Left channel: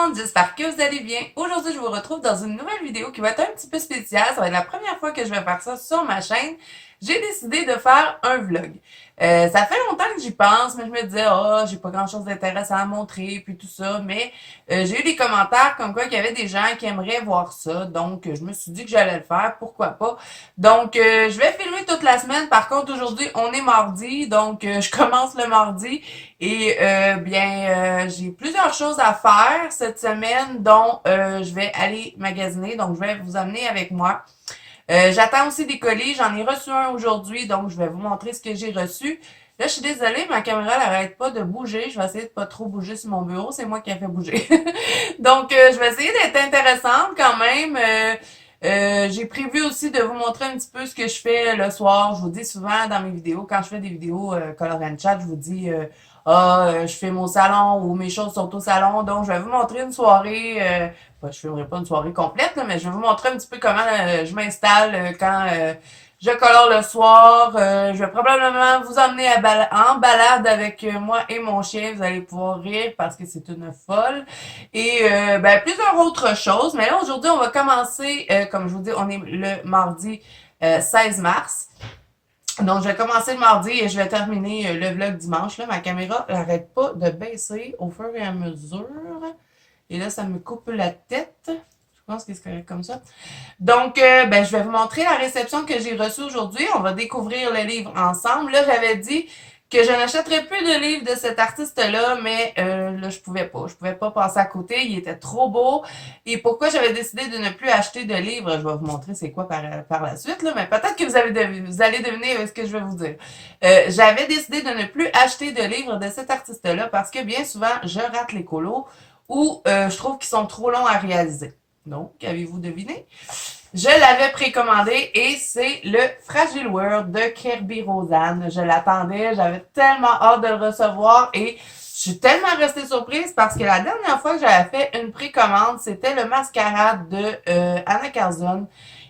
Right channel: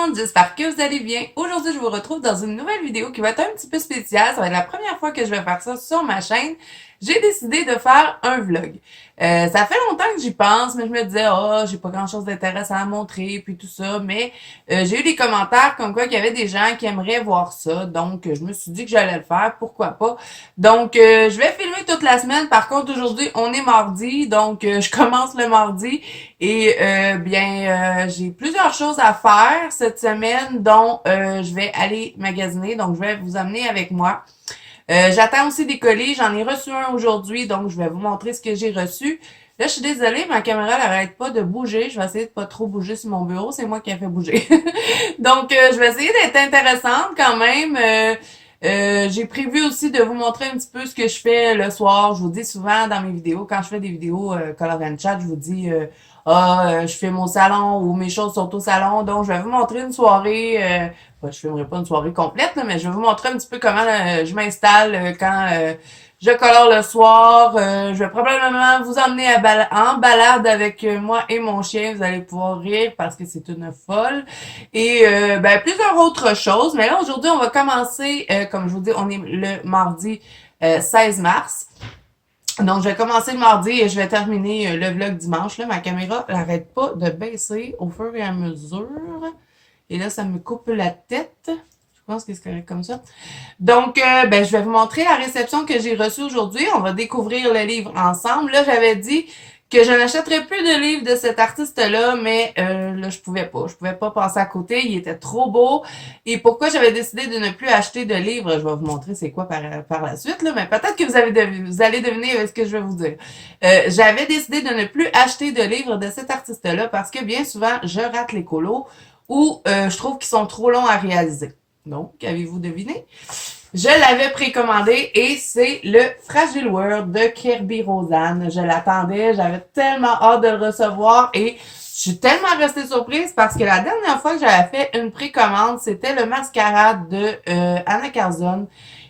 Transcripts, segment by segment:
monde, j'espère que vous allez bien. Aujourd'hui, je vous retrouve dans une nouvelle vidéo qui va être un petit peu spéciale. Ça va être la première fois que je vais faire ça sur ma chaîne. J'ai décidé de faire un vlog. Ça fait longtemps que j'y pense, mais je me disais, oh, j'ai pas grand-chose d'intéressant à montrer, puis tout ça. Mais j'ai eu des commentaires comme quoi qu'il y avait des gens qui aimeraient voir ça. Donc, je me suis dit que j'allais le faire. Pourquoi pas? Donc, je vais filmer toute la semaine. Par contre, aujourd'hui, on est mardi. Donc, je commence le mardi. Et j'ai plusieurs choses à faire cette semaine, dont je vais aller magasiner, donc je vais vous amener avec moi. J'attends aussi des colis, j'en ai reçu un aujourd'hui, donc je vais vous montrer ce que j'ai reçu. Là, je suis désolée, ma caméra n'arrête pas de bouger. Je vais essayer de pas trop bouger sur mon bureau, c'est moi qui ai fait bouger. Donc, je vais essayer d'être intéressante quand même. J'ai prévu aussi de vous montrer un petit peu ce que je fais le soir. Je vous dis souvent dans mes vidéos, quand je fais des vidéos Color and Chat, je vous dis je filme au salon ou mes choses sont au salon. Donc, je vais vous montrer une soirée. Je filmerai pas une soirée complète, là, mais je vais vous montrer un petit peu comment je m'installe quand je colore le soir. Je vais probablement vous emmener en balade avec moi et mon chien. Vous allez pouvoir rire parce que c'est une folle. Et plusieurs autres choses. Mais là, aujourd'hui, on va commencer, comme je vous dis, on est le mardi 16 mars. Donc, je vais commencer le mardi et je vais terminer le vlog dimanche. Là, ma caméra n'arrête pas de baisser au fur et à mesure. Et là, ça me coupe la tête. Je pense que c'est correct comme ça. Donc, je vais vous montrer la réception que j'ai reçue aujourd'hui. On va découvrir le livre ensemble. Là, j'avais dit que je n'achèterais plus de livres de cet artiste-là, mais là, je pouvais pas. Je pouvais pas passer à côté. Il était trop beau. Et pourquoi j'avais décidé de ne plus acheter de livres, je vais vous montrer c'est quoi par la suite, là, mais peut-être que vous allez deviner ce que je vais vous dire. J'avais décidé de ne plus acheter de livres de cet artiste-là parce que bien souvent, je rate les colos ou je trouve qu'ils sont trop longs à réaliser. Donc, avez-vous deviné? Je l'avais précommandé et c'est le Fragile World de Kirby Rosanne. Je l'attendais, j'avais tellement hâte de le recevoir et je suis tellement restée surprise parce que la dernière fois que j'avais fait une précommande, c'était le Mascarade de Anna Carzon.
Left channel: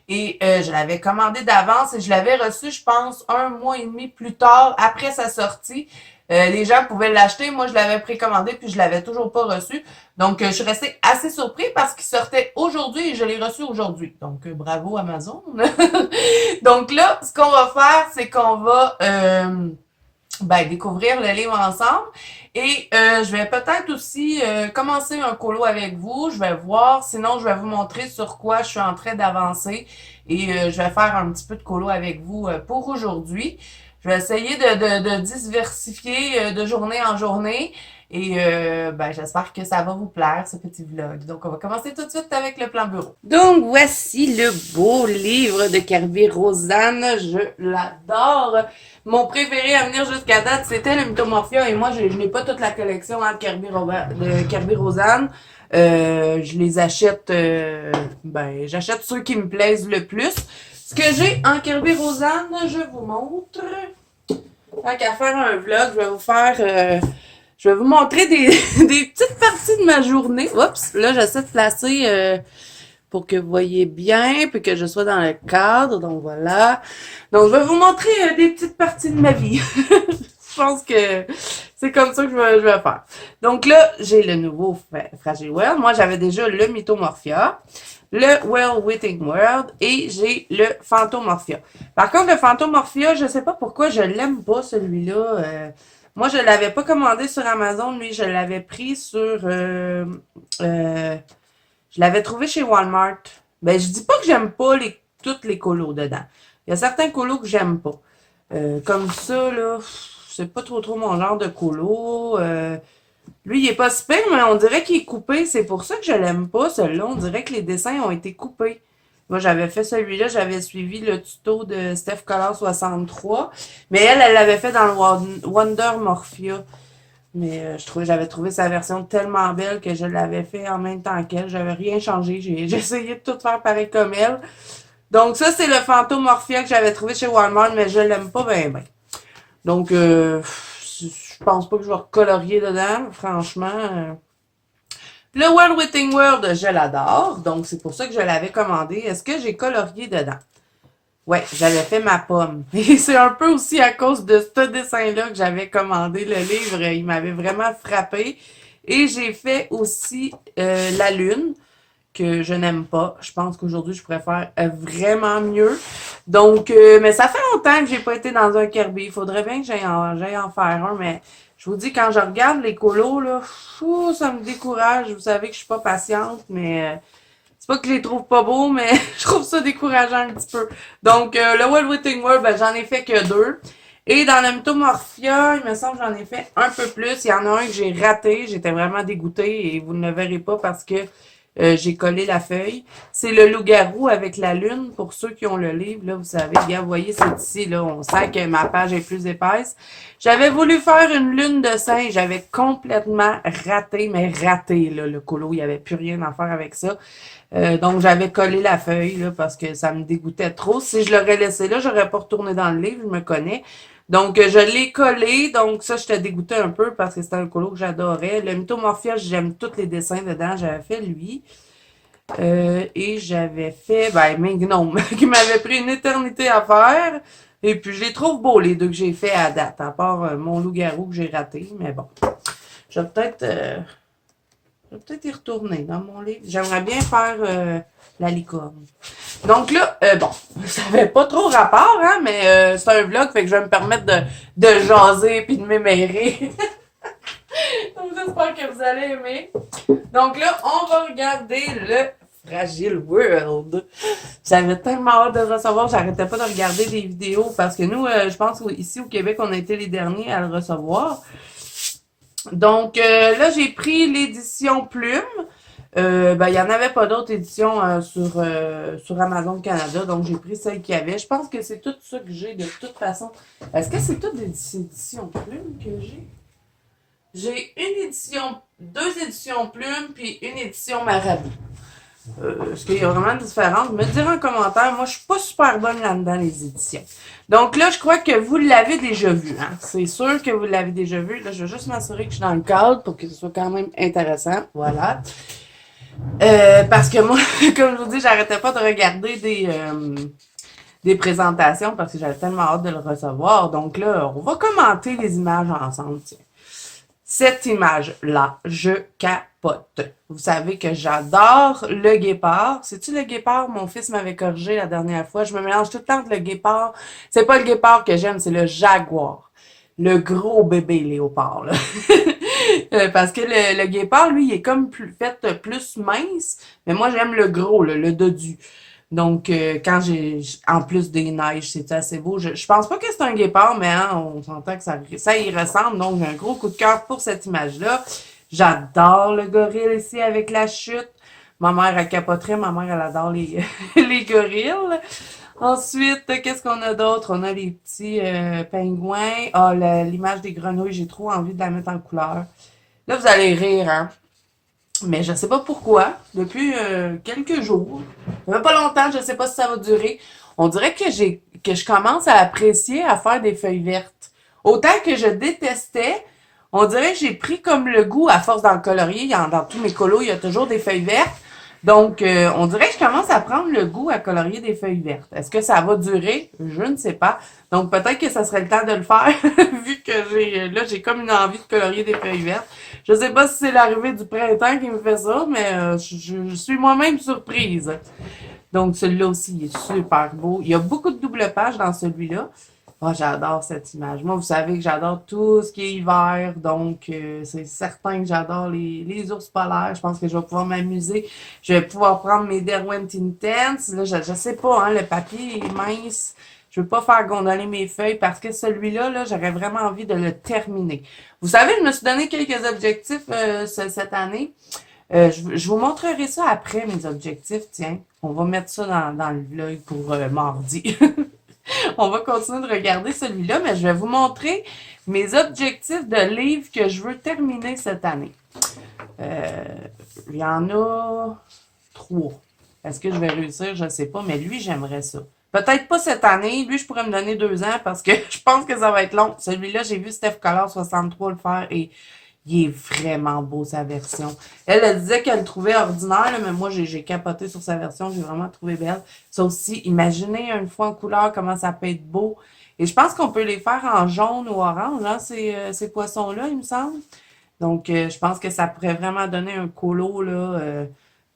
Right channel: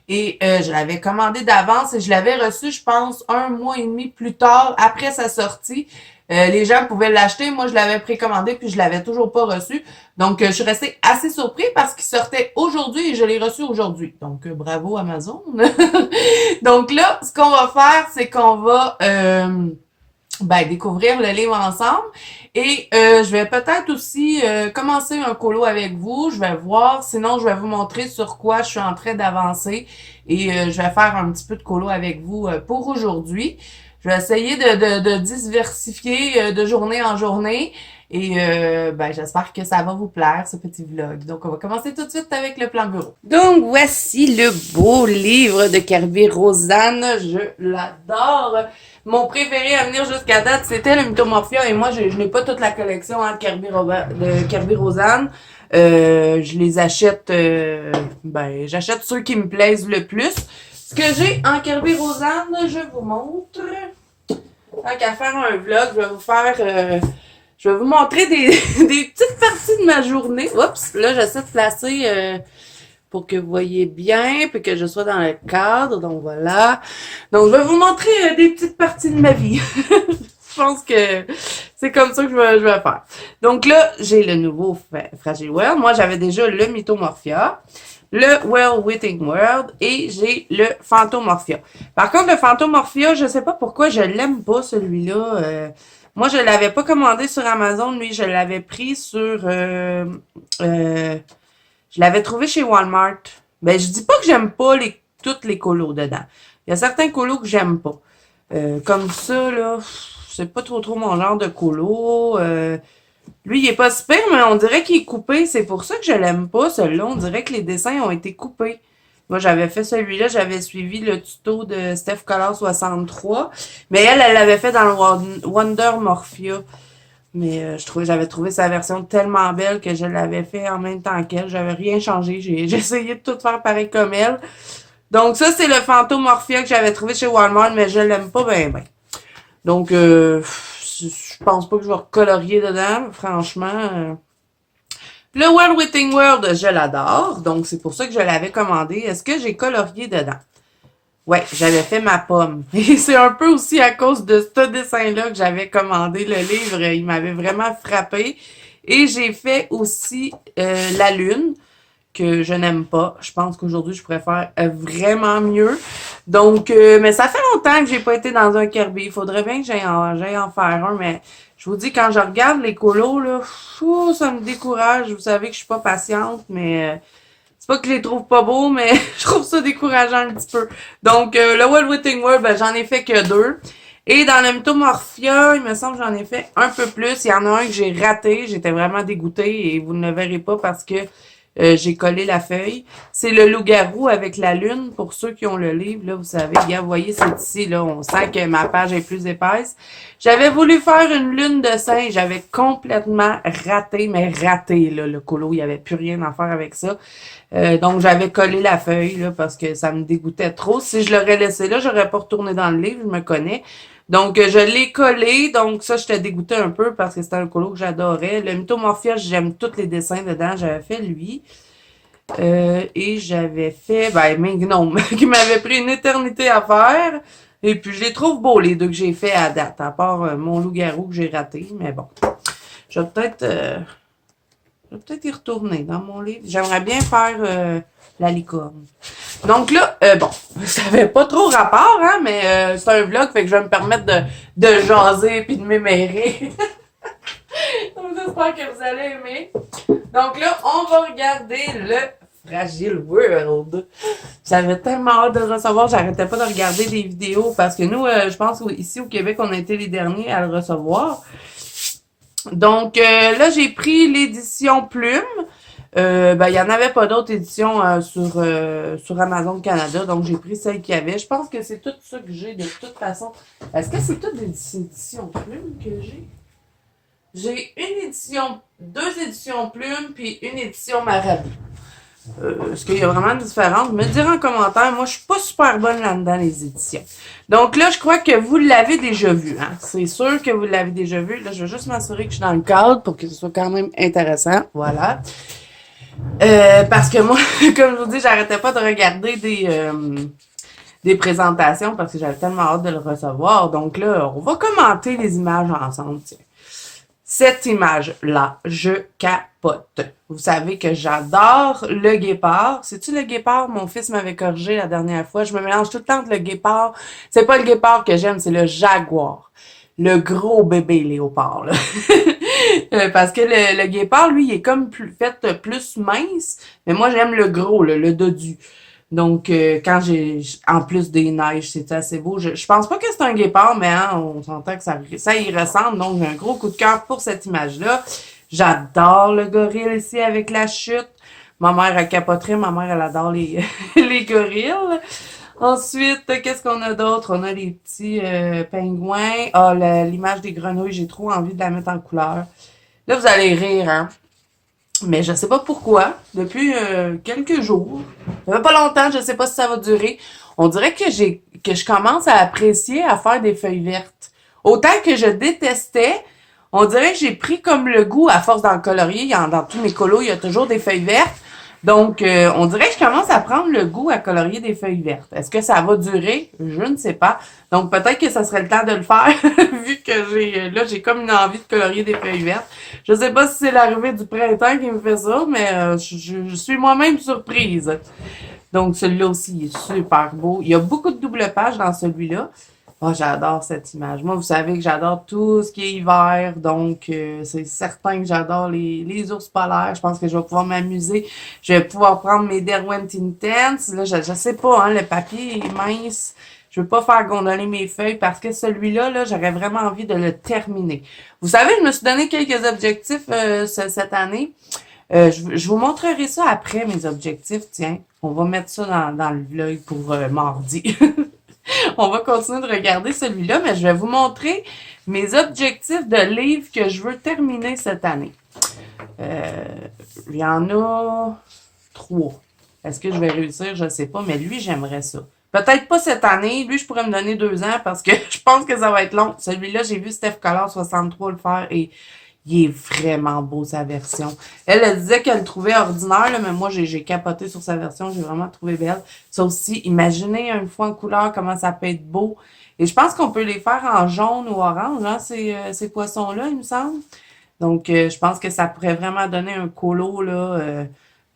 Et je l'avais commandé d'avance et je l'avais reçu, je pense, 1 mois et demi plus tard, après sa sortie. Les gens pouvaient l'acheter. Moi, je l'avais précommandé puis je l'avais toujours pas reçu. Donc, je suis restée assez surprise parce qu'il sortait aujourd'hui et je l'ai reçu aujourd'hui. Donc, bravo Amazon. Donc là, ce qu'on va faire, c'est qu'on va découvrir le livre ensemble. Et je vais peut-être aussi commencer un colo avec vous. Je vais voir. Sinon, je vais vous montrer sur quoi je suis en train d'avancer. Et je vais faire un petit peu de colo avec vous pour aujourd'hui. Je vais essayer de diversifier de journée en journée. Et j'espère que ça va vous plaire, ce petit vlog. Donc, on va commencer tout de suite avec le plan bureau. Donc, voici le beau livre de Kirby Rosanne. Je l'adore. Mon préféré à venir jusqu'à date, c'était le Mythomorphia. Et moi, je n'ai pas toute la collection de Kirby Rosanne. Je les achète, j'achète ceux qui me plaisent le plus. Ce que j'ai en Kirby Rosanne, je vous montre. Tant qu'à faire un vlog, je vais vous montrer des petites parties de ma journée. Oups, là, j'essaie de placer pour que vous voyez bien, puis que je sois dans le cadre. Donc, voilà. Donc, je vais vous montrer des petites parties de ma vie. Je pense que c'est comme ça que je vais faire. Donc là, j'ai le nouveau Fragile World. Moi, j'avais déjà le Mythomorphia, le World Within World et j'ai le Phantomorphia. Par contre, le Phantomorphia, je sais pas pourquoi je l'aime pas, celui-là. Moi, je l'avais pas commandé sur Amazon. Lui, je l'avais pris je l'avais trouvé chez Walmart. Ben, je dis pas que j'aime pas toutes les colos dedans. Il y a certains colos que j'aime pas. Comme ça, là, c'est pas trop mon genre de colo. Lui, il est pas super, mais on dirait qu'il est coupé. C'est pour ça que je l'aime pas, celui-là. On dirait que les dessins ont été coupés. Moi, j'avais fait celui-là, j'avais suivi le tuto de Steph Color 63. Mais elle l'avait fait dans le Wonder Morphia. Mais j'avais trouvé sa version tellement belle que je l'avais fait en même temps qu'elle. J'avais rien changé. J'ai essayé de tout faire pareil comme elle. Donc ça, c'est le Phantomorphia que j'avais trouvé chez Walmart, mais je l'aime pas bien. Donc, je pense pas que je vais recolorier dedans, franchement. Le World Within World, je l'adore. Donc, c'est pour ça que je l'avais commandé. Est-ce que j'ai colorié dedans? Ouais, j'avais fait ma pomme. Et c'est un peu aussi à cause de ce dessin-là que j'avais commandé le livre. Il m'avait vraiment frappé. Et j'ai fait aussi la lune, que je n'aime pas. Je pense qu'aujourd'hui, je pourrais faire vraiment mieux. Donc, mais ça fait longtemps que j'ai pas été dans un Kirby. Il faudrait bien que j'aille en faire un, mais je vous dis, quand je regarde les colos, là, fou, ça me décourage. Vous savez que je suis pas patiente, mais c'est pas que je les trouve pas beaux, mais je trouve ça décourageant un petit peu. Donc, le Wild Witting World, ben, j'en ai fait que 2. Et dans le Mythomorphia, il me semble que j'en ai fait un peu plus. Il y en a un que j'ai raté. J'étais vraiment dégoûtée et vous ne le verrez pas parce que j'ai collé la feuille. C'est le loup-garou avec la lune. Pour ceux qui ont le livre, là, vous savez, regarde, vous voyez, c'est ici, là. On sent que ma page est plus épaisse. J'avais voulu faire une lune de singe. J'avais complètement raté, mais raté, là, le colo. Il n'y avait plus rien à faire avec ça. Donc, j'avais collé la feuille, là, parce que ça me dégoûtait trop. Si je l'aurais laissé là, j'aurais pas retourné dans le livre, je me connais. Donc, je l'ai collé. Donc, ça, j'étais dégoûtée un peu parce que c'était un colo que j'adorais. Le Mythomorphia, j'aime tous les dessins dedans. J'avais fait lui. Et j'avais fait, ben, Gnome, qui m'avait pris une éternité à faire. Et puis, je les trouve beaux, les deux que j'ai fait à date, à part mon loup-garou que j'ai raté. Mais bon, je vais peut-être y retourner dans mon livre. J'aimerais bien faire la licorne. Donc là, bon, ça avait pas trop rapport, hein, mais c'est un vlog, fait que je vais me permettre de jaser puis de m'émairer. Donc j'espère que vous allez aimer. Donc là, on va regarder le Fragile World. J'avais tellement hâte de le recevoir, j'arrêtais pas de regarder des vidéos parce que nous, je pense ici au Québec, on a été les derniers à le recevoir. Donc là, j'ai pris l'édition Plume. Ben, il n'y en avait pas d'autres éditions sur Amazon Canada, donc j'ai pris celle qu'il y avait. Je pense que c'est tout ça que j'ai de toute façon. Est-ce que c'est toutes des éditions Plume que j'ai? J'ai une édition, deux éditions Plume, puis une édition Marabout. Est-ce qu'il y a vraiment une différence? Me dire en commentaire. Moi, je suis pas super bonne là-dedans, les éditions. Donc là, je crois que vous l'avez déjà vu. Hein? C'est sûr que vous l'avez déjà vu. Là, je vais juste m'assurer que je suis dans le cadre pour que ce soit quand même intéressant. Voilà. Parce que moi, comme je vous dis, j'arrêtais pas de regarder des présentations parce que j'avais tellement hâte de le recevoir. Donc là, on va commenter les images ensemble. Tiens. Cette image-là, je capote. Vous savez que j'adore le guépard. C'est-tu le guépard? Mon fils m'avait corrigé la dernière fois. Je me mélange tout le temps entre le guépard. C'est pas le guépard que j'aime, c'est le jaguar. Le gros bébé léopard, là. Parce que le guépard, lui, il est comme fait plus mince. Mais moi, j'aime le gros, là, le dodu. Donc, quand j'ai, en plus des neiges, c'est assez beau. Je pense pas que c'est un guépard, mais hein, on s'entend que ça y ressemble. Donc, j'ai un gros coup de cœur pour cette image-là. J'adore le gorille ici avec la chute. Ma mère, elle capoterait. Ma mère, elle adore les, les gorilles. Ensuite, qu'est-ce qu'on a d'autre? On a les petits pingouins. Ah, l'image des grenouilles, j'ai trop envie de la mettre en couleur. Là, vous allez rire, hein? Mais je sais pas pourquoi, depuis quelques jours, ça fait pas longtemps, je sais pas si ça va durer. On dirait que je commence à apprécier à faire des feuilles vertes. Autant que je détestais, on dirait que j'ai pris comme le goût à force d'en colorier. Dans tous mes colos, il y a toujours des feuilles vertes. Donc, on dirait que je commence à prendre le goût à colorier des feuilles vertes. Est-ce que ça va durer? Je ne sais pas. Donc, peut-être que ça serait le temps de le faire, vu que j'ai comme une envie de colorier des feuilles vertes. Je sais pas si c'est l'arrivée du printemps qui me fait ça, mais je suis moi-même surprise. Donc, celui-là aussi, il est super beau. Il y a beaucoup de double pages dans celui-là. Oh, j'adore cette image. Moi, vous savez que j'adore tout ce qui est hiver, donc c'est certain que j'adore les ours polaires. Je pense que je vais pouvoir m'amuser. Je vais pouvoir prendre mes Derwent Intense. Là, je sais pas, hein, le papier est mince. Je veux pas faire gondoler mes feuilles parce que celui-là, là, j'aurais vraiment envie de le terminer. Vous savez, je me suis donné quelques objectifs cette année. Je vous montrerai ça après, mes objectifs. Tiens, on va mettre ça dans le vlog pour mardi. On va continuer de regarder celui-là, mais je vais vous montrer mes objectifs de livres que je veux terminer cette année. Il y en a 3. Est-ce que je vais réussir? Je ne sais pas, mais lui, j'aimerais ça. Peut-être pas cette année. Lui, je pourrais me donner 2 ans parce que je pense que ça va être long. Celui-là, j'ai vu Steph Collard 63 le faire et il est vraiment beau, sa version. Elle disait qu'elle le trouvait ordinaire, là, mais moi, j'ai capoté sur sa version. J'ai vraiment trouvé belle. Ça aussi, imaginez une fois en couleur comment ça peut être beau. Et je pense qu'on peut les faire en jaune ou orange, hein, ces poissons-là, il me semble. Donc, je pense que ça pourrait vraiment donner un colo, là,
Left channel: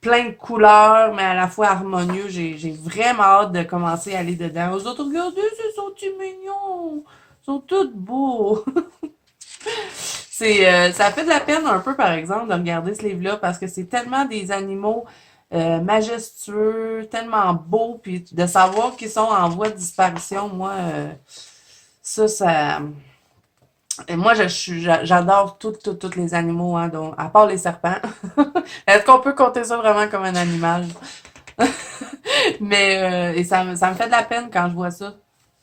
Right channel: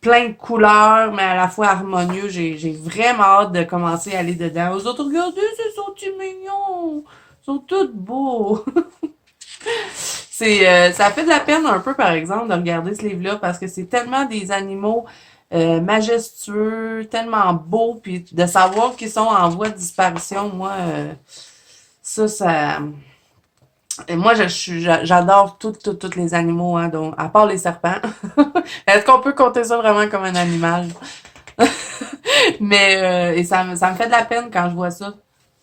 plein de couleurs, mais à la fois harmonieux. J'ai vraiment hâte de commencer à aller dedans. Aux autres, regardez, c'est sont mignons! Ils sont tous beaux! Ça fait de la peine un peu, par exemple, de regarder ce livre-là parce que c'est tellement des animaux majestueux, tellement beaux, puis de savoir qu'ils sont en voie de disparition, moi, ça, moi, j'adore tous les animaux, hein, donc, à part les serpents. Est-ce qu'on peut compter ça vraiment comme un animal? Mais, et ça me fait de la peine quand je vois ça.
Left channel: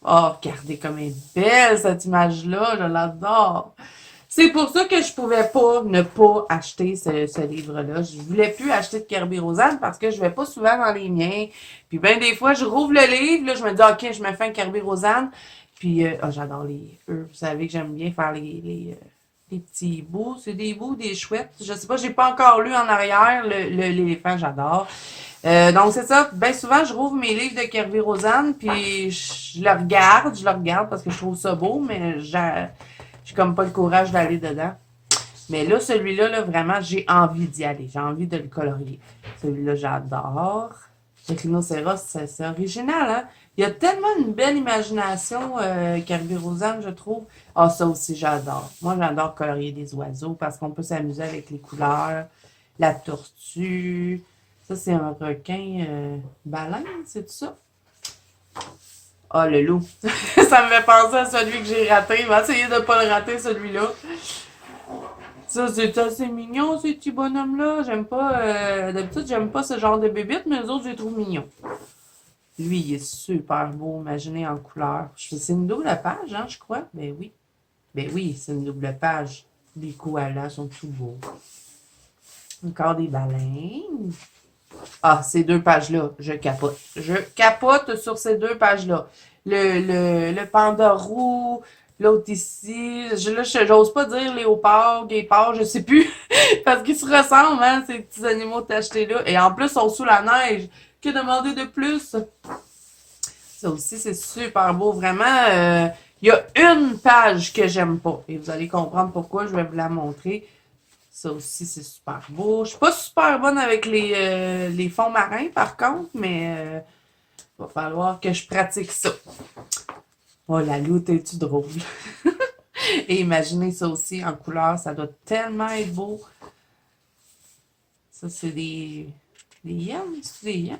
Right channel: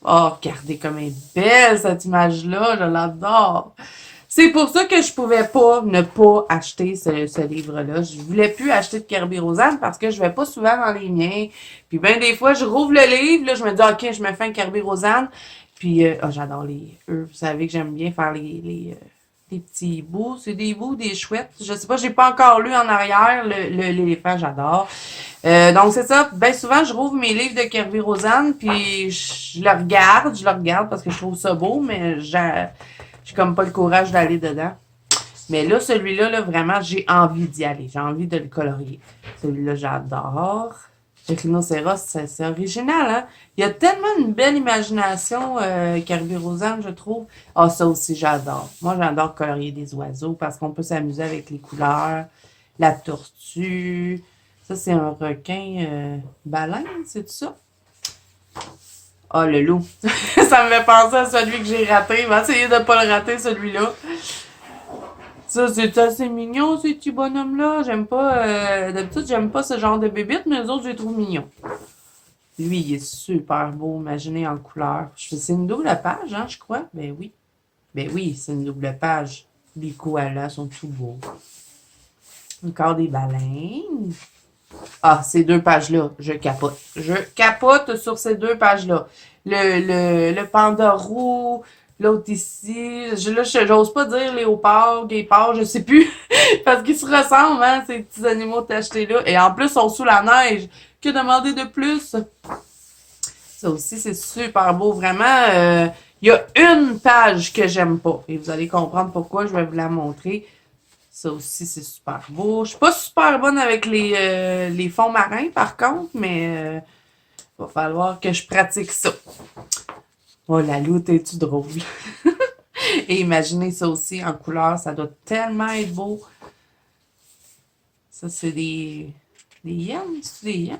Oh, regardez comme elle est belle, cette image-là, je l'adore. C'est pour ça que je pouvais pas ne pas acheter ce livre-là. Je voulais plus acheter de Kirby Rosanne parce que je vais pas souvent dans les miens. Puis ben des fois, je rouvre le livre, là, je me dis OK, je me fais un Kirby Rosanne. Puis oh, j'adore les eux. Vous savez que j'aime bien faire les petits bouts. C'est des bouts, des chouettes. Je sais pas, j'ai pas encore lu en arrière. L'éléphant, j'adore. Donc c'est ça, bien souvent je rouvre mes livres de Kirby Rosanne, puis je le regarde parce que je trouve ça beau, mais j'ai comme pas le courage d'aller dedans. Mais là, celui-là, là, vraiment, j'ai envie d'y aller. J'ai envie de le colorier. Celui-là, j'adore. Le rhinocéros, c'est original, hein? Il y a tellement une belle imagination, Kirby Rosanne, je trouve. Ah, ça aussi, j'adore. Moi, j'adore colorier des oiseaux parce qu'on peut s'amuser avec les couleurs. La tortue. Ça, c'est un requin baleine, c'est ça? Ah, le loup. Ça me fait penser à celui que j'ai raté. Je vais essayer de ne pas le rater, celui-là. Ça, c'est assez mignon, ces petits bonhommes-là. J'aime pas. D'habitude, j'aime pas ce genre de bébites, mais les autres, je les trouve mignons. Lui, il est super beau, imaginé en couleur. C'est une double page, hein, je crois. Ben oui. Ben oui, c'est une double page. Les koalas sont tout beaux. Encore des baleines. Ah, ces deux pages-là, je capote. Je capote sur ces deux pages-là. Le panda roux, l'autre ici. Là, j'ose pas dire léopard, guépard, je sais plus. Parce qu'ils se ressemblent, hein, ces petits animaux tachetés là. Et en plus, ils sont sous la neige. Que demander de plus? Ça aussi, c'est super beau. Vraiment, il y a une page que j'aime pas. Et vous allez comprendre pourquoi. Je vais vous la montrer. Ça aussi, c'est super beau. Je suis pas super bonne avec les fonds marins, par contre, mais va falloir que je pratique ça. Oh, la loutre, es-tu drôle? Et imaginez ça aussi en couleur, ça doit tellement être beau. Ça, c'est des hyènes, c'est des hyènes.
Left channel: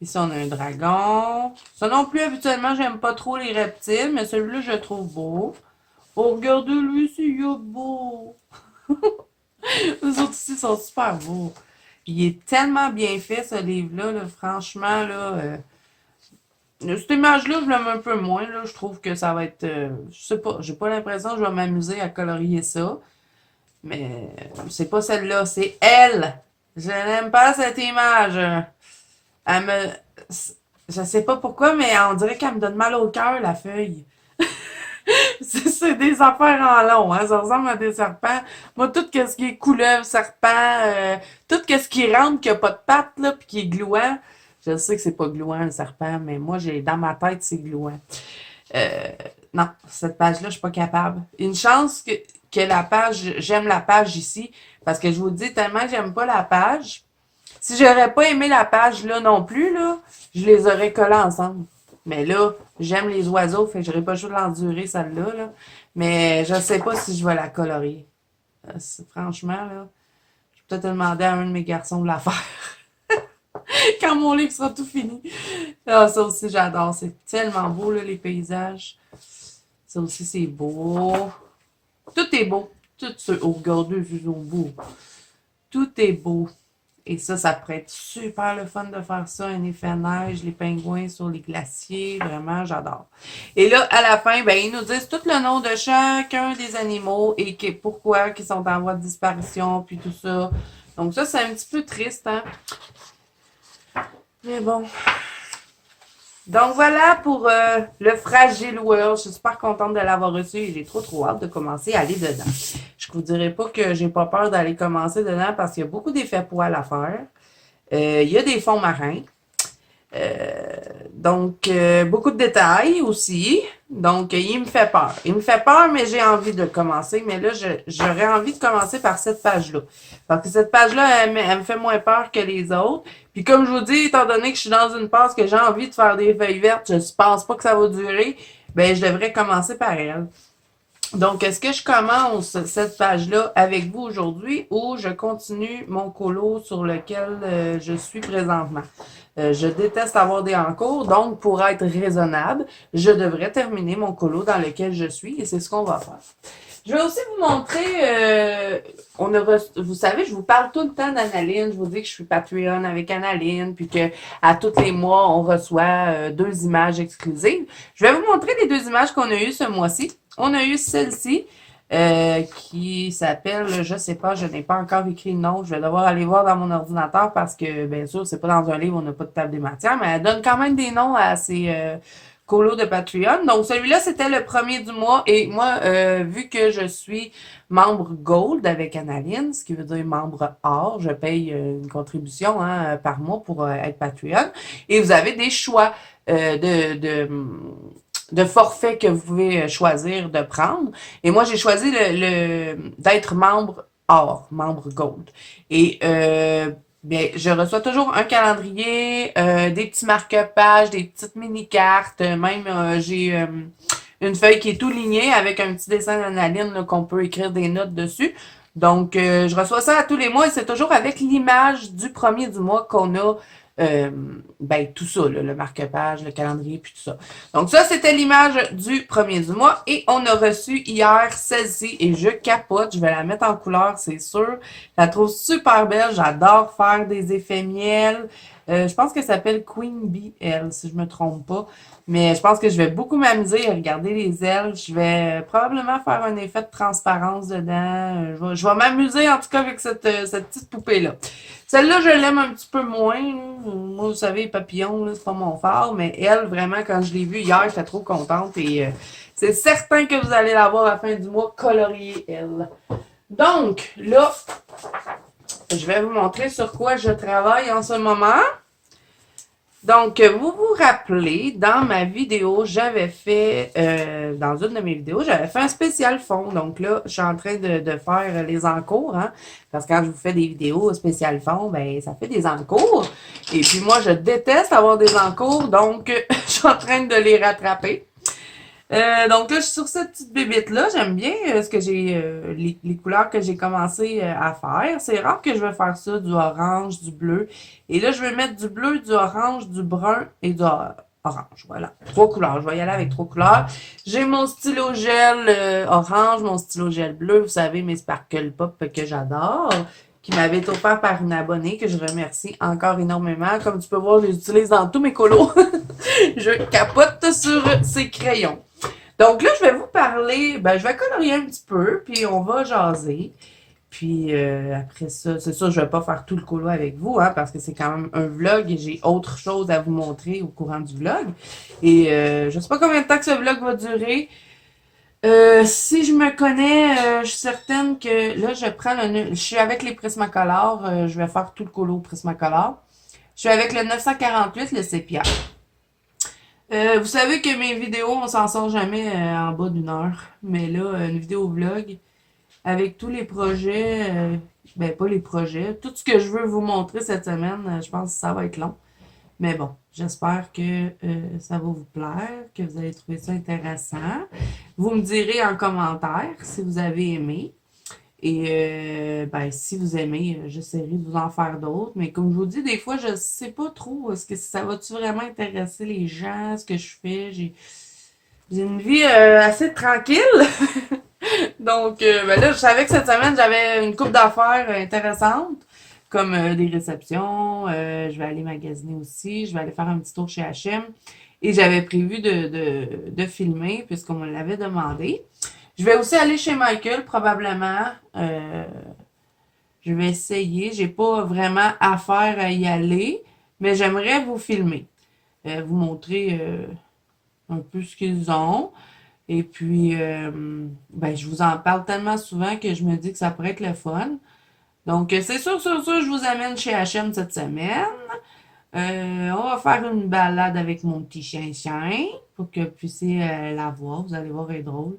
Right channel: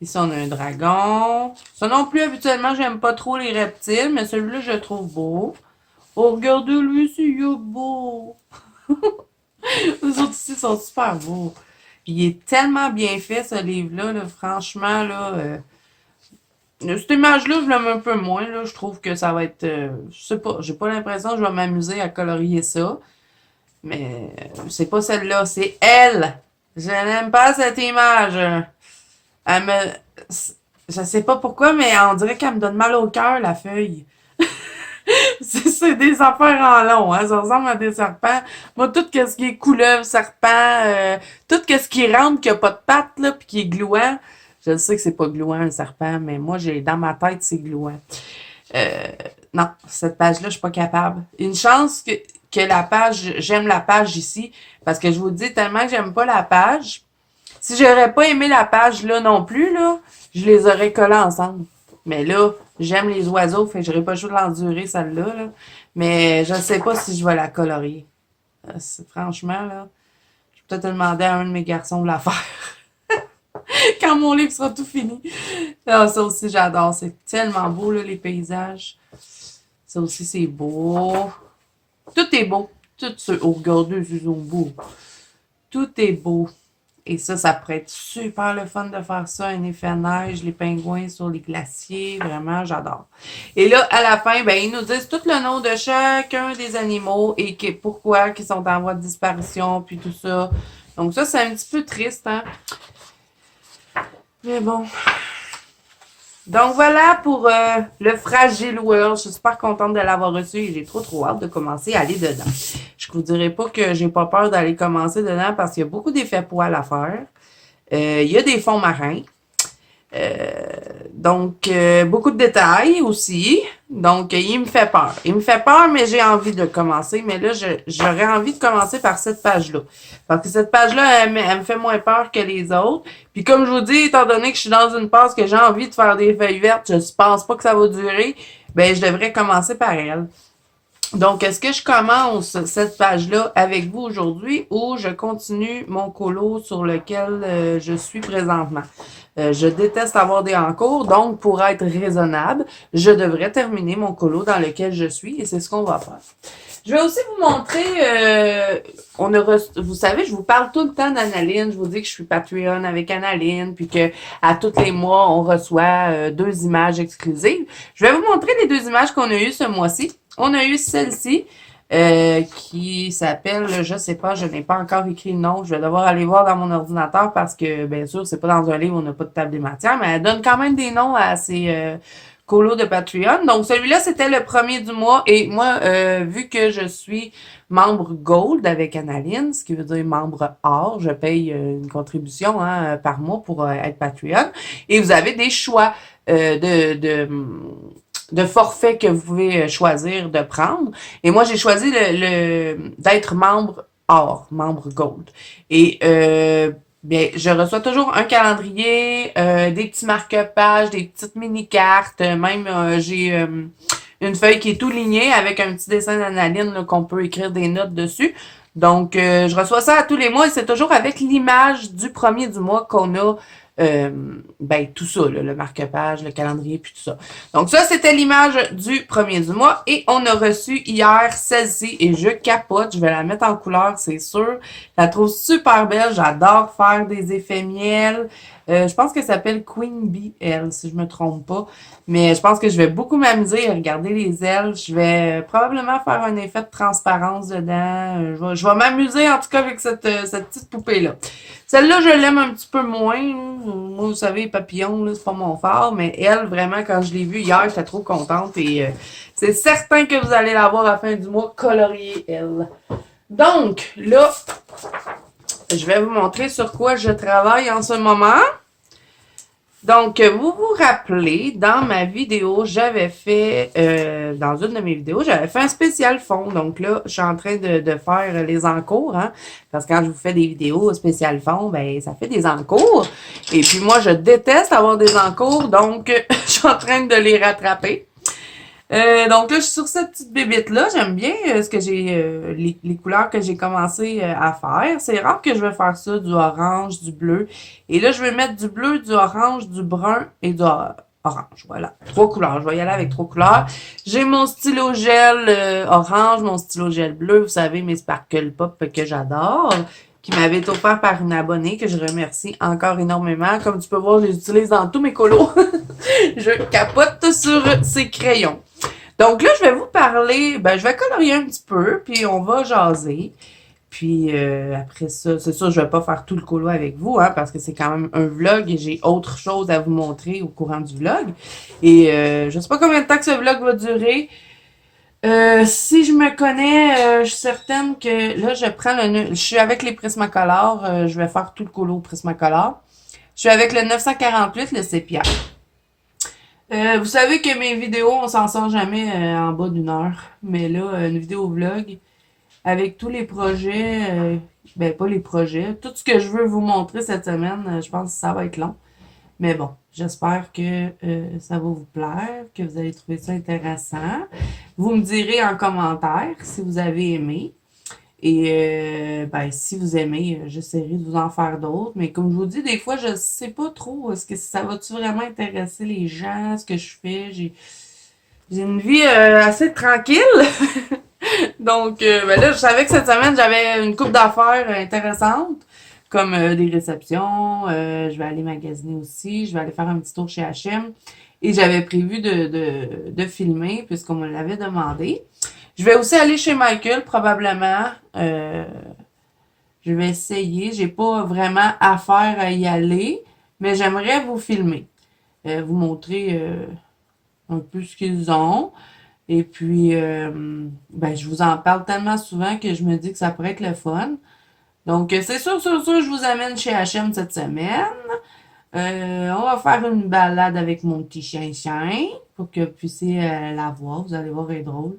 Ici, on a un dragon. Ça non plus, habituellement, j'aime pas trop les reptiles, mais celui-là, je le trouve beau. Oh, regardez-lui, c'est beau! Les autres ici sont super beaux. Il est tellement bien fait, ce livre-là, là, franchement, là. Cette image-là, je l'aime un peu moins, là. Je trouve que ça va être. Je sais pas, j'ai pas l'impression que je vais m'amuser à colorier ça. Mais c'est pas celle-là, c'est elle. Je n'aime pas cette image. Elle me. Je sais pas pourquoi, mais on dirait qu'elle me donne mal au cœur, la feuille. C'est des affaires en long, hein. Ça ressemble à des serpents. Moi, tout ce qui est couleuvre, serpent, tout ce qui rentre, qui a pas de pattes, là, puis qui est gluant. Je sais que c'est pas gluant, un serpent, mais moi, j'ai dans ma tête, c'est gluant. Euh, non, cette page-là, je suis pas capable. Une chance que la page, j'aime la page ici, parce que je vous dis tellement que j'aime pas la page. Si j'aurais pas aimé la page là non plus, là, je les aurais collées ensemble. Mais là, j'aime les oiseaux, fait que j'aurais pas le choix de l'endurer, celle-là, là. Mais je sais pas si je vais la colorier. Franchement, là, je vais peut-être demander à un de mes garçons de la faire. Quand mon livre sera tout fini. Ah, ça aussi, j'adore. C'est tellement beau, là, les paysages. Ça aussi, c'est beau. Tout est beau. Tout ce... Oh, regardez, ils sont beaux. Tout est beau. Et ça pourrait être super le fun de faire ça, un effet neige, les pingouins sur les glaciers, vraiment, j'adore. Et là, à la fin, ben, ils nous disent tout le nom de chacun des animaux et pourquoi ils sont en voie de disparition, puis tout ça. Donc ça, c'est un petit peu triste, hein. Mais bon. Donc voilà pour le Fragile World. Je suis super contente de l'avoir reçu et j'ai trop hâte de commencer à aller dedans. Je vous dirai pas que j'ai pas peur d'aller commencer dedans parce qu'il y a beaucoup d'effets poils à faire. Il y a des fonds marins. Donc beaucoup de détails aussi. Donc, il me fait peur. Il me fait peur, mais j'ai envie de commencer. Mais là, j'aurais envie de commencer par cette page-là. Parce que cette page-là, elle me fait moins peur que les autres. Puis comme je vous dis, étant donné que je suis dans une phase que j'ai envie de faire des feuilles vertes, je pense pas que ça va durer, ben je devrais commencer par elle. Donc, est-ce que je commence cette page-là avec vous aujourd'hui ou je continue mon colo sur lequel je suis présentement? Je déteste avoir des encours, donc pour être raisonnable, je devrais terminer mon colo dans lequel je suis et c'est ce qu'on va faire. Je vais aussi vous montrer, vous savez, je vous parle tout le temps d'Analine, je vous dis que je suis Patreon avec Analine, puis que à tous les mois, on reçoit 2 images exclusives. Je vais vous montrer les 2 images qu'on a eues ce mois-ci. On a eu celle-ci, qui s'appelle, je sais pas, je n'ai pas encore écrit le nom, je vais devoir aller voir dans mon ordinateur parce que, bien sûr, c'est pas dans un livre, on n'a pas de table des matières, mais elle donne quand même des noms à ces colos de Patreon. Donc, celui-là, c'était le premier du mois et moi, vu que je suis membre Gold avec Analine, ce qui veut dire membre or, je paye une contribution par mois pour être Patreon et vous avez des choix de forfait que vous pouvez choisir de prendre. Et moi, j'ai choisi d'être membre or, membre gold. Et bien, je reçois toujours un calendrier, des petits marque-pages, des petites mini-cartes, même j'ai une feuille qui est tout lignée avec un petit dessin d'Analine qu'on peut écrire des notes dessus. Donc, je reçois ça à tous les mois et c'est toujours avec l'image du premier du mois qu'on a euh, ben, tout ça, là, le marque-page, le calendrier, puis tout ça. Donc ça, c'était l'image du premier du mois. Et on a reçu hier celle-ci et je capote. Je vais la mettre en couleur, c'est sûr. Je la trouve super belle. J'adore faire des effets miel. Je pense qu'elle s'appelle Queen Bee, elle, si je me trompe pas. Mais je pense que je vais beaucoup m'amuser à regarder les ailes. Je vais probablement faire un effet de transparence dedans. Je vais m'amuser en tout cas avec cette petite poupée-là. Celle-là, je l'aime un petit peu moins. Moi, vous savez, papillon, là, c'est pas mon fort, mais elle, vraiment, quand je l'ai vue hier, j'étais trop contente et c'est certain que vous allez la voir à la fin du mois coloriée, elle. Donc, là, je vais vous montrer sur quoi je travaille en ce moment. Donc, vous vous rappelez, dans ma vidéo, j'avais fait, dans une de mes vidéos, j'avais fait un spécial fond. Donc là, je suis en train de faire les encours, hein, parce que quand je vous fais des vidéos spécial fond, ben ça fait des encours. Et puis moi, je déteste avoir des encours, donc je suis en train de les rattraper. Donc là, je suis sur cette petite bébite-là. J'aime bien ce que j'ai les couleurs que j'ai commencé à faire. C'est rare que je vais faire ça, du orange, du bleu. Et là, je vais mettre du bleu, du orange, du brun et du orange. Voilà. 3 couleurs. Je vais y aller avec 3 couleurs. J'ai mon stylo gel orange, mon stylo gel bleu. Vous savez, mes Sparkle Pop que j'adore, qui m'avait été offert par une abonnée que je remercie encore énormément. Comme tu peux voir, je les utilise dans tous mes colos. Je capote sur ces crayons. Donc là, je vais vous parler, ben, je vais colorier un petit peu, puis on va jaser. Puis après ça, c'est sûr, je vais pas faire tout le colo avec vous, hein, parce que c'est quand même un vlog et j'ai autre chose à vous montrer au courant du vlog. Et je sais pas combien de temps que ce vlog va durer. Si je me connais, je suis certaine que là, je prends je suis avec les Prismacolor, je vais faire tout le colo Prismacolor. Je suis avec le 948, le sépia. Vous savez que mes vidéos, on s'en sort jamais en bas d'1 heure. Mais là, une vidéo vlog avec tous les projets, ben pas les projets, tout ce que je veux vous montrer cette semaine, je pense que ça va être long. Mais bon, j'espère que ça va vous plaire, que vous allez trouver ça intéressant. Vous me direz en commentaire si vous avez aimé. Et ben, si vous aimez, j'essaierai de vous en faire d'autres. Mais comme je vous dis, des fois, je sais pas trop. Est-ce que ça va-tu vraiment intéresser les gens, ce que je fais? J'ai une vie assez tranquille. Donc, ben là, je savais que cette semaine, j'avais une couple d'affaires intéressantes, comme des réceptions. Je vais aller magasiner aussi. Je vais aller faire un petit tour chez H&M. Et j'avais prévu de filmer, puisqu'on me l'avait demandé. Je vais aussi aller chez Michael, probablement. Je vais essayer. J'ai pas vraiment affaire à y aller, mais j'aimerais vous filmer. Vous montrer un peu ce qu'ils ont. Et puis, ben, je vous en parle tellement souvent que je me dis que ça pourrait être le fun. Donc, c'est sûr, je vous amène chez H&M cette semaine. On va faire une balade avec mon petit chien-chien. pour que vous puissiez la voir. Vous allez voir, elle est drôle.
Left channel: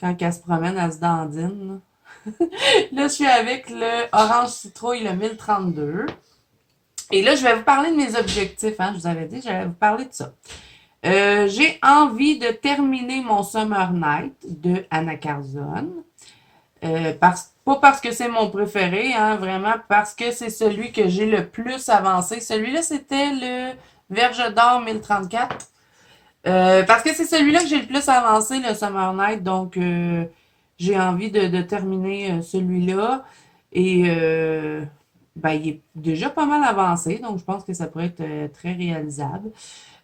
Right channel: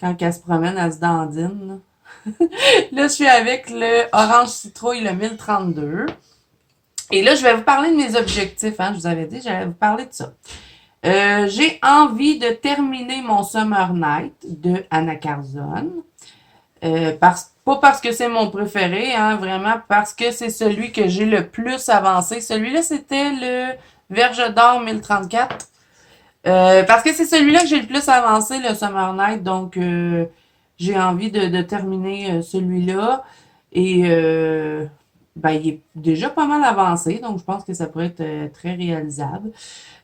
Quand elle se promène, elle se dandine. Là, là je suis avec le Orange Citrouille, le 1032. Et là, je vais vous parler de mes objectifs. Hein. Je vous avais dit, j'allais vous parler de ça. J'ai envie de terminer mon Summer Night de Anna Carzone. Pas parce que c'est mon préféré, hein, vraiment parce que c'est celui que j'ai le plus avancé. Celui-là, c'était le Verge d'Or 1034. Parce que c'est celui-là que j'ai le plus avancé, le Summer Night. Donc, j'ai envie de terminer celui-là. Et ben, il est déjà pas mal avancé. Donc, je pense que ça pourrait être très réalisable.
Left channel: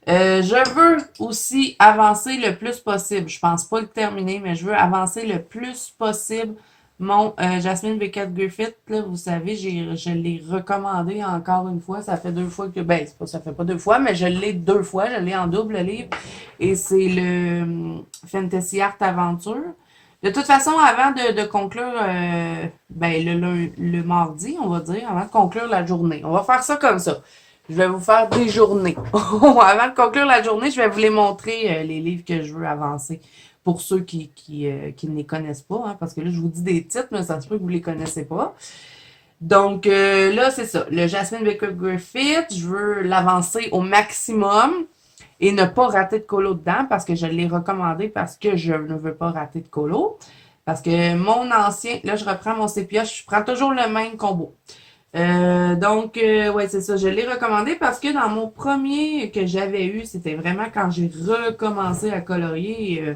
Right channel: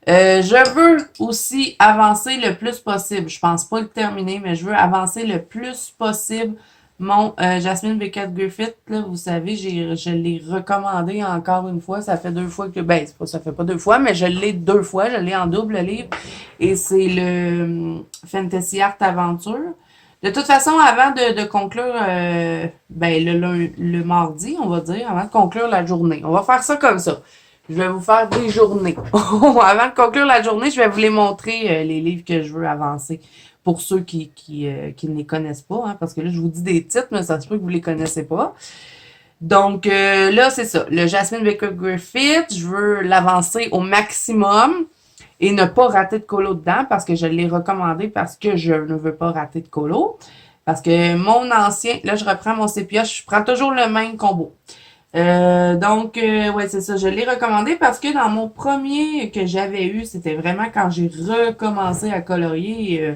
Je veux aussi avancer le plus possible. Je pense pas le terminer, mais je veux avancer le plus possible mon Jasmine Beckett Griffith. Là, vous savez, je l'ai recommandé encore une fois. Ça fait 2 fois que... Ben, ça fait pas 2 fois, mais je l'ai 2 fois. Je l'ai en double livre. Et c'est le Fantasy Art Aventure. De toute façon, avant de conclure ben, le mardi, on va dire, avant de conclure la journée, on va faire ça comme ça. Je vais vous faire des journées. Avant de conclure la journée, je vais vous les montrer, les livres que je veux avancer. Pour ceux qui ne les connaissent pas, hein, parce que là, je vous dis des titres, mais ça se peut que vous ne les connaissez pas. Donc, là, c'est ça. Le Jasmine Beckett Griffith, je veux l'avancer au maximum et ne pas rater de colo dedans parce que je l'ai recommandé parce que je ne veux pas rater de colo. Parce que mon ancien, là, je reprends mon sépia, je prends toujours le même combo. Donc, ouais, c'est ça. Je l'ai recommandé parce que dans mon premier que j'avais eu, c'était vraiment quand j'ai recommencé à colorier.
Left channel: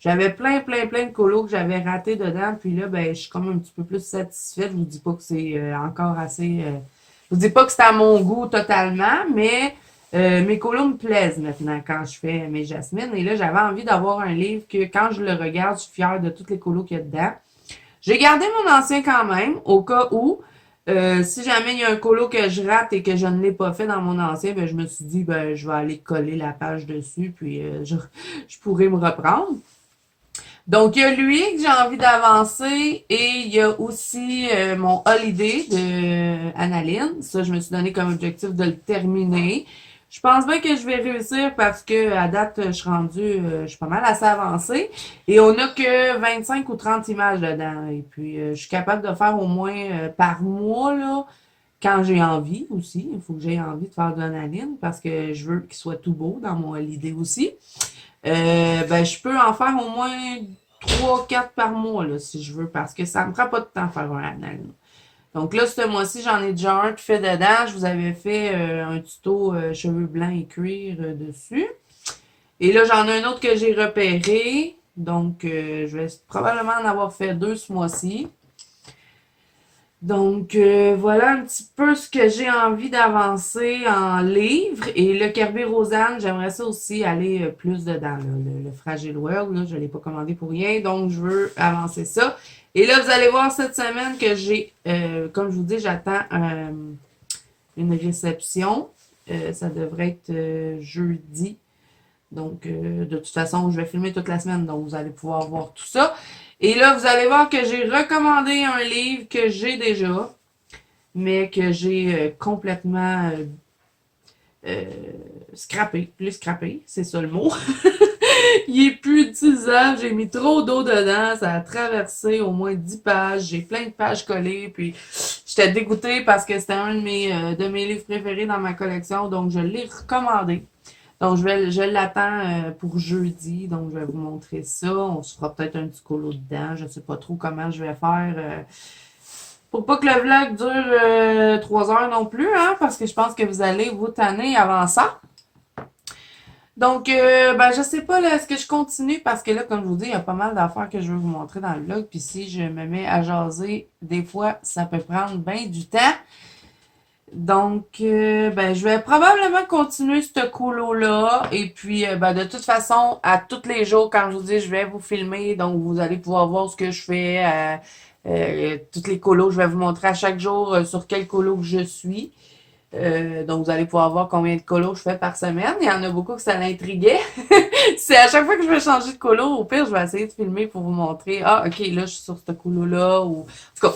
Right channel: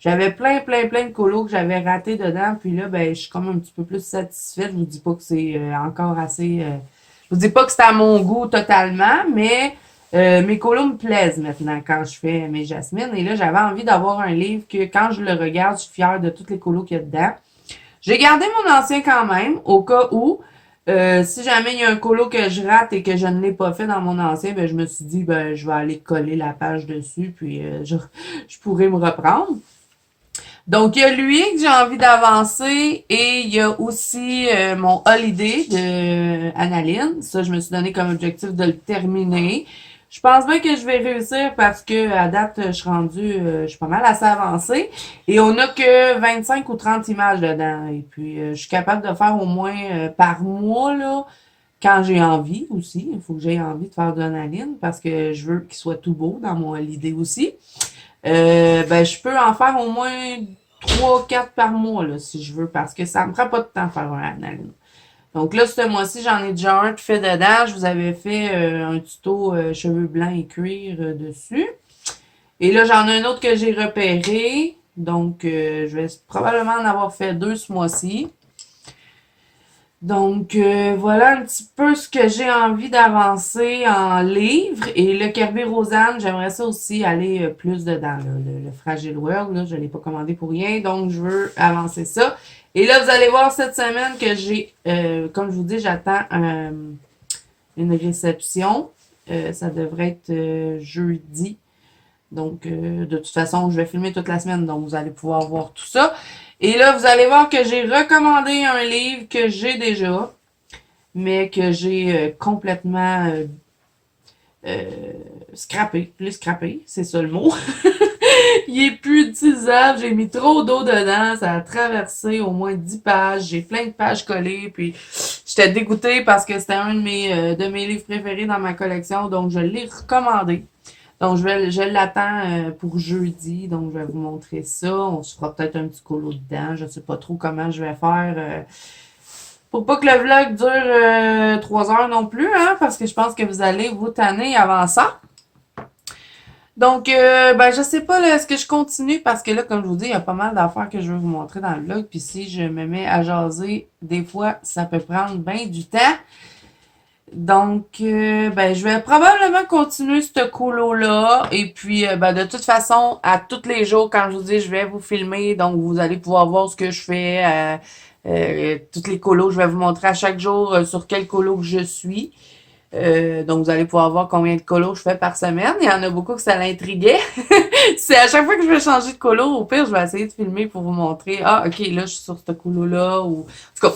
J'avais plein de colos que j'avais ratés dedans. Puis là, ben, je suis comme un petit peu plus satisfaite. Je vous dis pas que c'est encore assez... je vous dis pas que c'est à mon goût totalement, mais mes colos me plaisent maintenant quand je fais mes jasmines. Et là, j'avais envie d'avoir un livre que quand je le regarde, je suis fière de tous les colos qu'il y a dedans. J'ai gardé mon ancien quand même, au cas où. Si jamais il y a un colo que je rate et que je ne l'ai pas fait dans mon ancien, ben, je me suis dit, ben, je vais aller coller la page dessus, puis je pourrais me reprendre. Donc, il y a lui que j'ai envie d'avancer et il y a aussi mon Holiday de Annaline. Ça, je me suis donné comme objectif de le terminer. Je pense bien que je vais réussir parce que à date, je suis rendue, je suis pas mal assez avancée. Et on n'a que 25 ou 30 images dedans. Et puis, je suis capable de faire au moins par mois, là, quand j'ai envie aussi. Il faut que j'aie envie de faire de Annaline parce que je veux qu'il soit tout beau dans mon Holiday aussi. Ben, je peux en faire au moins 3-4 par mois, là, si je veux, parce que ça me prend pas de temps de faire un analyse. Donc là, ce mois-ci, j'en ai déjà un fait dedans. Je vous avais fait un tuto cheveux blancs et cuir dessus. Et là, j'en ai un autre que j'ai repéré. Donc, je vais probablement en avoir fait 2 ce mois-ci. Donc, voilà un petit peu ce que j'ai envie d'avancer en livre. Et le Kerby Rosanne, j'aimerais ça aussi aller plus dedans. Là. Le Fragile World, là, je ne l'ai pas commandé pour rien. Donc, je veux avancer ça. Et là, vous allez voir cette semaine que j'ai, comme je vous dis, j'attends une réception. Ça devrait être jeudi. Donc, de toute façon, je vais filmer toute la semaine. Donc, vous allez pouvoir voir tout ça. Et là, vous allez voir que j'ai recommandé un livre que j'ai déjà, mais que j'ai complètement scrappé. Plus scrappé, c'est ça le mot. Il est plus utilisable. J'ai mis trop d'eau dedans. Ça a traversé au moins 10 pages. J'ai plein de pages collées. Puis, j'étais dégoûtée parce que c'était un de mes livres préférés dans ma collection. Donc, je l'ai recommandé. Donc, je l'attends pour jeudi. Donc, je vais vous montrer ça. On se fera peut-être un petit colo dedans. Je ne sais pas trop comment je vais faire. Pour pas que le vlog dure 3 heures non plus, hein, parce que je pense que vous allez vous tanner avant ça. Donc, ben, je sais pas, là, est-ce que je continue? Parce que là, comme je vous dis, il y a pas mal d'affaires que je veux vous montrer dans le vlog. Puis si je me mets à jaser, des fois, ça peut prendre bien du temps. Donc, ben, je vais probablement continuer ce colo-là. Et puis, ben, de toute façon, à tous les jours, quand je vous dis, je vais vous filmer. Donc, vous allez pouvoir voir ce que je fais. Toutes les colos, je vais vous montrer à chaque jour sur quel colo que je suis. Donc, vous allez pouvoir voir combien de colos je fais par semaine. Il y en a beaucoup que ça l'intriguait. C'est à chaque fois que je vais changer de colo, au pire, je vais essayer de filmer pour vous montrer. Ah, ok, là, je suis sur ce colo-là. Ou... En tout cas,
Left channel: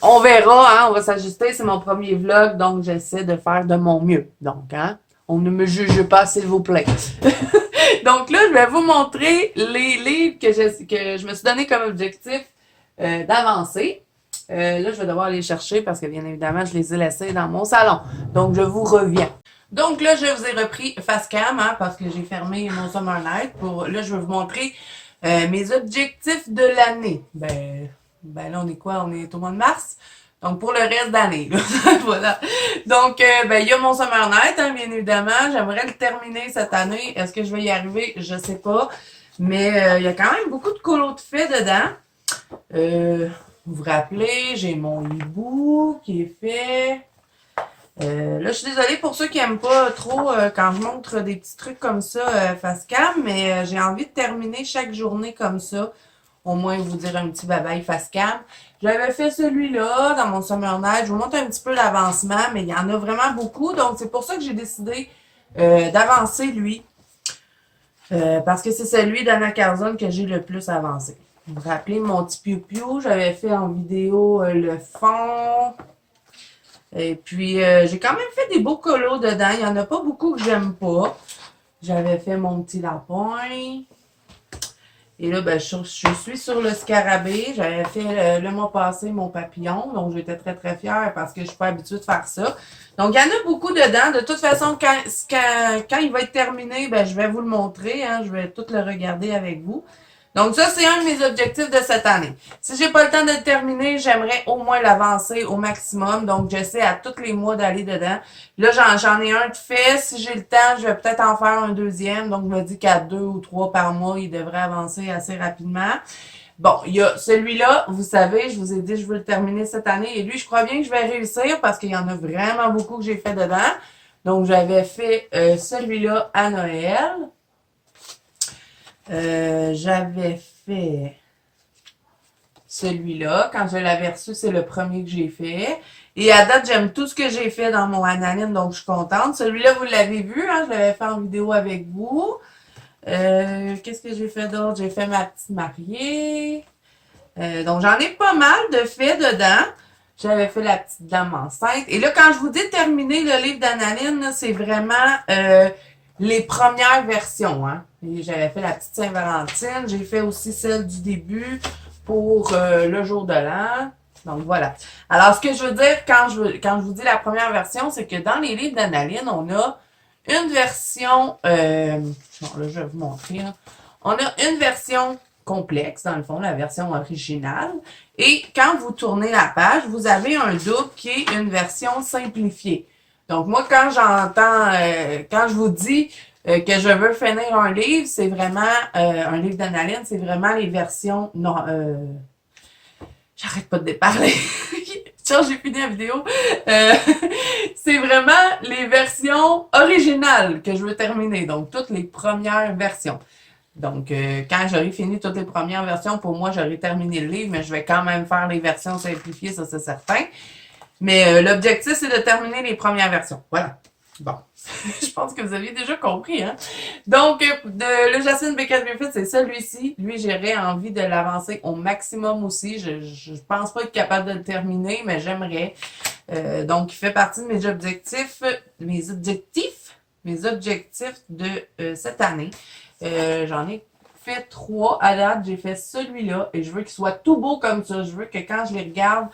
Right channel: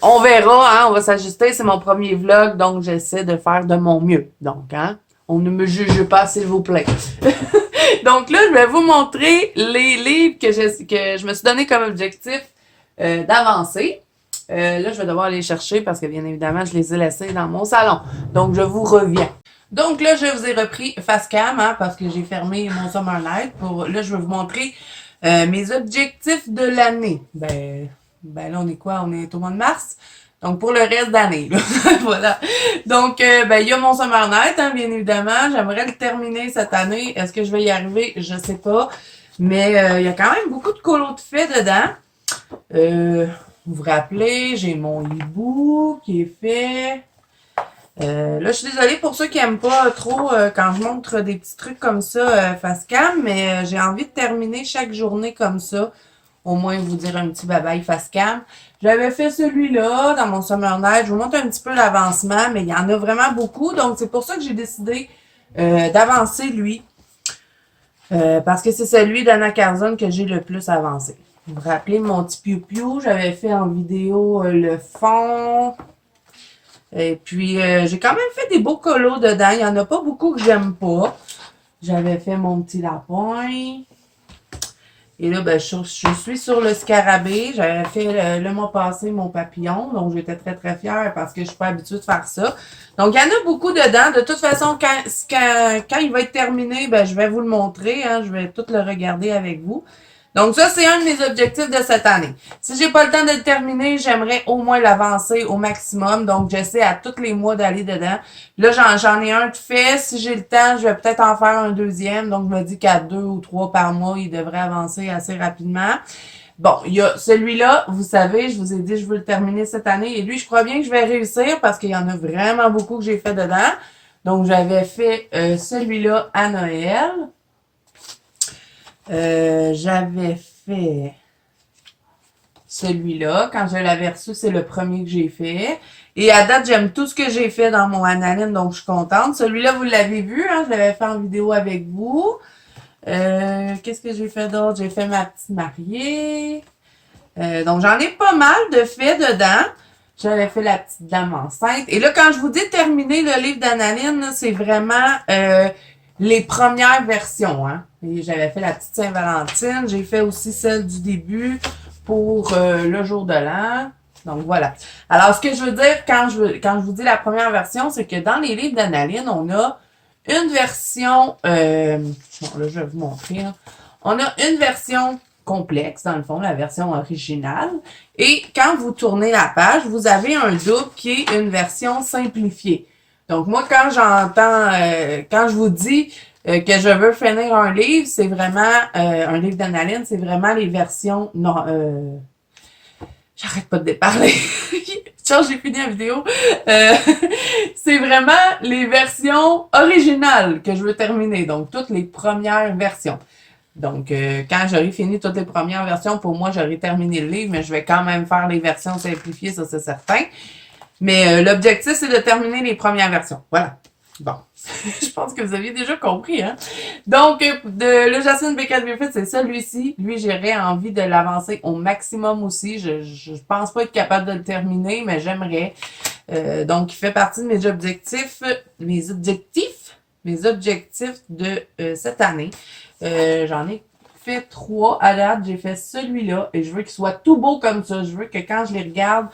on verra, hein, on va s'ajuster. C'est mon premier vlog, donc j'essaie de faire de mon mieux. Donc, hein, On ne me juge pas, s'il vous plaît. Donc là, je vais vous montrer les livres que je me suis donné comme objectif d'avancer. Là, je vais devoir aller les chercher parce que, bien évidemment, je les ai laissés dans mon salon. Donc, je vous reviens. Donc là, je vous ai repris Facecam parce que j'ai fermé mon Summer Night. Là, je vais vous montrer mes objectifs de l'année. Là, on est quoi? On est au mois de mars. Donc, pour le reste d'année, voilà. Donc, il y a mon Summer Night, bien évidemment. J'aimerais le terminer cette année. Est-ce que je vais y arriver? Je sais pas. Mais il y a quand même beaucoup de colos de fait dedans. Vous vous rappelez, j'ai mon hibou qui est fait. Là, je suis désolée pour ceux qui aiment pas trop quand je montre des petits trucs comme ça Facecam, mais j'ai envie de terminer chaque journée comme ça. Au moins vous dire un petit bye-bye Facecam. J'avais fait celui-là dans mon Summer Night. Je vous montre un petit peu l'avancement, mais il y en a vraiment beaucoup. Donc, c'est pour ça que j'ai décidé d'avancer lui. Parce que c'est celui d'Anna Carzone que j'ai le plus avancé. Vous vous rappelez mon petit piou-piou? J'avais fait en vidéo le fond. Et puis, j'ai quand même fait des beaux colos dedans. Il n'y en a pas beaucoup que j'aime pas. J'avais fait mon petit lapin. Et là, je suis sur le scarabée. J'avais fait le mois passé mon papillon. Donc, j'étais très, très fière parce que je suis pas habituée de faire ça. Donc, il y en a beaucoup dedans. De toute façon, quand il va être terminé, je vais vous le montrer. Je vais tout le regarder avec vous. Donc, ça, c'est un de mes objectifs de cette année. Si j'ai pas le temps de le terminer, j'aimerais au moins l'avancer au maximum. Donc, j'essaie à tous les mois d'aller dedans. Là, j'en ai un de fait. Si j'ai le temps, je vais peut-être en faire un deuxième. Donc, je me dis qu'à 2 ou 3 par mois, il devrait avancer assez rapidement. Bon, il y a celui-là, vous savez, je vous ai dit, je veux le terminer cette année. Et lui, je crois bien que je vais réussir parce qu'il y en a vraiment beaucoup que j'ai fait dedans. Donc, j'avais fait celui-là à Noël. J'avais fait celui-là. Quand je l'avais reçu, c'est le premier que j'ai fait. Et à date, j'aime tout ce que j'ai fait dans mon analine, donc je suis contente. Celui-là, vous l'avez vu, je l'avais fait en vidéo avec vous. Qu'est-ce que j'ai fait d'autre? J'ai fait ma petite mariée. Donc, j'en ai pas mal de faits dedans. J'avais fait la petite dame enceinte. Et là, quand je vous dis terminer le livre d'Analine, c'est vraiment les premières versions. Et j'avais fait la petite Saint-Valentine. J'ai fait aussi celle du début pour le jour de l'an. Donc, voilà. Alors, ce que je veux dire quand je vous dis la première version, c'est que dans les livres d'Analine, on a une version... bon, là, je vais vous montrer. On a une version complexe, dans le fond, la version originale. Et quand vous tournez la page, vous avez un double qui est une version simplifiée. Donc, moi, quand quand je vous dis que je veux finir un livre, c'est vraiment, un livre d'Analine, c'est vraiment les versions, non, j'arrête pas de déparler. Tiens, j'ai fini la vidéo. C'est vraiment les versions originales que je veux terminer. Donc, toutes les premières versions. Donc, quand j'aurai fini toutes les premières versions, pour moi, j'aurai terminé le livre, mais je vais quand même faire les versions simplifiées, ça c'est certain. Mais l'objectif, c'est de terminer les premières versions. Voilà. Bon. Je pense que vous aviez déjà compris, Donc, le Jasmine Beckett Griffith, c'est celui-ci. Lui, j'aurais envie de l'avancer au maximum aussi. Je pense pas être capable de le terminer, mais j'aimerais. Donc, il fait partie de mes objectifs. Mes objectifs de cette année. J'en ai fait 3 à date. J'ai fait celui-là et je veux qu'il soit tout beau comme ça. Je veux que quand je les regarde,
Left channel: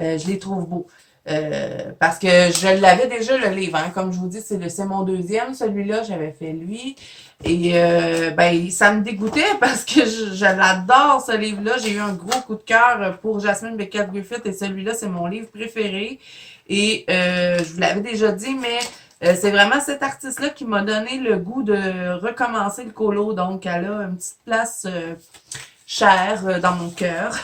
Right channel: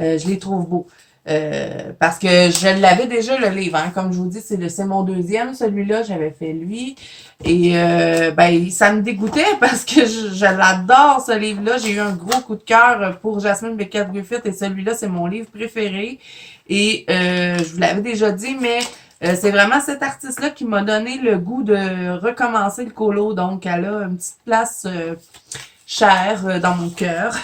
je les trouve beaux. Parce que je l'avais déjà le livre, comme je vous dis, c'est mon deuxième, celui-là, j'avais fait lui. Et ça me dégoûtait parce que je l'adore ce livre-là. J'ai eu un gros coup de cœur pour Jasmine Beckett Griffith et celui-là, c'est mon livre préféré. Et je vous l'avais déjà dit, mais c'est vraiment cet artiste-là qui m'a donné le goût de recommencer le colo. Donc, elle a une petite place chère dans mon cœur.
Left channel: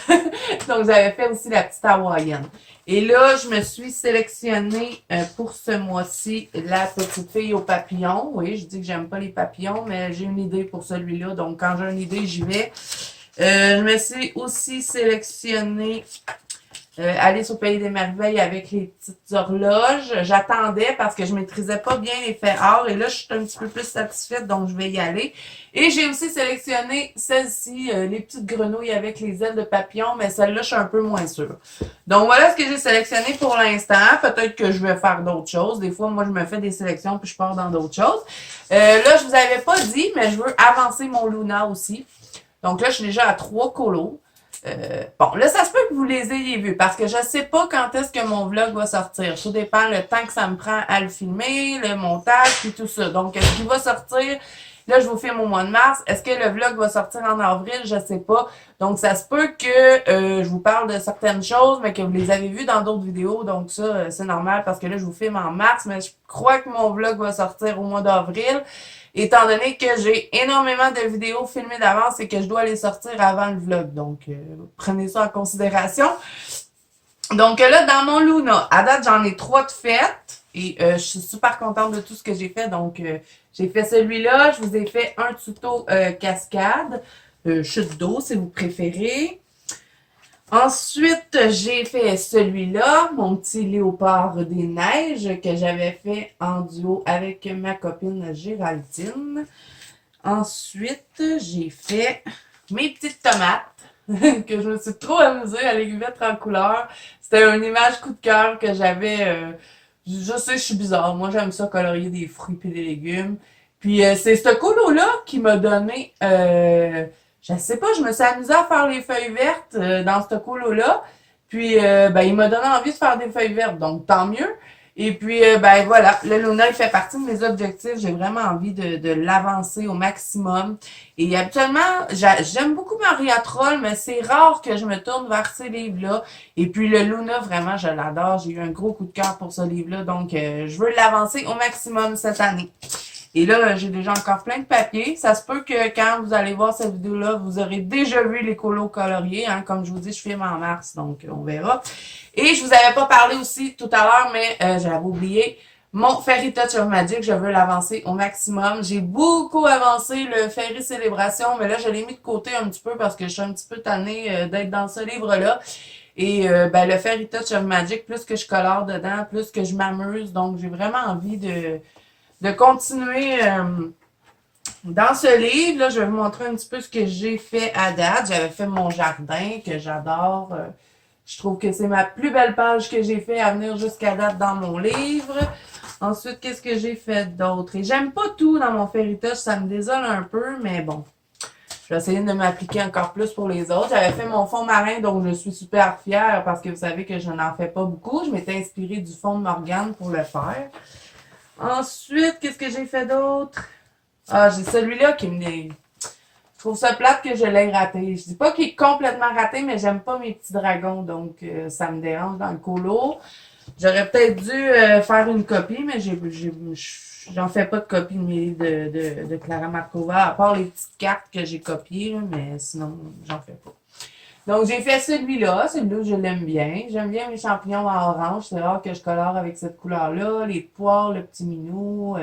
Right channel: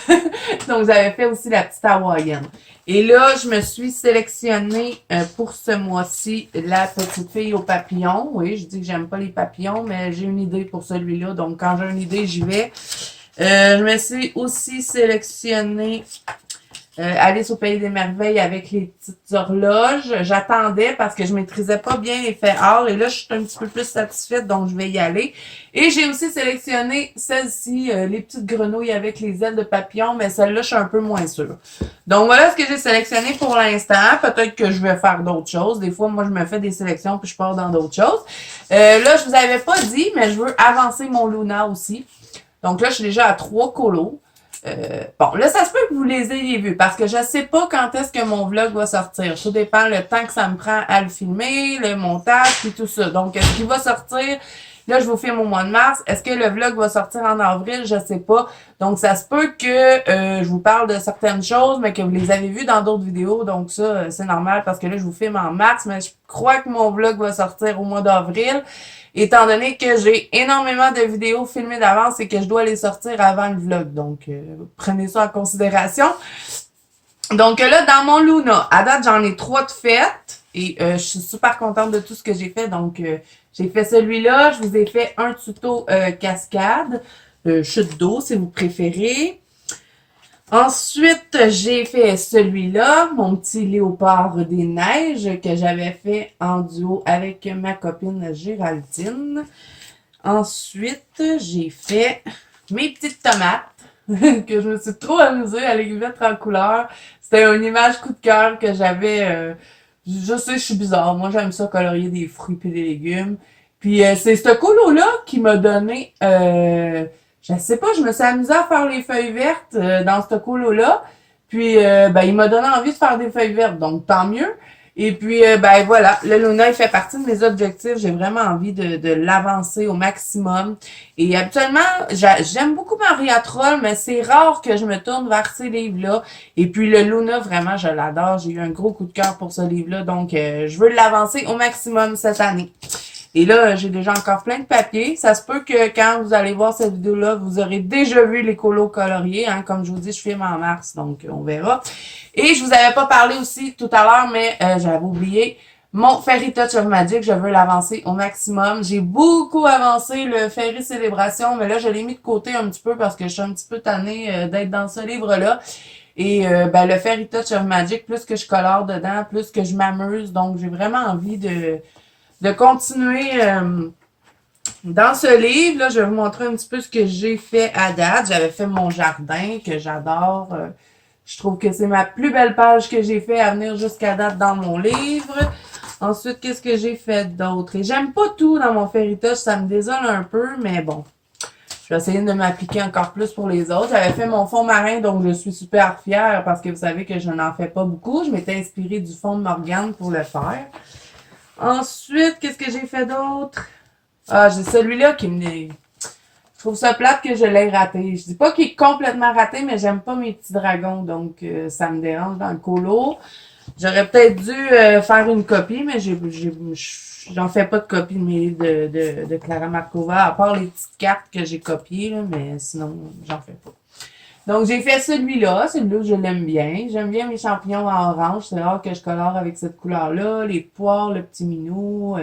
Donc, j'avais fait aussi la petite hawaïenne. Et là, je me suis sélectionnée pour ce mois-ci la petite fille aux papillons. Oui, je dis que j'aime pas les papillons, mais j'ai une idée pour celui-là. Donc, quand j'ai une idée, j'y vais. Je me suis aussi sélectionnée Alice au Pays des Merveilles avec les petites horloges. J'attendais parce que je maîtrisais pas bien les faits art et là, je suis un petit peu plus satisfaite, donc je vais y aller. Et j'ai aussi sélectionné celle-ci, les petites grenouilles avec les ailes de papillon, mais celle-là, je suis un peu moins sûre. Donc voilà ce que j'ai sélectionné pour l'instant. Peut-être que je vais faire d'autres choses. Des fois, moi, je me fais des sélections puis je pars dans d'autres choses. Là, je vous avais pas dit, mais je veux avancer mon Luna aussi. Donc là, je suis déjà à 3 colos. Bon, là, ça se peut que vous les ayez vus parce que je sais pas quand est-ce que mon vlog va sortir. Tout dépend le temps que ça me prend à le filmer, le montage et tout ça. Donc, est-ce qu'il va sortir? Là, je vous filme au mois de mars. Est-ce que le vlog va sortir en avril? Je sais pas. Donc, ça se peut que je vous parle de certaines choses, mais que vous les avez vues dans d'autres vidéos. Donc, ça, c'est normal parce que là, je vous filme en mars, mais je crois que mon vlog va sortir au mois d'avril. Étant donné que j'ai énormément de vidéos filmées d'avance et que je dois les sortir avant le vlog. Donc, prenez ça en considération. Donc là, dans mon Luna, à date, j'en ai 3 de faites. Et je suis super contente de tout ce que j'ai fait. Donc, j'ai fait celui-là. Je vous ai fait un tuto cascade. Chute d'eau, si vous préférez. Ensuite, j'ai fait celui-là, mon petit léopard des neiges, que j'avais fait en duo avec ma copine Géraldine. Ensuite, j'ai fait mes petites tomates, que je me suis trop amusée à les mettre en couleur. C'était une image coup de cœur que j'avais. Je sais, je suis bizarre. Moi, j'aime ça colorier des fruits et des légumes. Puis, c'est ce colo-là qui m'a donné... je sais pas, je me suis amusée à faire les feuilles vertes dans ce colo-là. Puis, ben, il m'a donné envie de faire des feuilles vertes, donc tant mieux. Et puis, ben voilà, le Luna, il fait partie de mes objectifs. J'ai vraiment envie de l'avancer au maximum. Et habituellement, j'aime beaucoup Maria Troll, mais c'est rare que je me tourne vers ces livres-là. Et puis, le Luna, vraiment, je l'adore. J'ai eu un gros coup de cœur pour ce livre-là. Donc, je veux l'avancer au maximum cette année. Et là, j'ai déjà encore plein de papiers. Ça se peut que quand vous allez voir cette vidéo-là, vous aurez déjà vu les colos coloriés. Hein? Comme je vous dis, je filme en mars, donc on verra. Et je vous avais pas parlé aussi tout à l'heure, mais j'avais oublié. Mon Fairy Touch of Magic, je veux l'avancer au maximum. J'ai beaucoup avancé le Fairy Célébration, mais là, je l'ai mis de côté un petit peu parce que je suis un petit peu tannée d'être dans ce livre-là. Et ben, le Fairy Touch of Magic, plus que je colore dedans, plus que je m'amuse. Donc, j'ai vraiment envie de continuer dans ce livre. Là, je vais vous montrer un petit peu ce que j'ai fait à date. J'avais fait mon jardin, que j'adore. Je trouve que c'est ma plus belle page que j'ai fait à venir jusqu'à date dans mon livre. Ensuite, qu'est-ce que j'ai fait d'autre? Et j'aime pas tout dans mon Fairy Touch, ça me désole un peu, mais bon. Je vais essayer de m'appliquer encore plus pour les autres. J'avais fait mon fond marin, donc je suis super fière parce que vous savez que je n'en fais pas beaucoup. Je m'étais inspirée du fond de Morgane pour le faire. Ensuite, qu'est-ce que j'ai fait d'autre? Ah, j'ai celui-là qui me... Je trouve ça plate que je l'ai raté. Je dis pas qu'il est complètement raté, mais j'aime pas mes petits dragons, donc ça me dérange dans le colo. J'aurais peut-être dû faire une copie, mais j'en fais pas de copie de mes livres de Clara Markova, à part les petites cartes que j'ai copiées, là, mais sinon, j'en fais pas. Donc, j'ai fait celui-là. Celui-là, je l'aime bien. J'aime bien mes champignons en orange. C'est rare que je colore avec cette couleur-là. Les poires, le petit minou.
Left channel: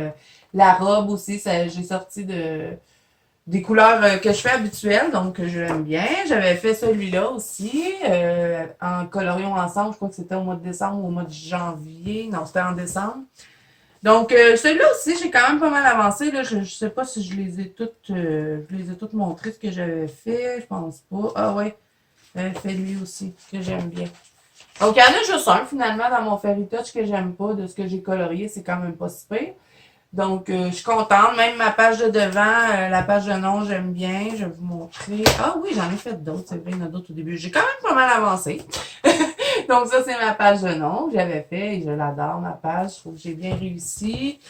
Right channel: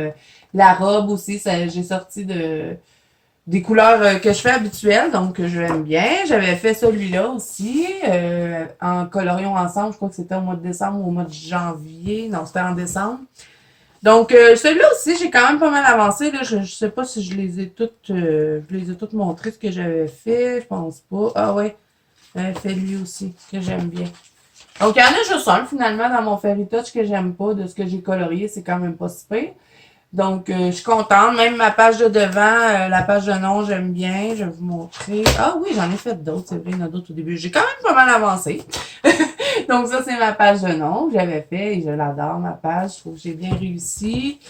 La robe aussi, j'ai sorti des couleurs que je fais habituelles. Donc, je l'aime bien. J'avais fait celui-là aussi. En colorions ensemble. Je crois que c'était au mois de décembre ou au mois de janvier. Non, c'était en décembre. Donc, celui-là aussi, j'ai quand même pas mal avancé. Là. Je sais pas si je les ai toutes montrées, ce que j'avais fait. Je pense pas. Ah ouais. Fait lui aussi, que j'aime bien. Donc, il y en a juste un, finalement, dans mon Fairy Touch que j'aime pas, de ce que j'ai colorié, c'est quand même pas si pire. Donc, je suis contente. Même ma page de devant, la page de nom, j'aime bien. Je vais vous montrer. Ah oui, j'en ai fait d'autres, c'est vrai, il y en a d'autres au début. J'ai quand même pas mal avancé. Donc, ça, c'est ma page de nom que j'avais fait et je l'adore, ma page. Je trouve que j'ai bien réussi.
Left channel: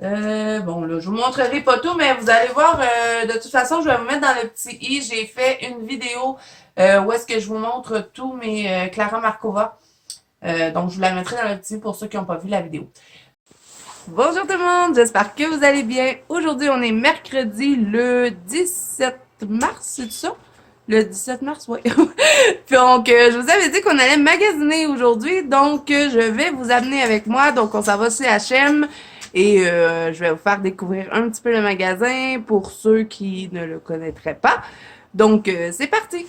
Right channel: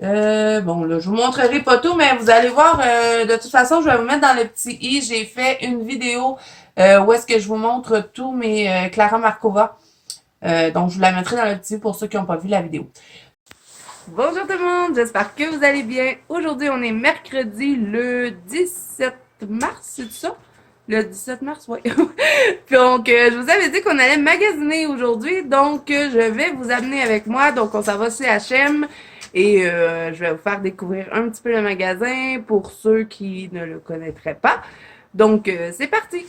Bon, là, je vous montrerai pas tout, mais vous allez voir, de toute façon, je vais vous mettre dans le petit i. J'ai fait une vidéo où est-ce que je vous montre tous mes Clara Markova. Donc, je vous la mettrai dans le petit i pour ceux qui n'ont pas vu la vidéo. Bonjour tout le monde, j'espère que vous allez bien. Aujourd'hui, on est mercredi le 17 mars, c'est ça? Le 17 mars, oui. Donc, je vous avais dit qu'on allait magasiner aujourd'hui, donc je vais vous amener avec moi. Donc, on s'en va chez H&M et je vais vous faire découvrir un petit peu le magasin pour ceux qui ne le connaîtraient pas. Donc, c'est parti!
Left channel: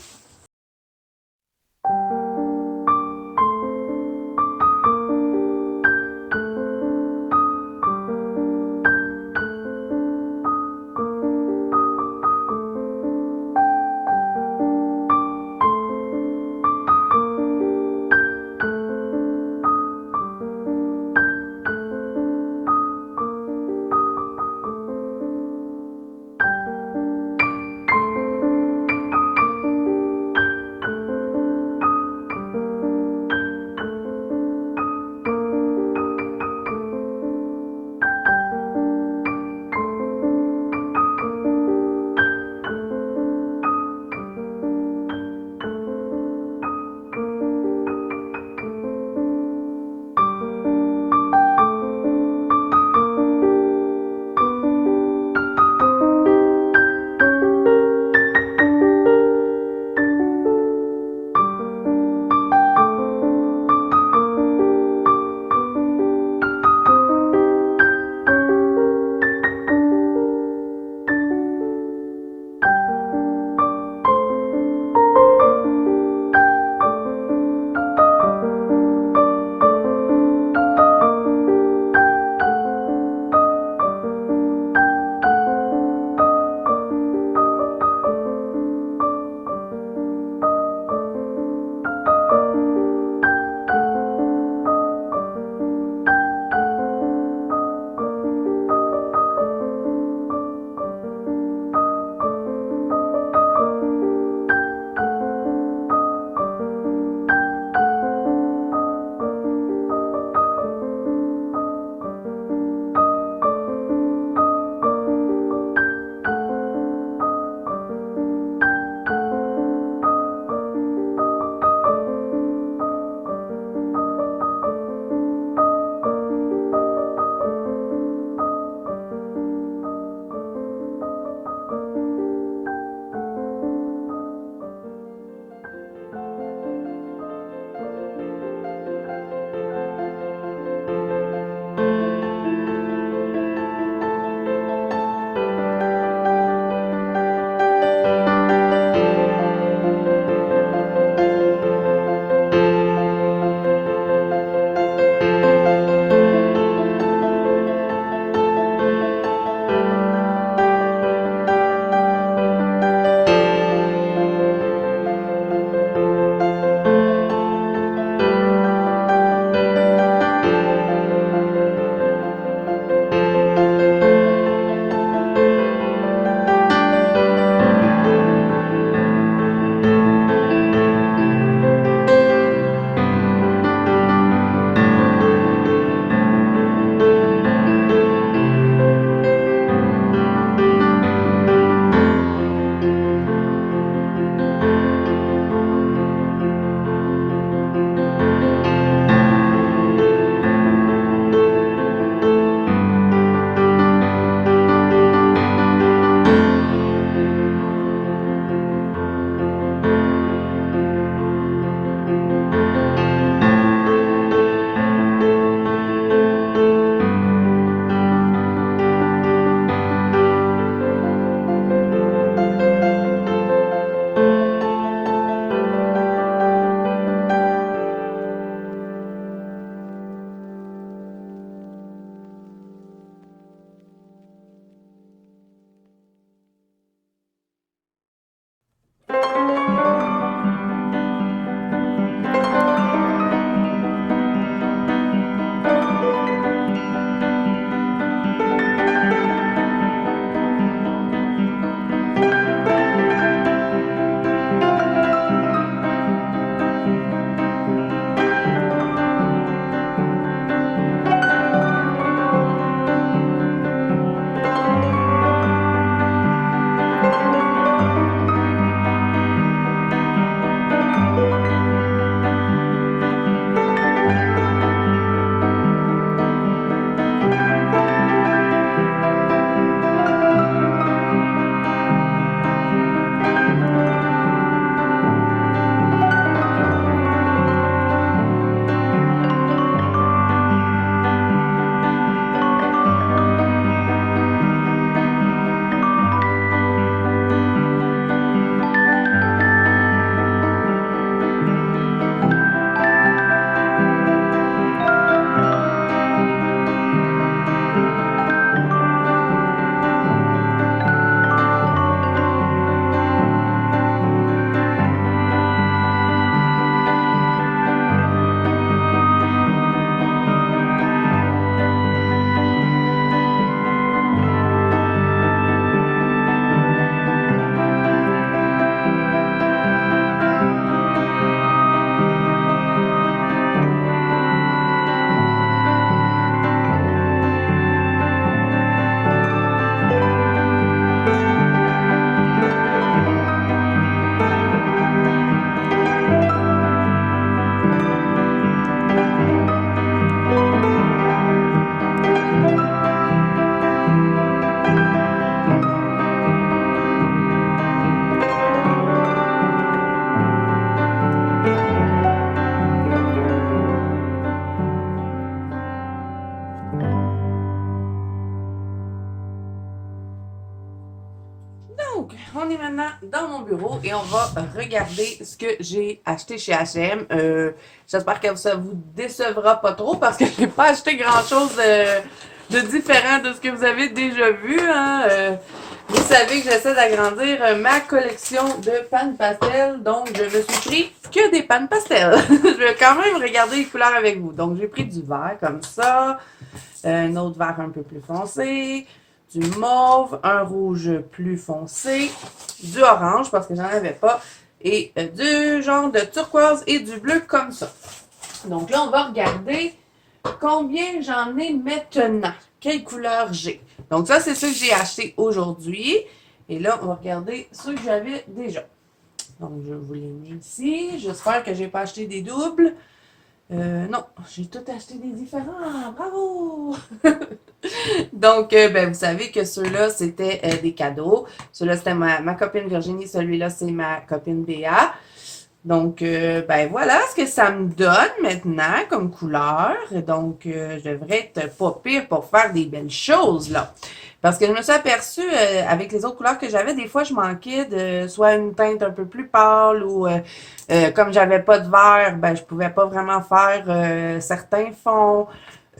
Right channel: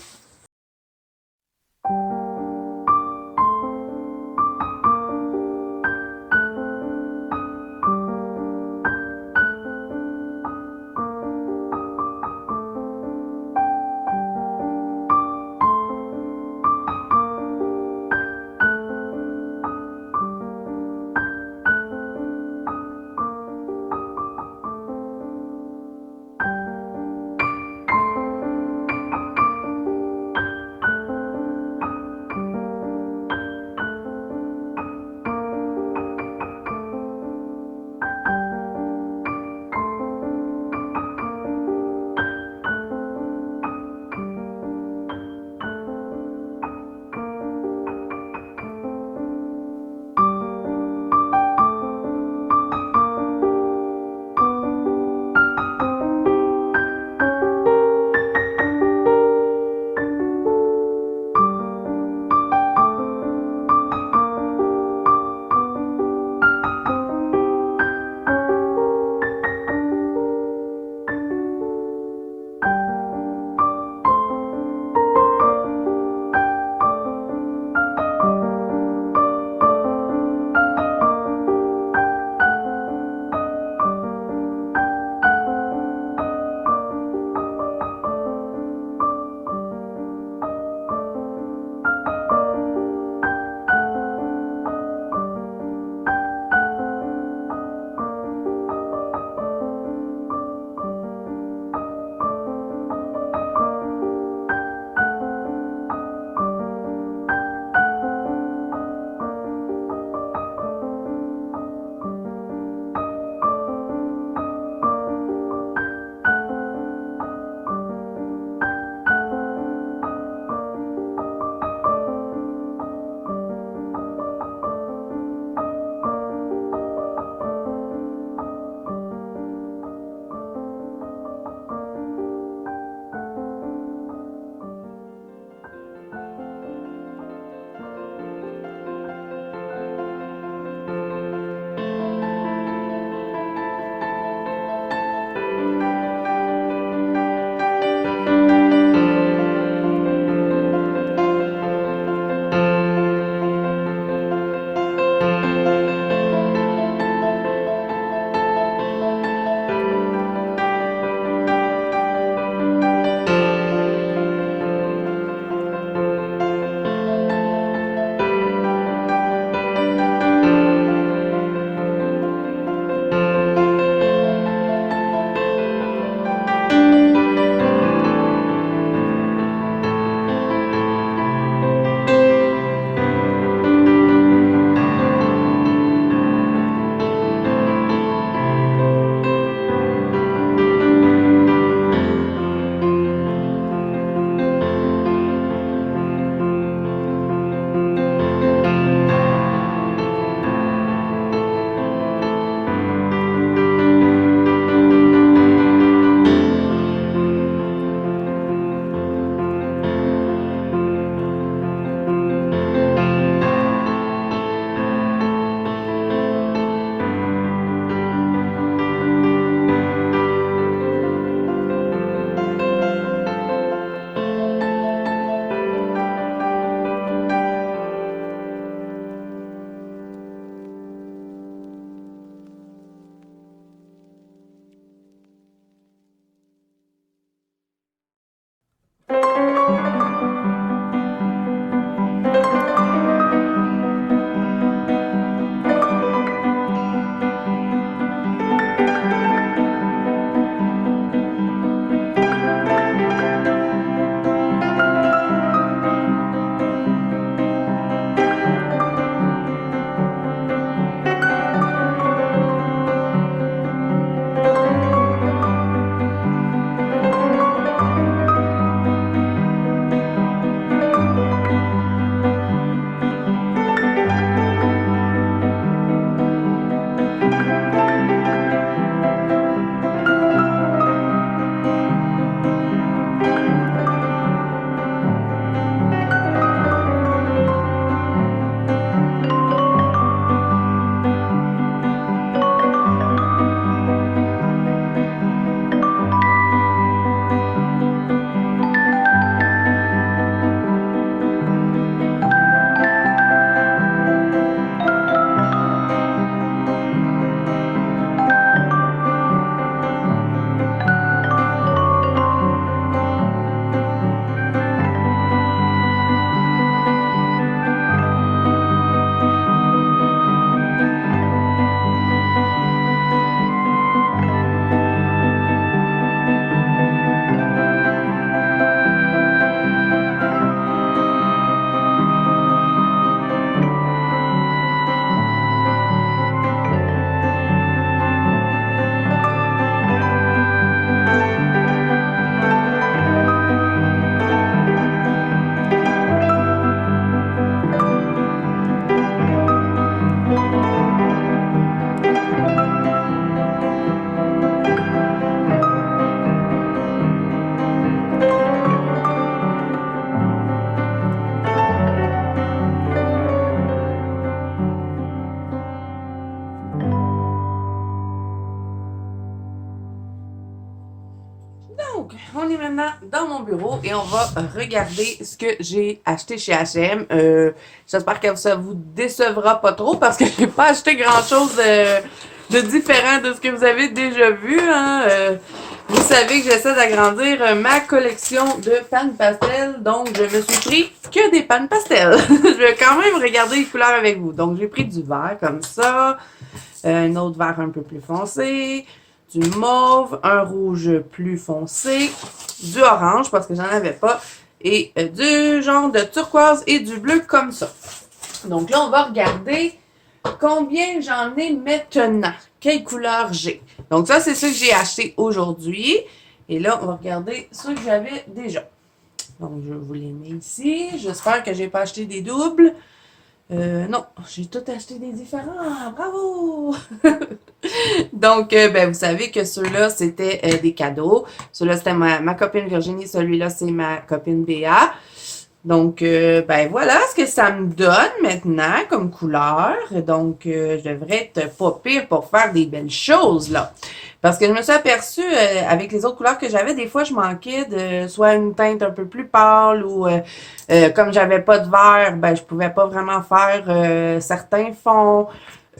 on est maintenant dans mon bureau et on va regarder ce que j'ai acheté chez H&M. J'espère que ça vous décevra pas trop parce que j'ai pas acheté grand-chose de différent de ce que vous avez déjà vu. Hein. Vous savez que j'essaie d'agrandir ma collection de pannes pastel, donc je me suis pris que des pannes pastel. Je vais quand même regarder les couleurs avec vous. Donc j'ai pris du vert comme ça, un autre vert un peu plus foncé, du mauve, un rouge plus foncé, du orange parce que j'en avais pas, et du genre de turquoise et du bleu comme ça. Donc là, on va regarder combien j'en ai maintenant, quelle couleur j'ai. Donc ça, c'est ce que j'ai acheté aujourd'hui. Et là, on va regarder ceux que j'avais déjà. Donc, je vous les mets ici. J'espère que j'ai pas acheté des doubles. Non, j'ai tout acheté des différents. Bravo! Donc, ben, vous savez que ceux-là, c'était des cadeaux. Ceux-là, c'était ma copine Virginie. Celui-là, c'est ma copine Béa. Donc, ben voilà ce que ça me donne maintenant comme couleur. Donc, je devrais être pas pire pour faire des belles choses, là. Parce que je me suis aperçue, avec les autres couleurs que j'avais, des fois, je manquais de soit une teinte un peu plus pâle ou comme j'avais pas de vert, ben je pouvais pas vraiment faire certains fonds.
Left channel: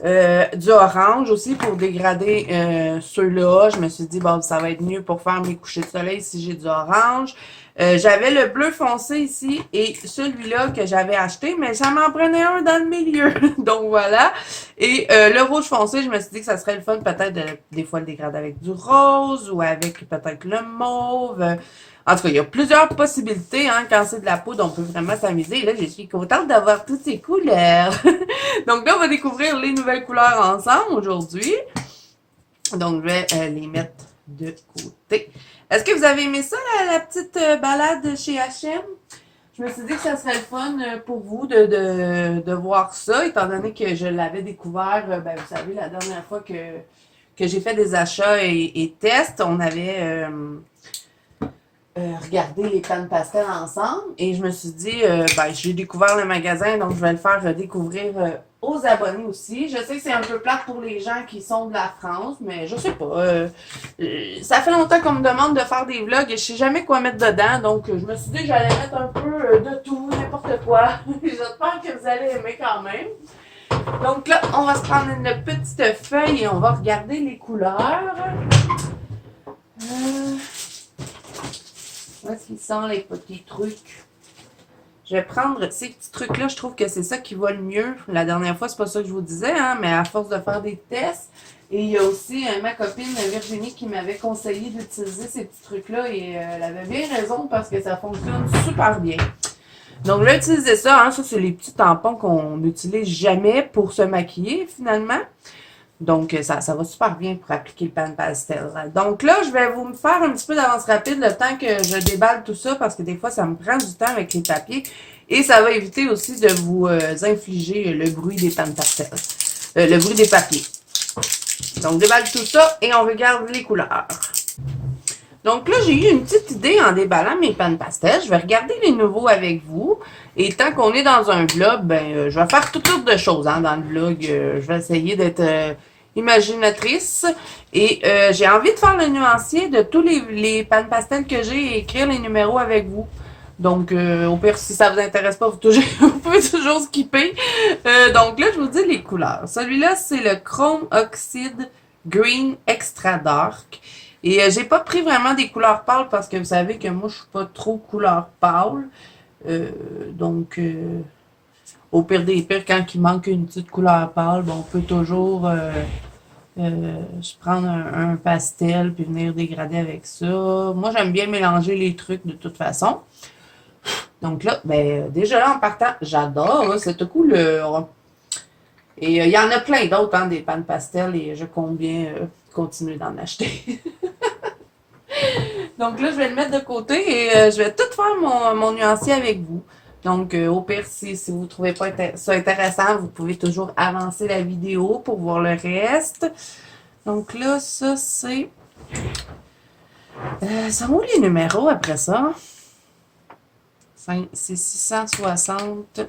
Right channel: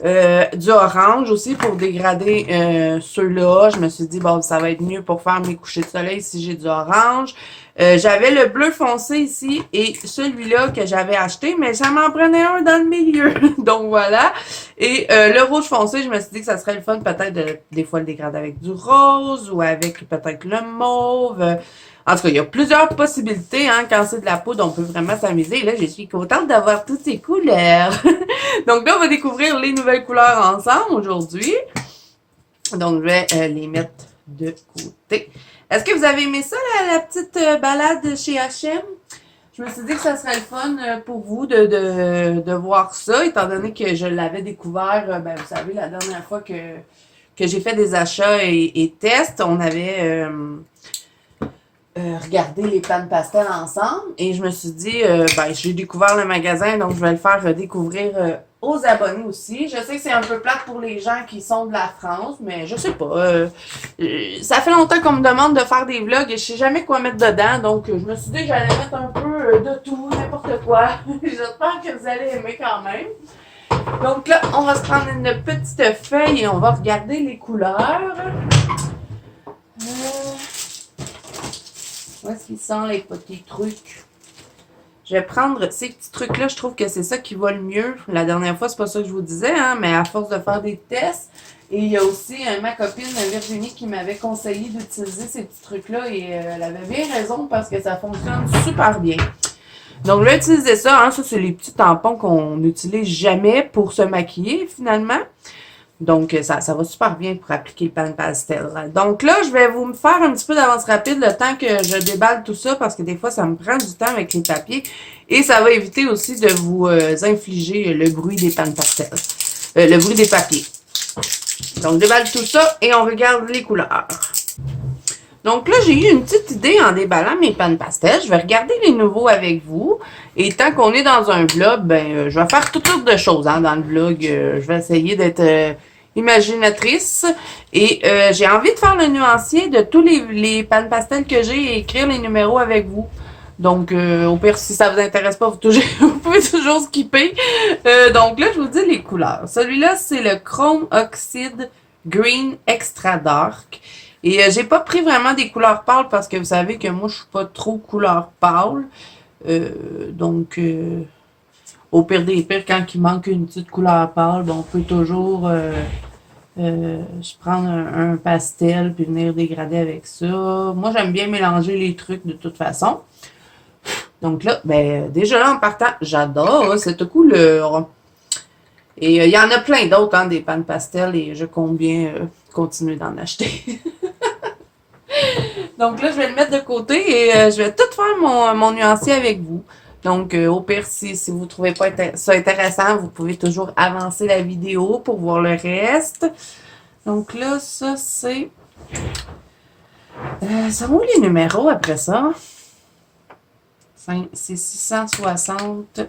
Du orange aussi pour dégrader ceux-là. Je me suis dit, bon, ça va être mieux pour faire mes couchers de soleil si j'ai du orange. J'avais le bleu foncé ici et celui-là que j'avais acheté, mais ça m'en prenait un dans le milieu. Donc voilà. Et le rouge foncé, je me suis dit que ça serait le fun peut-être de, des fois le dégrader avec du rose ou avec peut-être le mauve. En tout cas, il y a plusieurs possibilités, hein. Quand c'est de la poudre, on peut vraiment s'amuser. Et là, je suis contente d'avoir toutes ces couleurs. Donc là, on va découvrir les nouvelles couleurs ensemble aujourd'hui. Donc, je vais les mettre de côté. Est-ce que vous avez aimé ça, la petite balade chez H&M? Je me suis dit que ça serait le fun pour vous de voir ça, étant donné que je l'avais découvert, ben, vous savez, la dernière fois que j'ai fait des achats et tests, on avait regardé les pannes pastel ensemble et je me suis dit, ben, j'ai découvert le magasin, donc je vais le faire découvrir aux abonnés aussi. Je sais que c'est un peu plate pour les gens qui sont de la France, mais je sais pas. Ça fait longtemps qu'on me demande de faire des vlogs et je sais jamais quoi mettre dedans, donc je me suis dit que j'allais mettre un peu de tout, n'importe quoi. J'espère que vous allez aimer quand même. Donc là, on va se prendre une petite feuille et on va regarder les couleurs. Où est-ce qu'ils sont les petits trucs? Je vais prendre ces petits trucs-là. Je trouve que c'est ça qui va le mieux. La dernière fois, c'est pas ça que je vous disais, hein, mais à force de faire des tests. Et il y a aussi ma copine Virginie qui m'avait conseillé d'utiliser ces petits trucs-là et elle avait bien raison parce que ça fonctionne super bien. Donc, je vais utiliser ça. Hein. Ça, c'est les petits tampons qu'on n'utilise jamais pour se maquiller, finalement. Donc, ça va super bien pour appliquer le pan pastel. Donc là, je vais vous faire un petit peu d'avance rapide le temps que je déballe tout ça parce que des fois, ça me prend du temps avec les papiers. Et ça va éviter aussi de vous infliger le bruit des pan pastel. Le bruit des papiers. Donc, je déballe tout ça et on regarde les couleurs. Donc là, j'ai eu une petite idée en déballant mes pannes pastel. Je vais regarder les nouveaux avec vous. Et tant qu'on est dans un vlog, ben, je vais faire toutes sortes de choses hein, dans le vlog. Je vais essayer d'être imaginatrice. Et j'ai envie de faire le nuancier de tous les pannes pastel que j'ai et écrire les numéros avec vous. Donc, au pire, si ça vous intéresse pas, vous pouvez toujours skipper. Donc là, je vous dis les couleurs. Celui-là, c'est le Chrome Oxide Green Extra Dark. Et j'ai pas pris vraiment des couleurs pâles parce que vous savez que moi, je suis pas trop couleur pâle. Donc, au pire des pires, quand il manque une petite couleur pâle, bon, on peut toujours je prendre un pastel puis venir dégrader avec ça. Moi, j'aime bien mélanger les trucs de toute façon. Donc là, ben, déjà là, en partant, j'adore cette couleur. Et il y en a plein d'autres, hein, des pannes pastel, et je compte bien continuer d'en acheter. Donc là, je vais le mettre de côté et je vais tout faire mon nuancier avec vous. Donc, au pire, si vous ne trouvez pas ça intéressant, vous pouvez toujours avancer la vidéo pour voir le reste. Donc là, ça, c'est... ça où les numéros après ça? C'est 660.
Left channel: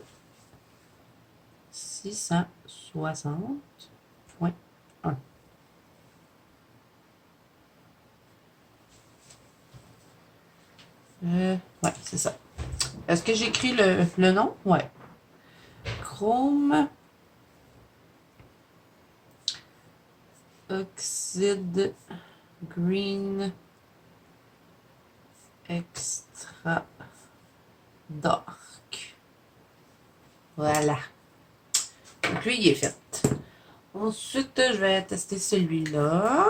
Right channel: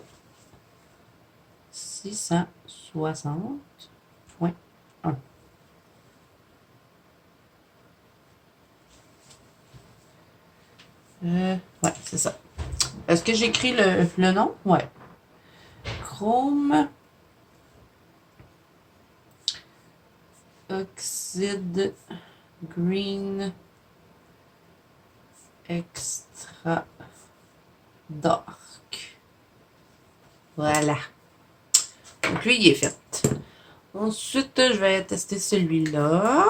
660.1. Ouais, c'est ça. Est-ce que j'écris le nom? Ouais. Chrome Oxide Green Extra Dark. Voilà. Donc lui, il est fait. Ensuite, je vais tester celui-là.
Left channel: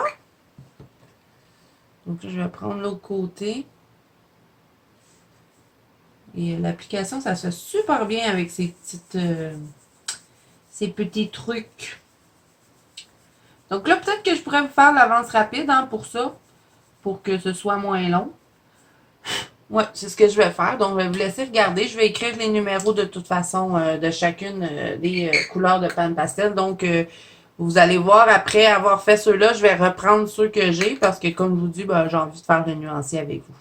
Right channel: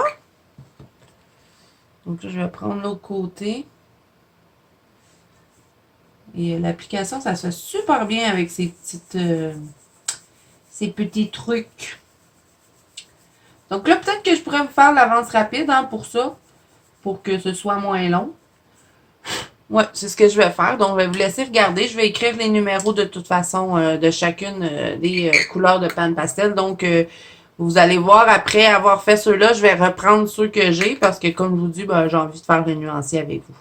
Donc là, je vais prendre l'autre côté. Et l'application, ça se fait super bien avec ces petits trucs. Donc là, peut-être que je pourrais vous faire l'avance rapide hein, pour ça, pour que ce soit moins long. Ouais, c'est ce que je vais faire. Donc, je vais vous laisser regarder. Je vais écrire les numéros de toute façon de chacune des couleurs de pan pastel. Donc, vous allez voir, après avoir fait ceux-là, je vais reprendre ceux que j'ai parce que, comme je vous dis, ben, j'ai envie de faire des nuanciers avec vous.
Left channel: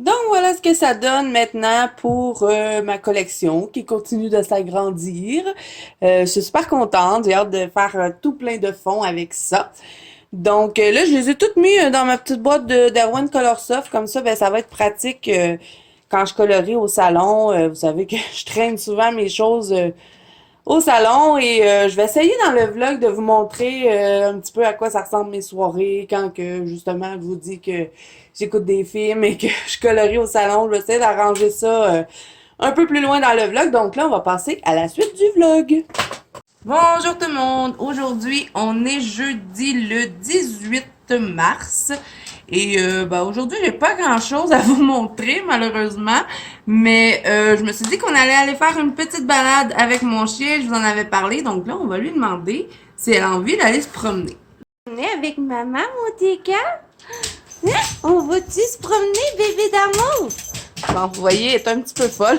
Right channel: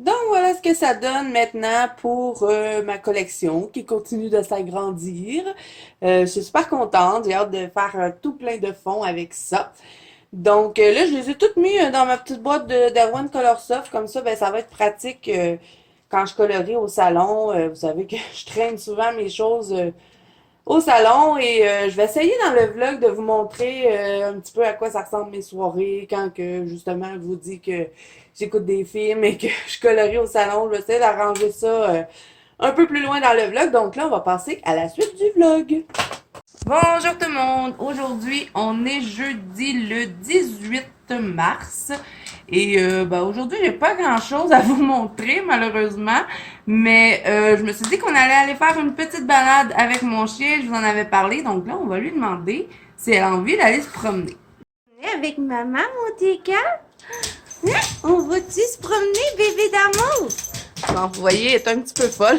Donc voilà ce que ça donne maintenant pour ma collection qui continue de s'agrandir. Je suis super contente, j'ai hâte de faire tout plein de fonds avec ça. Donc là, je les ai toutes mis dans ma petite boîte de d'Erwan Color Soft, comme ça, ben ça va être pratique quand je colorie au salon. Vous savez que je traîne souvent mes choses au salon et je vais essayer dans le vlog de vous montrer un petit peu à quoi ça ressemble mes soirées quand que justement je vous dis que j'écoute des films et que je colorie au salon. Je vais essayer d'arranger ça un peu plus loin dans le vlog. Donc là, on va passer à la suite du vlog. Bonjour tout le monde! Aujourd'hui, on est jeudi le 18 mars. Et aujourd'hui, j'ai pas grand-chose à vous montrer, malheureusement. Mais je me suis dit qu'on allait aller faire une petite balade avec mon chien. Je vous en avais parlé. Donc là, on va lui demander si elle a envie d'aller se promener. On est avec maman, mon Tika? Hein? On va-tu se promener, bébé d'amour? Bon, vous voyez, elle est un petit peu folle.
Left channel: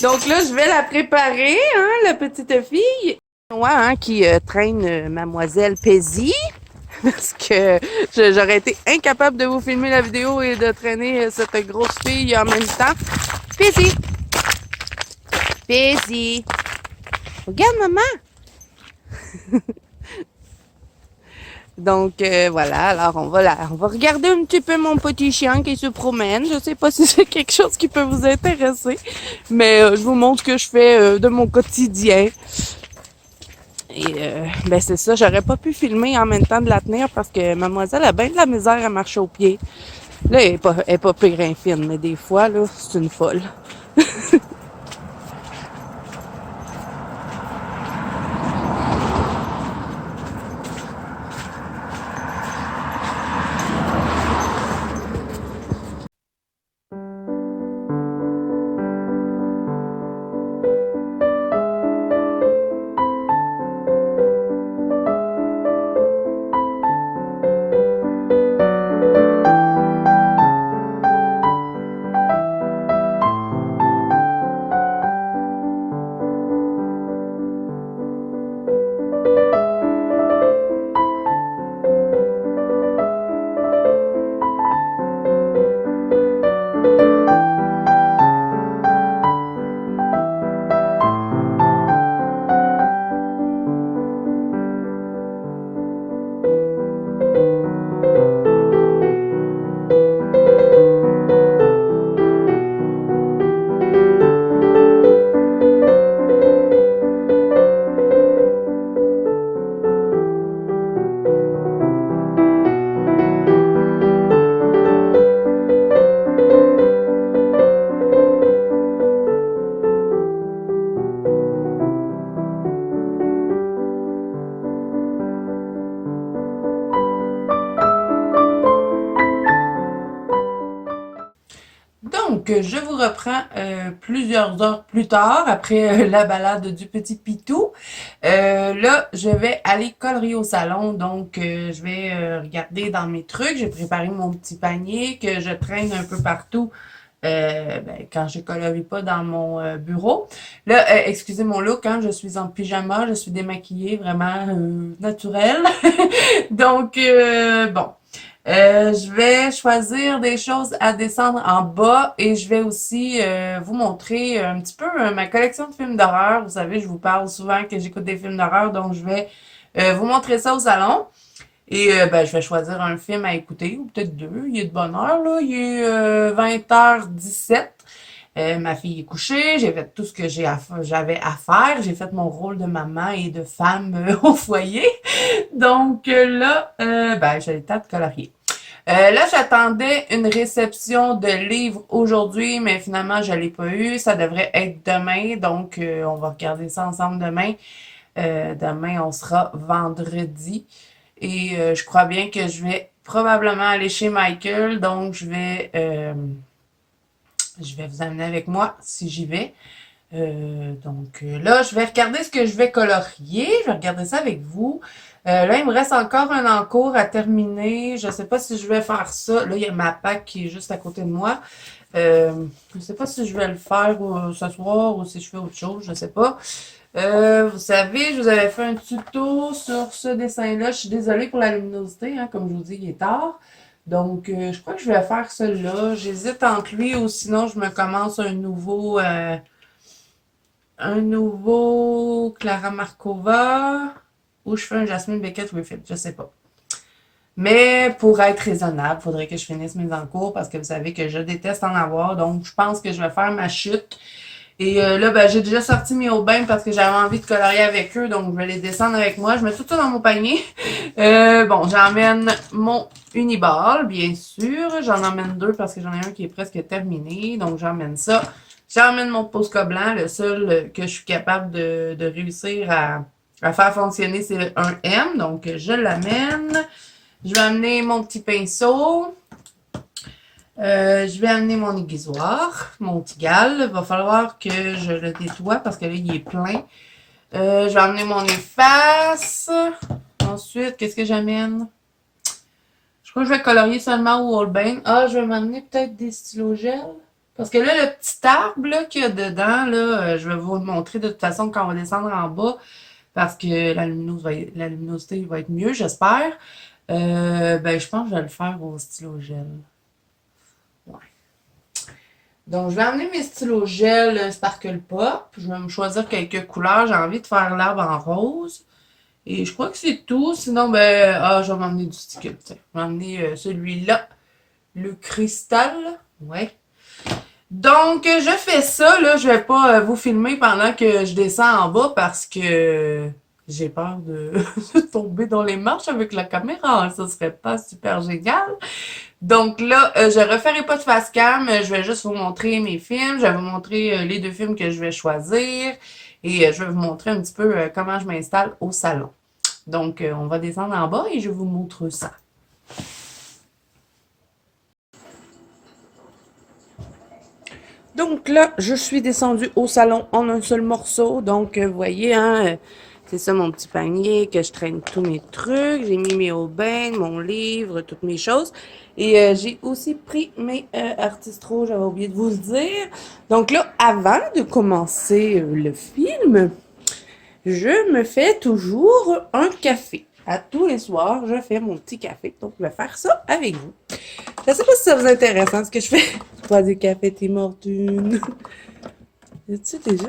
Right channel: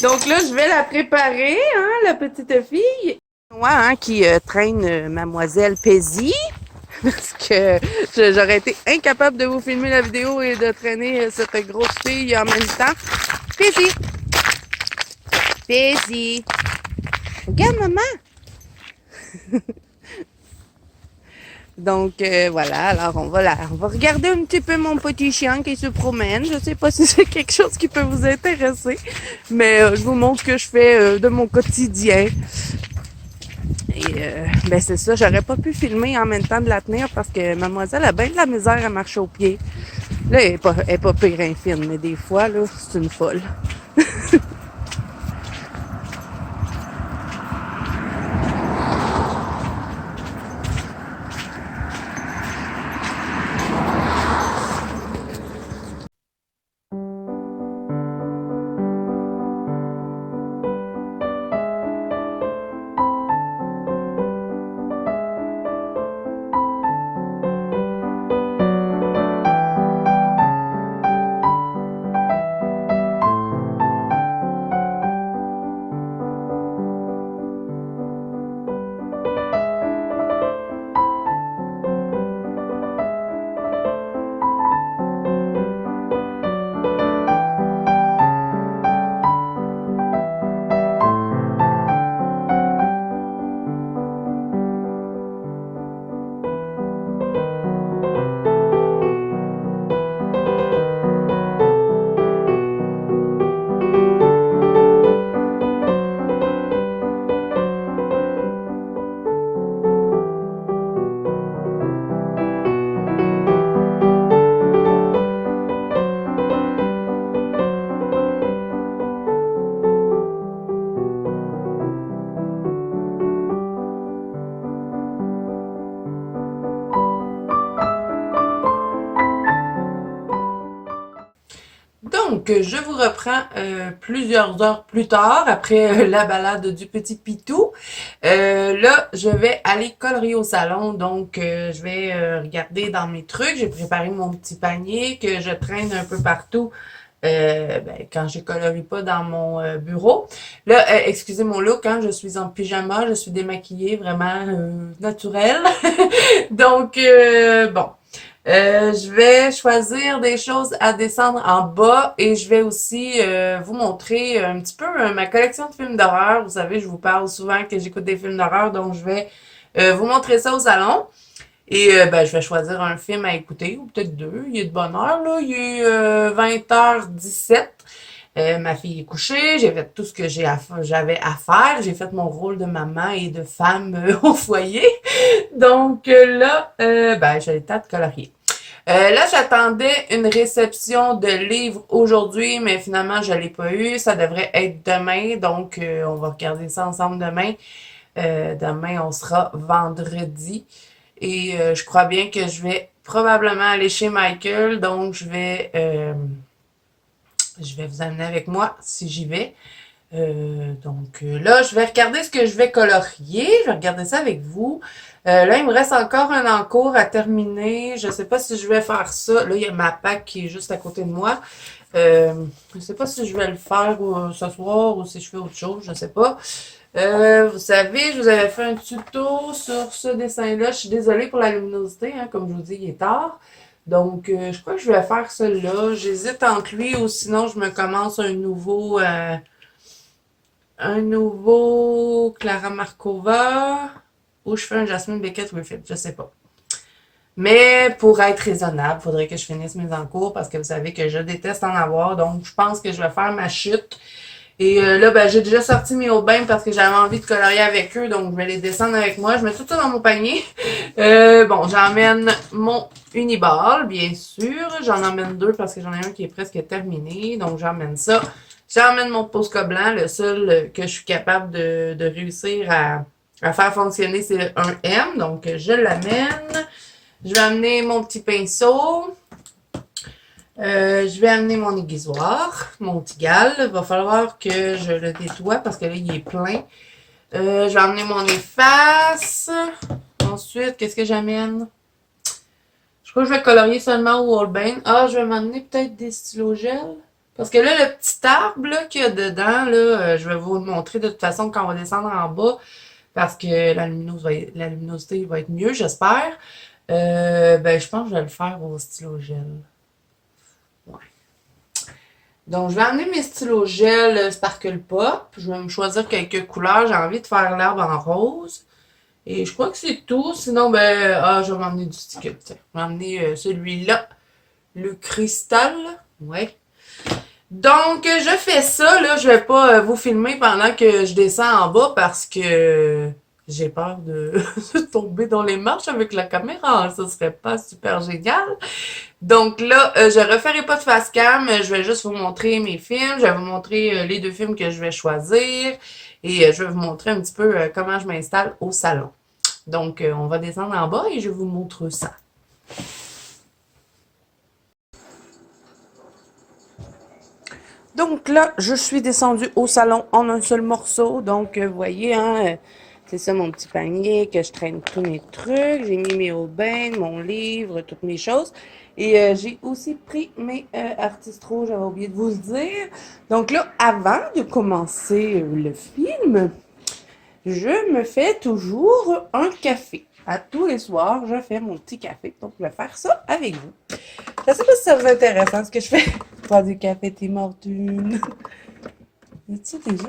Donc là, je vais la préparer, hein, la petite fille. Moi, hein, qui traîne mademoiselle Paisy, parce que j'aurais été incapable de vous filmer la vidéo et de traîner cette grosse fille en même temps. Paisy! Paisy! Regarde, maman! Donc voilà, alors on va regarder un petit peu mon petit chien qui se promène. Je sais pas si c'est quelque chose qui peut vous intéresser, mais je vous montre ce que je fais de mon quotidien. Et ben c'est ça, j'aurais pas pu filmer en même temps de la tenir parce que mademoiselle a bien de la misère à marcher au pied. Là, elle est pas pire infine, mais des fois, là, c'est une folle. Donc, je vous reprends plusieurs heures plus tard, après la balade du petit Pitou. Là, je vais aller colorier au salon, donc je vais regarder dans mes trucs. J'ai préparé mon petit panier que je traîne un peu partout quand je colorie pas dans mon bureau. Là, excusez mon look, hein, je suis en pyjama, je suis démaquillée, vraiment naturelle. Donc, bon. Je vais choisir des choses à descendre en bas et je vais aussi vous montrer un petit peu ma collection de films d'horreur. Vous savez, je vous parle souvent que j'écoute des films d'horreur, donc je vais vous montrer ça au salon. Et ben, je vais choisir un film à écouter, ou peut-être deux. Il est de bonne heure, là. Il est 20h17. Ma fille est couchée, j'ai fait tout ce que j'avais à faire. J'ai fait mon rôle de maman et de femme au foyer. Donc là, ben, j'ai le temps de colorier. Là, j'attendais une réception de livres aujourd'hui, mais finalement, je l'ai pas eu. Ça devrait être demain, donc on va regarder ça ensemble demain. Demain, on sera vendredi. Et je crois bien que je vais probablement aller chez Michael, donc je vais vous amener avec moi si j'y vais. Là, je vais regarder ce que je vais colorier. Je vais regarder ça avec vous. Là, il me reste encore un encours à terminer. Je sais pas si je vais faire ça. Là, il y a ma PAC qui est juste à côté de moi. Euh, je sais pas si je vais le faire ce soir ou si je fais autre chose. Je sais pas. Vous savez, je vous avais fait un tuto sur ce dessin-là. Je suis désolée pour la luminosité, hein, comme je vous dis, il est tard. Donc, je crois que je vais faire celui-là. J'hésite entre lui ou sinon je me commence un nouveau Clara Markova ou je fais un Jasmine Beckett Refit, je sais pas. Mais pour être raisonnable, il faudrait que je finisse mes encours parce que vous savez que je déteste en avoir. Donc, je pense que je vais faire ma chute. Et là, ben, j'ai déjà sorti mes Aubins parce que j'avais envie de colorier avec eux. Donc, je vais les descendre avec moi. Je mets tout ça dans mon panier. Bon, j'emmène mon Uniball, bien sûr. J'en emmène deux parce que j'en ai un qui est presque terminé. Donc, j'emmène ça. J'emmène mon Posca blanc. Le seul que je suis capable de réussir à faire fonctionner, c'est un M. Donc, je l'amène. Je vais amener mon petit pinceau. Je vais amener mon aiguisoir, mon tigal. Il va falloir que je le nettoie parce que là, il est plein. Je vais amener mon efface. Ensuite, qu'est-ce que j'amène? Je crois que je vais colorier seulement au Holbein. Ah, je vais m'amener peut-être des stylos gel. Parce que là, le petit arbre qu'il y a dedans, là, je vais vous le montrer de toute façon quand on va descendre en bas. Parce que la luminosité va être mieux, j'espère. Ben, je pense que je vais le faire au stylo gel. Ouais. Donc, je vais amener mes stylos gel Sparkle Pop. Je vais me choisir quelques couleurs. J'ai envie de faire l'arbre en rose. Et je crois que c'est tout. Sinon, ben, je vais m'emmener du sticker. Tiens. Je vais m'emmener celui-là. Le cristal. Ouais. Donc, je fais ça, là. Je vais pas vous filmer pendant que je descends en bas parce que j'ai peur de tomber dans les marches avec la caméra. Ça serait pas super génial. Donc là, je referai pas de face cam, je vais juste vous montrer mes films, je vais vous montrer les deux films que je vais choisir et je vais vous montrer un petit peu comment je m'installe au salon. Donc, on va descendre en bas et je vous montre ça. Donc là, je suis descendue au salon en un seul morceau. Donc, vous voyez, hein, c'est ça mon petit panier que je traîne tous mes trucs. J'ai mis mes Aubin, mon livre, toutes mes choses. Et j'ai aussi pris mes artistes rouges, j'avais oublié de vous le dire. Donc là, avant de commencer le film, je me fais toujours un café. À tous les soirs, je fais mon petit café. Donc, je vais faire ça avec vous. Je sais pas si ça vous intéresse, hein, ce que je fais. Toi, du café, Tim Hortons. Es-tu déjà?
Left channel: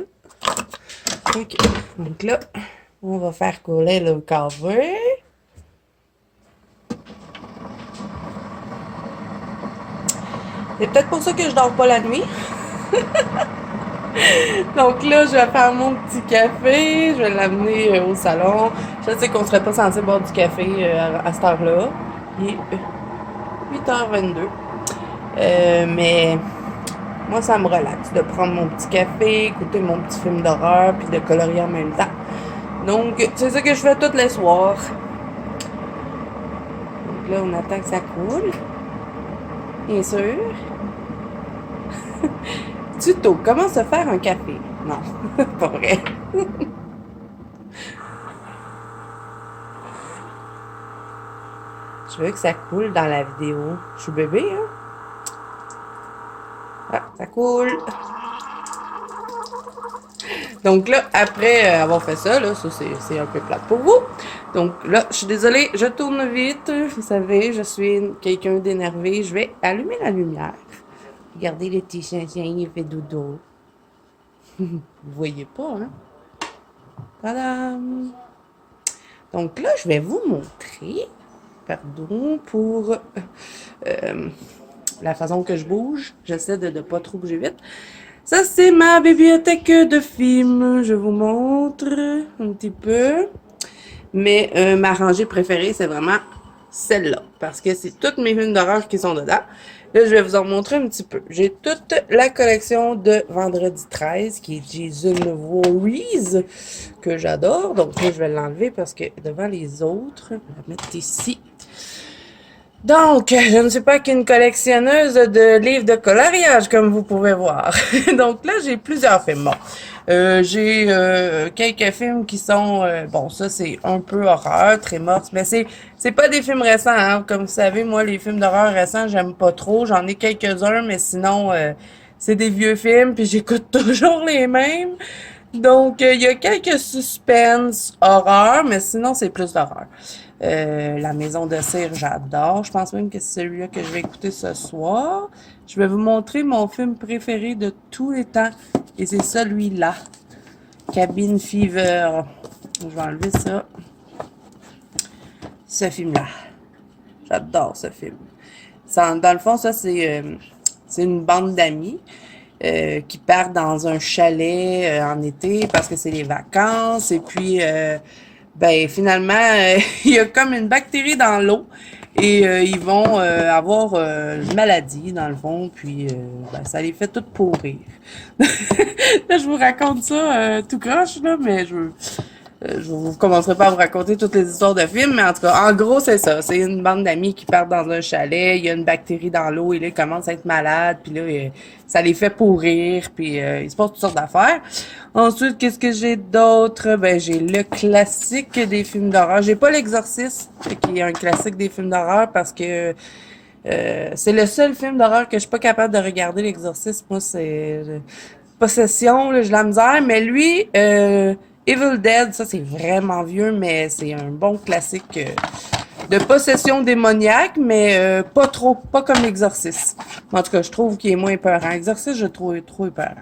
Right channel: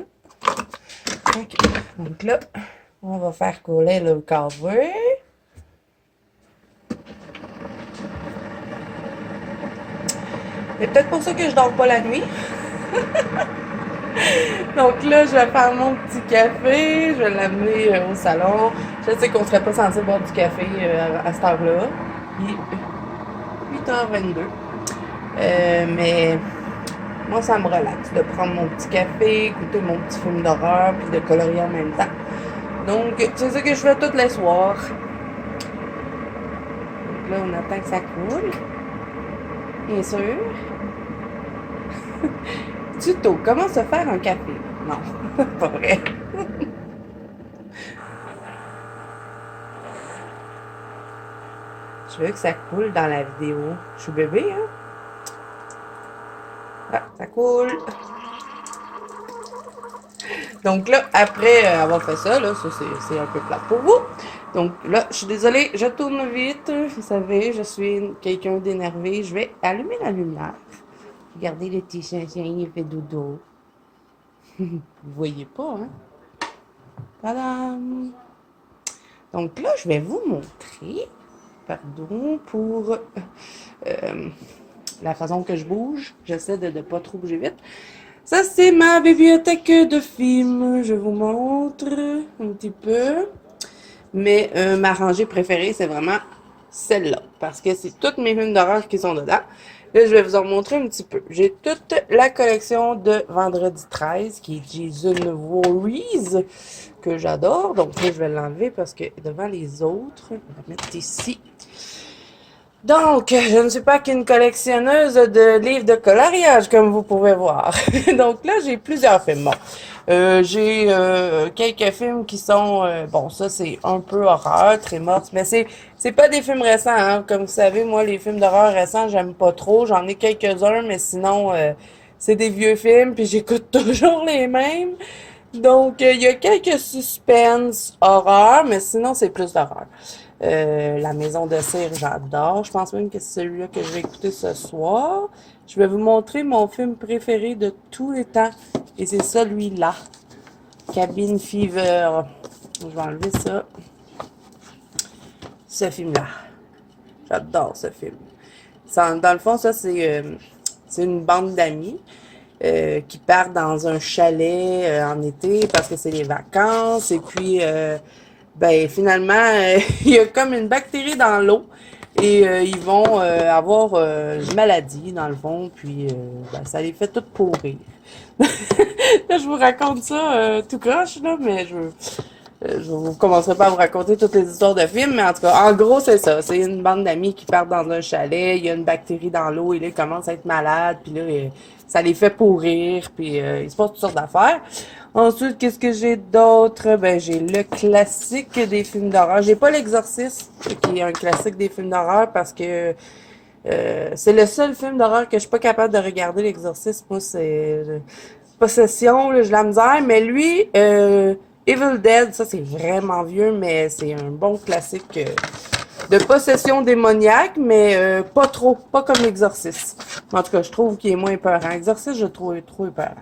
OK. Donc là, on va faire couler le café. C'est peut-être pour ça que je dors pas la nuit. Donc là, je vais faire mon petit café. Je vais l'amener au salon. Je sais qu'on serait pas censé boire du café à cette heure-là. Il est 8h22. Mais moi, ça me relaxe de prendre mon petit café, écouter mon petit film d'horreur, puis de colorier en même temps. Donc, c'est ça que je fais tous les soirs. Donc là, on attend que ça coule. Bien sûr. Tuto, comment se faire un café? Non, pas vrai. Je veux que ça coule dans la vidéo. Je suis bébé, hein? Ah, ça coule. Donc là, après avoir fait ça, là, ça c'est un peu plate pour vous. Donc là, je suis désolée, je tourne vite. Vous savez, je suis quelqu'un d'énervé. Je vais allumer la lumière. Regardez le petit chien, il fait dodo. Vous voyez pas, hein? Voilà. Donc là, je vais vous montrer. Pardon pour la façon que je bouge. J'essaie de ne pas trop bouger vite. Ça, c'est ma bibliothèque de films. Je vous montre un petit peu. Mais ma rangée préférée, c'est vraiment celle-là. Parce que c'est toutes mes films d'horreur qui sont dedans. Là, je vais vous en montrer un petit peu. J'ai toute la collection de Vendredi 13, qui est Jason Voorhees, que j'adore. Donc là, je vais l'enlever parce que devant les autres, je vais la mettre ici. Donc, je ne suis pas qu'une collectionneuse de livres de coloriage, comme vous pouvez voir. Donc là, j'ai plusieurs films. Bon, j'ai quelques films qui sont... bon, ça, c'est un peu horreur, très morte, mais c'est pas des films récents. Hein. Comme vous savez, moi, les films d'horreur récents, j'aime pas trop. J'en ai quelques-uns, mais sinon, c'est des vieux films, puis j'écoute toujours les mêmes. Donc, il y a quelques suspens horreur, mais sinon, c'est plus d'horreur. La Maison de cire, j'adore. Je pense même que c'est celui-là que je vais écouter ce soir. Je vais vous montrer mon film préféré de tous les temps. Et c'est celui-là. Cabin Fever. Je vais enlever ça. Ce film-là. J'adore ce film. Dans le fond, ça, c'est une bande d'amis. Qui partent dans un chalet en été parce que c'est les vacances. Et puis, ben finalement, il y a comme une bactérie dans l'eau et ils vont avoir une maladie dans le fond. Puis, ben, ça les fait toutes pourrir. Là, je vous raconte ça tout croche, là, mais je vous commencerai pas à vous raconter toutes les histoires de films, mais en tout cas, en gros, c'est ça. C'est une bande d'amis qui partent dans un chalet, il y a une bactérie dans l'eau, et là, ils commencent à être malades, puis là, ça les fait pourrir, puis il se passe toutes sortes d'affaires. Ensuite, qu'est-ce que j'ai d'autre? Ben, j'ai le classique des films d'horreur. J'ai pas l'Exorciste, qui est un classique des films d'horreur, parce que c'est le seul film d'horreur que je suis pas capable de regarder, l'Exorciste. Moi, c'est Possession, là, j'ai la misère, mais lui... Evil Dead, ça c'est vraiment vieux, mais c'est un bon classique de possession démoniaque, mais pas trop, pas comme l'Exorciste. En tout cas, je trouve qu'il est moins épeurant. Exorciste, je le trouve trop épeurant.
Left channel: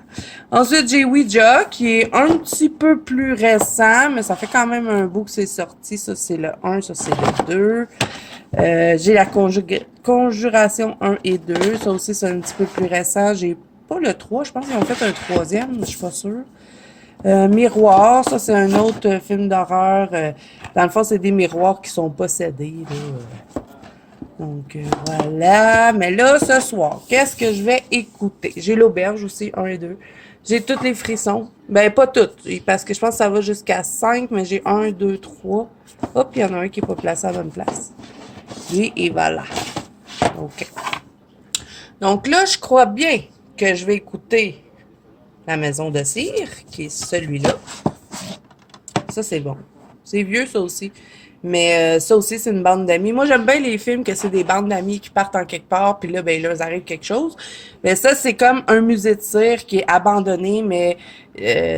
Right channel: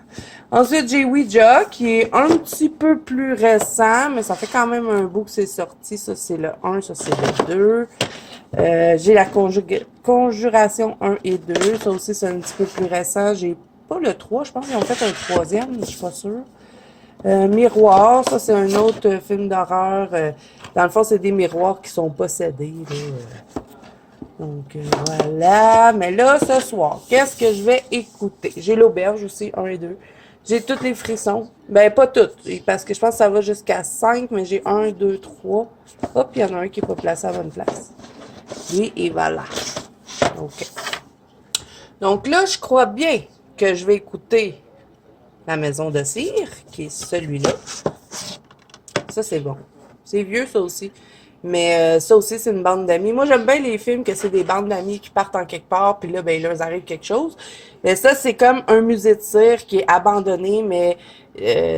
Ensuite, j'ai Ouija, qui est un petit peu plus récent, mais ça fait quand même un bout que c'est sorti. Ça, c'est le 1, ça, c'est le 2. J'ai la Conjuration 1 et 2. Ça aussi, c'est un petit peu plus récent. J'ai pas le 3, je pense qu'ils ont fait un troisième, je suis pas sûre. Miroir, ça c'est un autre film d'horreur. Dans le fond, c'est des miroirs qui sont possédés. Là. Donc voilà. Mais là, ce soir, qu'est-ce que je vais écouter? J'ai l'auberge aussi, 1 et 2. J'ai tous les frissons. Ben, pas toutes, parce que je pense que ça va jusqu'à 5, mais j'ai 1, 2, 3. Hop, il y en a un qui n'est pas placé à la bonne place. Et voilà. OK. Donc là, je crois bien que je vais écouter La Maison de cire, qui est celui-là. Ça, c'est bon. C'est vieux, ça aussi. Mais ça aussi, c'est une bande d'amis. Moi, j'aime bien les films que c'est des bandes d'amis qui partent en quelque part, puis là, ben, il leur arrive quelque chose. Mais ça, c'est comme un musée de cire qui est abandonné, mais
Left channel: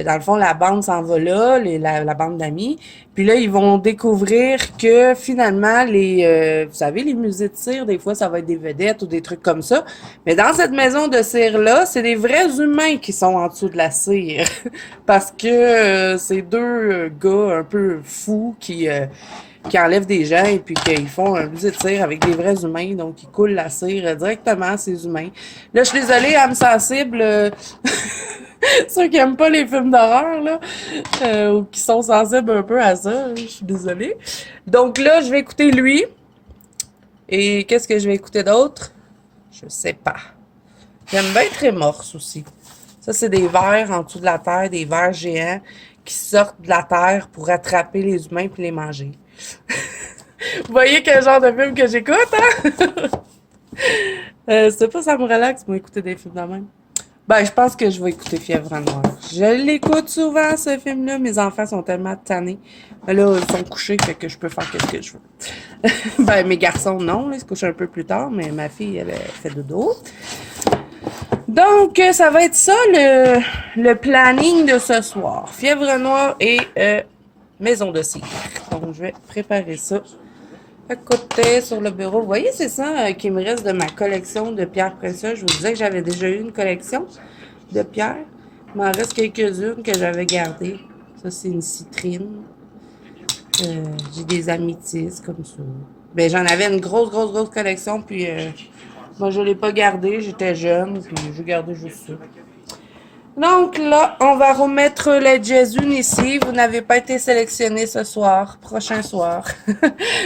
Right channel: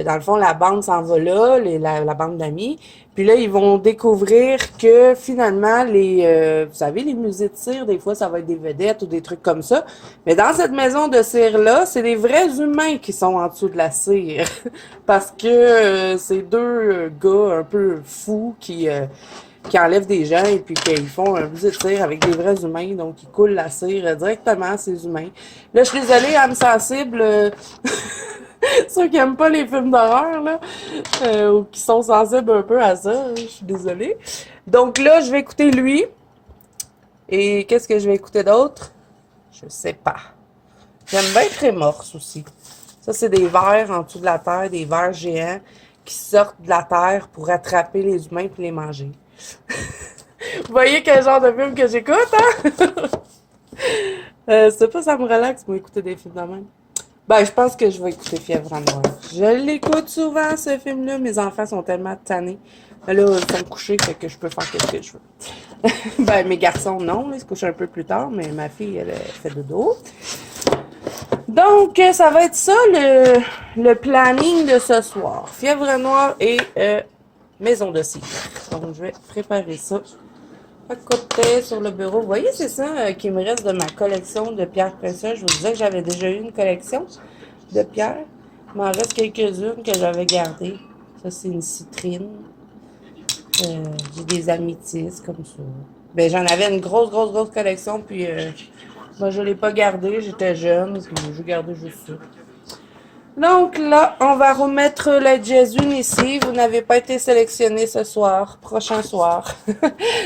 dans le fond, la bande s'en va là, la bande d'amis. Puis là, ils vont découvrir que finalement, vous savez, les musées de cire, des fois, ça va être des vedettes ou des trucs comme ça. Mais dans cette maison de cire-là, c'est des vrais humains qui sont en dessous de la cire. Parce que c'est deux gars un peu fous qui enlèvent des gens et puis qu'ils font un musée de cire avec des vrais humains. Donc, ils coulent la cire directement à ces humains. Là, je suis désolée, âme sensible... ceux qui aiment pas les films d'horreur, là, ou qui sont sensibles un peu à ça, je suis désolée. Donc là, je vais écouter lui. Et qu'est-ce que je vais écouter d'autre? Je sais pas. J'aime bien Trémorse aussi. Ça, c'est des vers en dessous de la terre, des vers géants qui sortent de la terre pour attraper les humains puis les manger. Vous voyez quel genre de film que j'écoute, hein? C'est pas ça me relaxe, moi, écouter des films de même. Ben, je pense que je vais écouter Fièvre Noire. Je l'écoute souvent, ce film-là. Mes enfants sont tellement tannés. Là, ils sont couchés, fait que je peux faire ce que je veux. Ben, mes garçons, non. Là, ils se couchent un peu plus tard, mais ma fille, elle fait dodo. Donc, ça va être ça, le planning de ce soir. Fièvre Noire et Maison de cire. Donc, je vais préparer ça à côté sur le bureau. Vous voyez, c'est ça qui me reste de ma collection de pierres précieuses. Je vous disais que j'avais déjà eu une collection de pierres. Il m'en reste quelques-unes que j'avais gardées. Ça, c'est une citrine. J'ai des améthystes comme ça. Ben, j'en avais une grosse collection, puis moi, je l'ai pas gardée. J'étais jeune, puis j'ai gardé juste ça. Donc là, on va remettre les Jésus ici. Vous n'avez pas été sélectionné ce soir, prochain soir.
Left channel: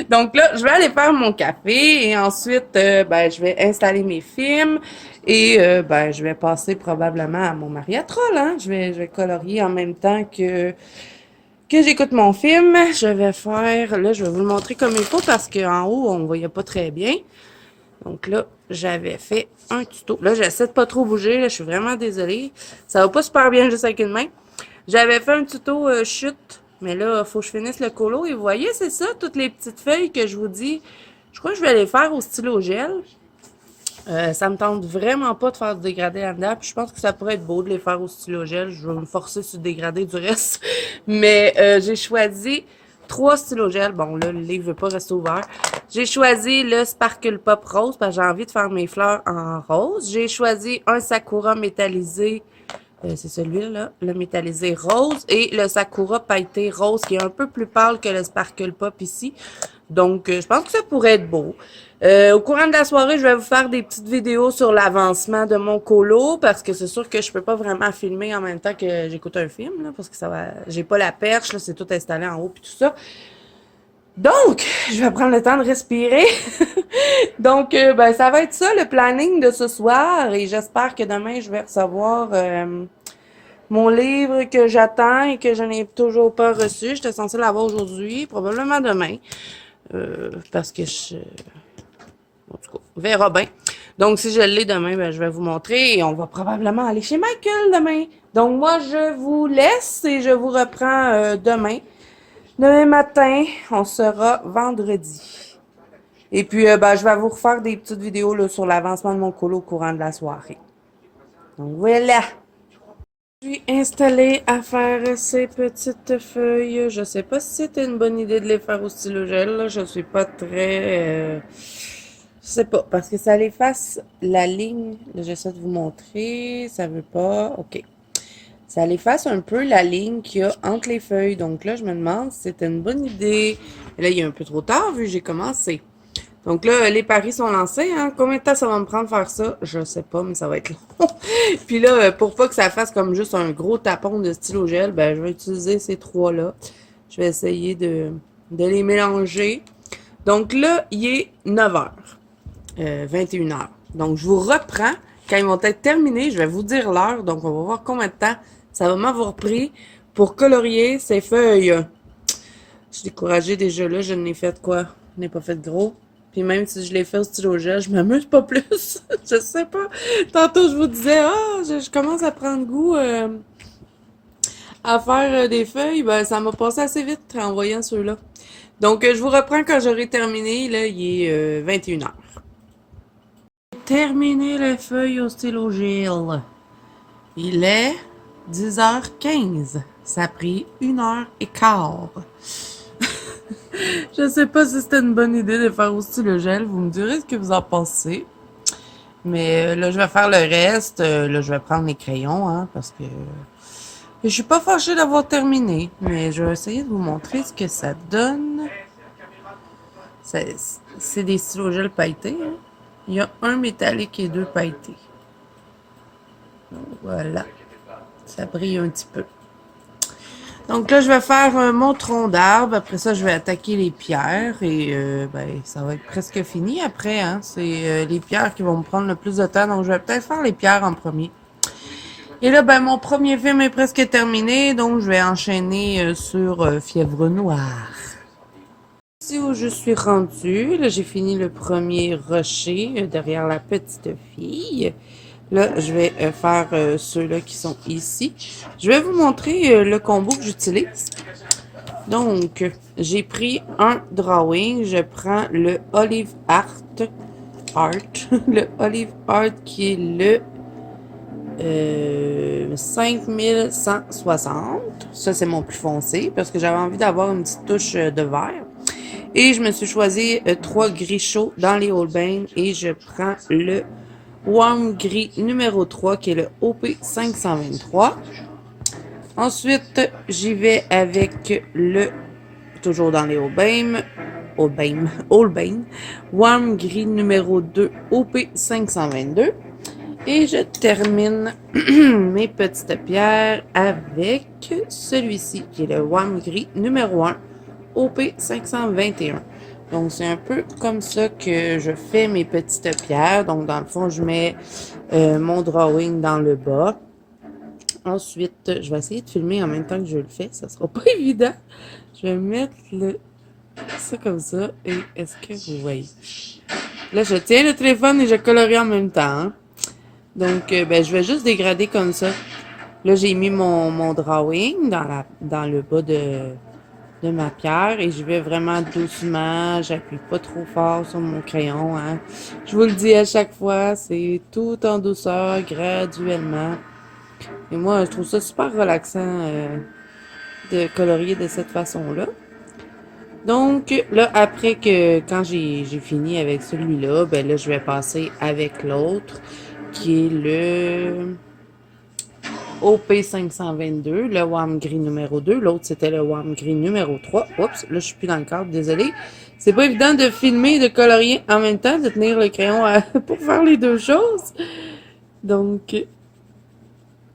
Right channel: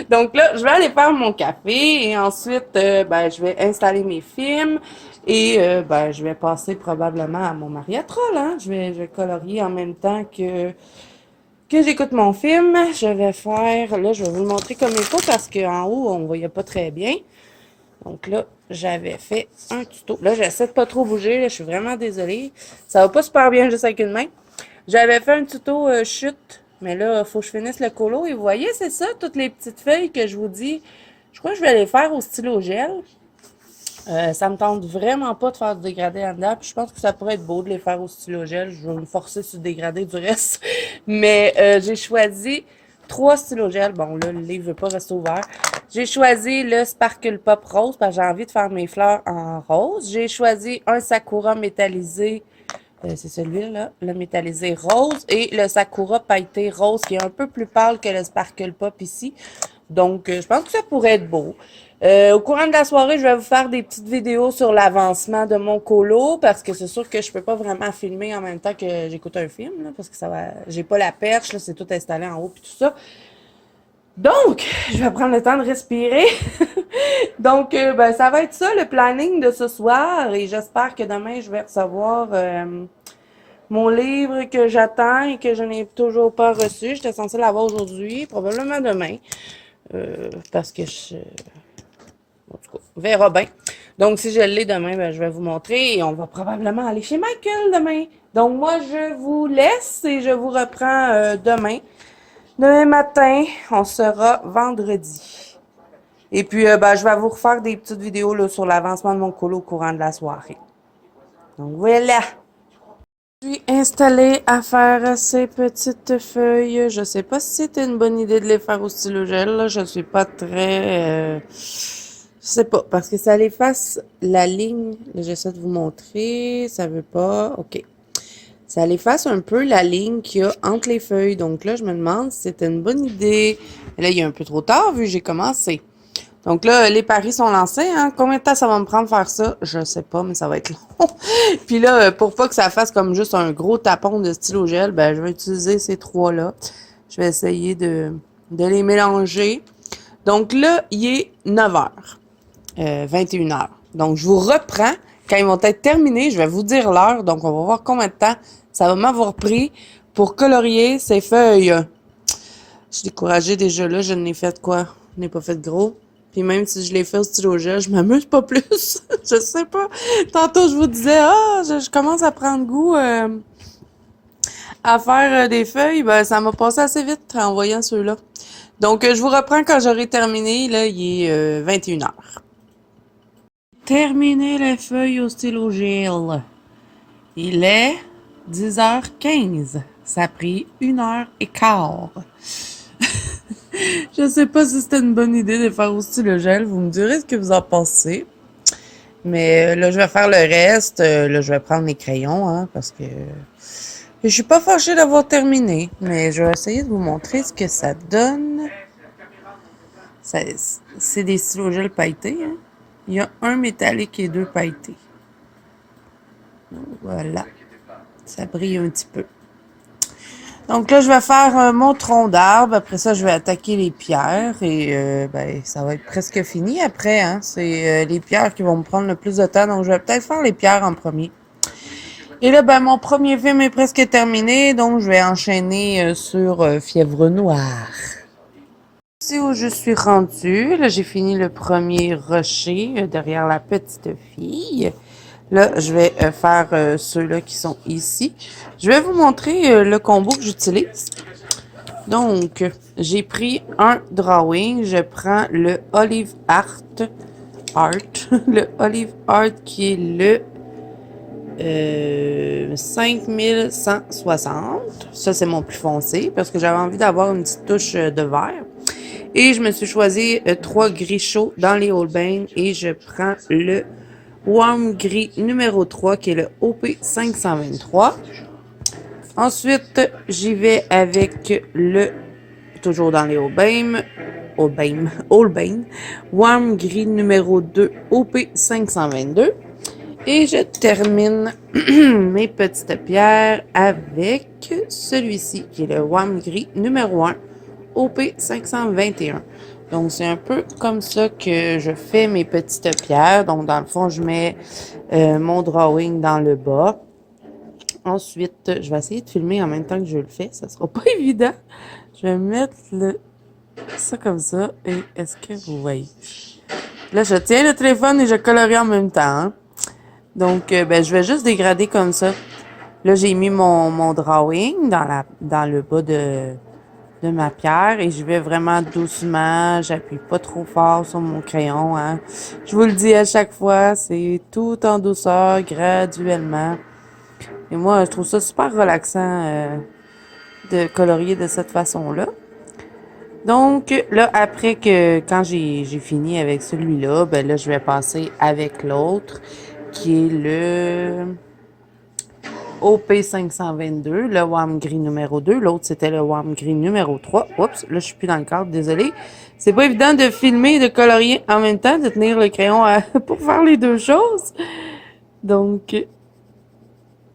Donc là, je vais aller faire mon café et ensuite, ben, je vais installer mes films et ben, je vais passer probablement à mon mariatrol. Hein? Je vais colorier en même temps que j'écoute mon film. Je vais faire, là, je vais vous le montrer comme il faut parce qu'en haut, on ne voyait pas très bien. Donc là, j'avais fait un tuto. Là, j'essaie de pas trop bouger. Là, je suis vraiment désolée. Ça va pas super bien juste avec une main. J'avais fait un tuto chute. Mais là, il faut que je finisse le colo. Et vous voyez, c'est ça, toutes les petites feuilles que je vous dis. Je crois que je vais les faire au stylo gel. Ça me tente vraiment pas de faire du dégradé en dedans. Puis je pense que ça pourrait être beau de les faire au stylo gel. Je vais me forcer sur le dégradé du reste. Mais j'ai choisi 3 stylos gel. Bon, là, le livre ne veut pas rester ouvert. J'ai choisi le Sparkle Pop Rose parce que j'ai envie de faire mes fleurs en rose. J'ai choisi un Sakura métallisé. C'est celui-là, le métallisé rose. Et le Sakura pailleté rose qui est un peu plus pâle que le Sparkle Pop ici. Donc, je pense que ça pourrait être beau. Au courant de la soirée, je vais vous faire des petites vidéos sur l'avancement de mon colo parce que c'est sûr que je peux pas vraiment filmer en même temps que j'écoute un film là, parce que ça va, j'ai pas la perche là, c'est tout installé en haut puis tout ça. Donc, je vais prendre le temps de respirer. Donc, ben ça va être ça le planning de ce soir et j'espère que demain je vais recevoir mon livre que j'attends et que je n'ai toujours pas reçu. J'étais censée l'avoir aujourd'hui, probablement demain. Parce que en tout cas, on verra bien. Donc, si je l'ai demain, ben, je vais vous montrer et on va probablement aller chez Michael demain. Donc, moi, je vous laisse et je vous reprends demain. Demain matin, on sera vendredi. Et puis, ben, je vais vous refaire des petites vidéos là, sur l'avancement de mon colo au courant de la soirée. Donc, voilà. Je suis installée à faire ces petites feuilles. Je sais pas si c'était une bonne idée de les faire au stylo gel. Là. Je suis pas très... je sais pas, parce que ça efface la ligne. Là, j'essaie de vous montrer. Ça veut pas... OK. Ça efface un peu la ligne qu'il y a entre les feuilles. Donc là, je me demande si c'était une bonne idée. Et là, il est un peu trop tard vu que j'ai commencé. Donc là, les paris sont lancés. Hein? Combien de temps ça va me prendre faire ça? Je sais pas, mais ça va être long. Puis là, pour pas que ça fasse comme juste un gros tapon de stylo gel, ben je vais utiliser ces trois-là. Je vais essayer de les mélanger. Donc là, il est 9h. 21h. Donc, je vous reprends. Quand ils vont être terminés, je vais vous dire l'heure. Donc, on va voir combien de temps ça va m'avoir pris pour colorier ces feuilles. Je suis découragée déjà là. Je n'ai fait quoi? Je n'ai pas fait gros. Puis même si je l'ai fait au stylo gel, je m'amuse pas plus. Je sais pas. Tantôt, je vous disais, je commence à prendre goût à faire des feuilles. Ben, ça m'a passé assez vite en voyant ceux-là. Donc, je vous reprends quand j'aurai terminé. Là, il est 21h. Terminé les feuilles au stylo gel. Il est 10h15. Ça a pris 1h15. Je sais pas si c'était une bonne idée de faire au stylo gel. Vous me direz ce que vous en pensez. Mais là, je vais faire le reste. Là, je vais prendre les crayons, hein, parce que je suis pas fâchée d'avoir terminé. Mais je vais essayer de vous montrer ce que ça donne. C'est des stylos gel pailletés, hein. Il y a un métallique et 2 pailletés. Voilà. Ça brille un petit peu. Donc là, je vais faire mon tronc d'arbre. Après ça, je vais attaquer les pierres. Et ben, ça va être presque fini après. Hein. C'est les pierres qui vont me prendre le plus de temps. Donc, je vais peut-être faire les pierres en premier. Et là, ben, mon premier film est presque terminé. Donc, je vais enchaîner sur Fièvre Noire. Ici où je suis rendue, là j'ai fini le premier rocher derrière la petite fille. Là, je vais faire ceux-là qui sont ici. Je vais vous montrer le combo que j'utilise. Donc, j'ai pris un drawing. Je prends le Olive Art. Le Olive Art qui est le 5160. Ça, c'est mon plus foncé parce que j'avais envie d'avoir une petite touche de vert. Et je me suis choisi 3 gris chauds dans les Holbein et je prends le Warm Gris numéro 3 qui est le OP523. Ensuite, j'y vais avec le, toujours dans les Holbein, Warm Gris numéro 2 OP522. Et je termine mes petites pierres avec celui-ci qui est le Warm Gris numéro 1 OP521. Donc, c'est un peu comme ça que je fais mes petites pierres. Donc, dans le fond, je mets mon drawing dans le bas. Ensuite, je vais essayer de filmer en même temps que je le fais. Ça sera pas évident. Je vais mettre ça comme ça. Et est-ce que vous voyez? Là, je tiens le téléphone et je colorie en même temps. Hein? Donc, ben, je vais juste dégrader comme ça. Là, j'ai mis mon drawing dans le bas de ma pierre et je vais vraiment doucement, j'appuie pas trop fort sur mon crayon, hein. Je vous le dis à chaque fois, c'est tout en douceur, graduellement. Et moi, je trouve ça super relaxant de colorier de cette façon-là. Donc, là, après quand j'ai fini avec celui-là, ben là, je vais passer avec l'autre, qui est le OP522, le Warm Gris numéro 2. L'autre, c'était le Warm Gris numéro 3. Oups, là, je suis plus dans le cadre, désolé. C'est pas évident de filmer et de colorier en même temps, de tenir le crayon pour faire les deux choses. Donc,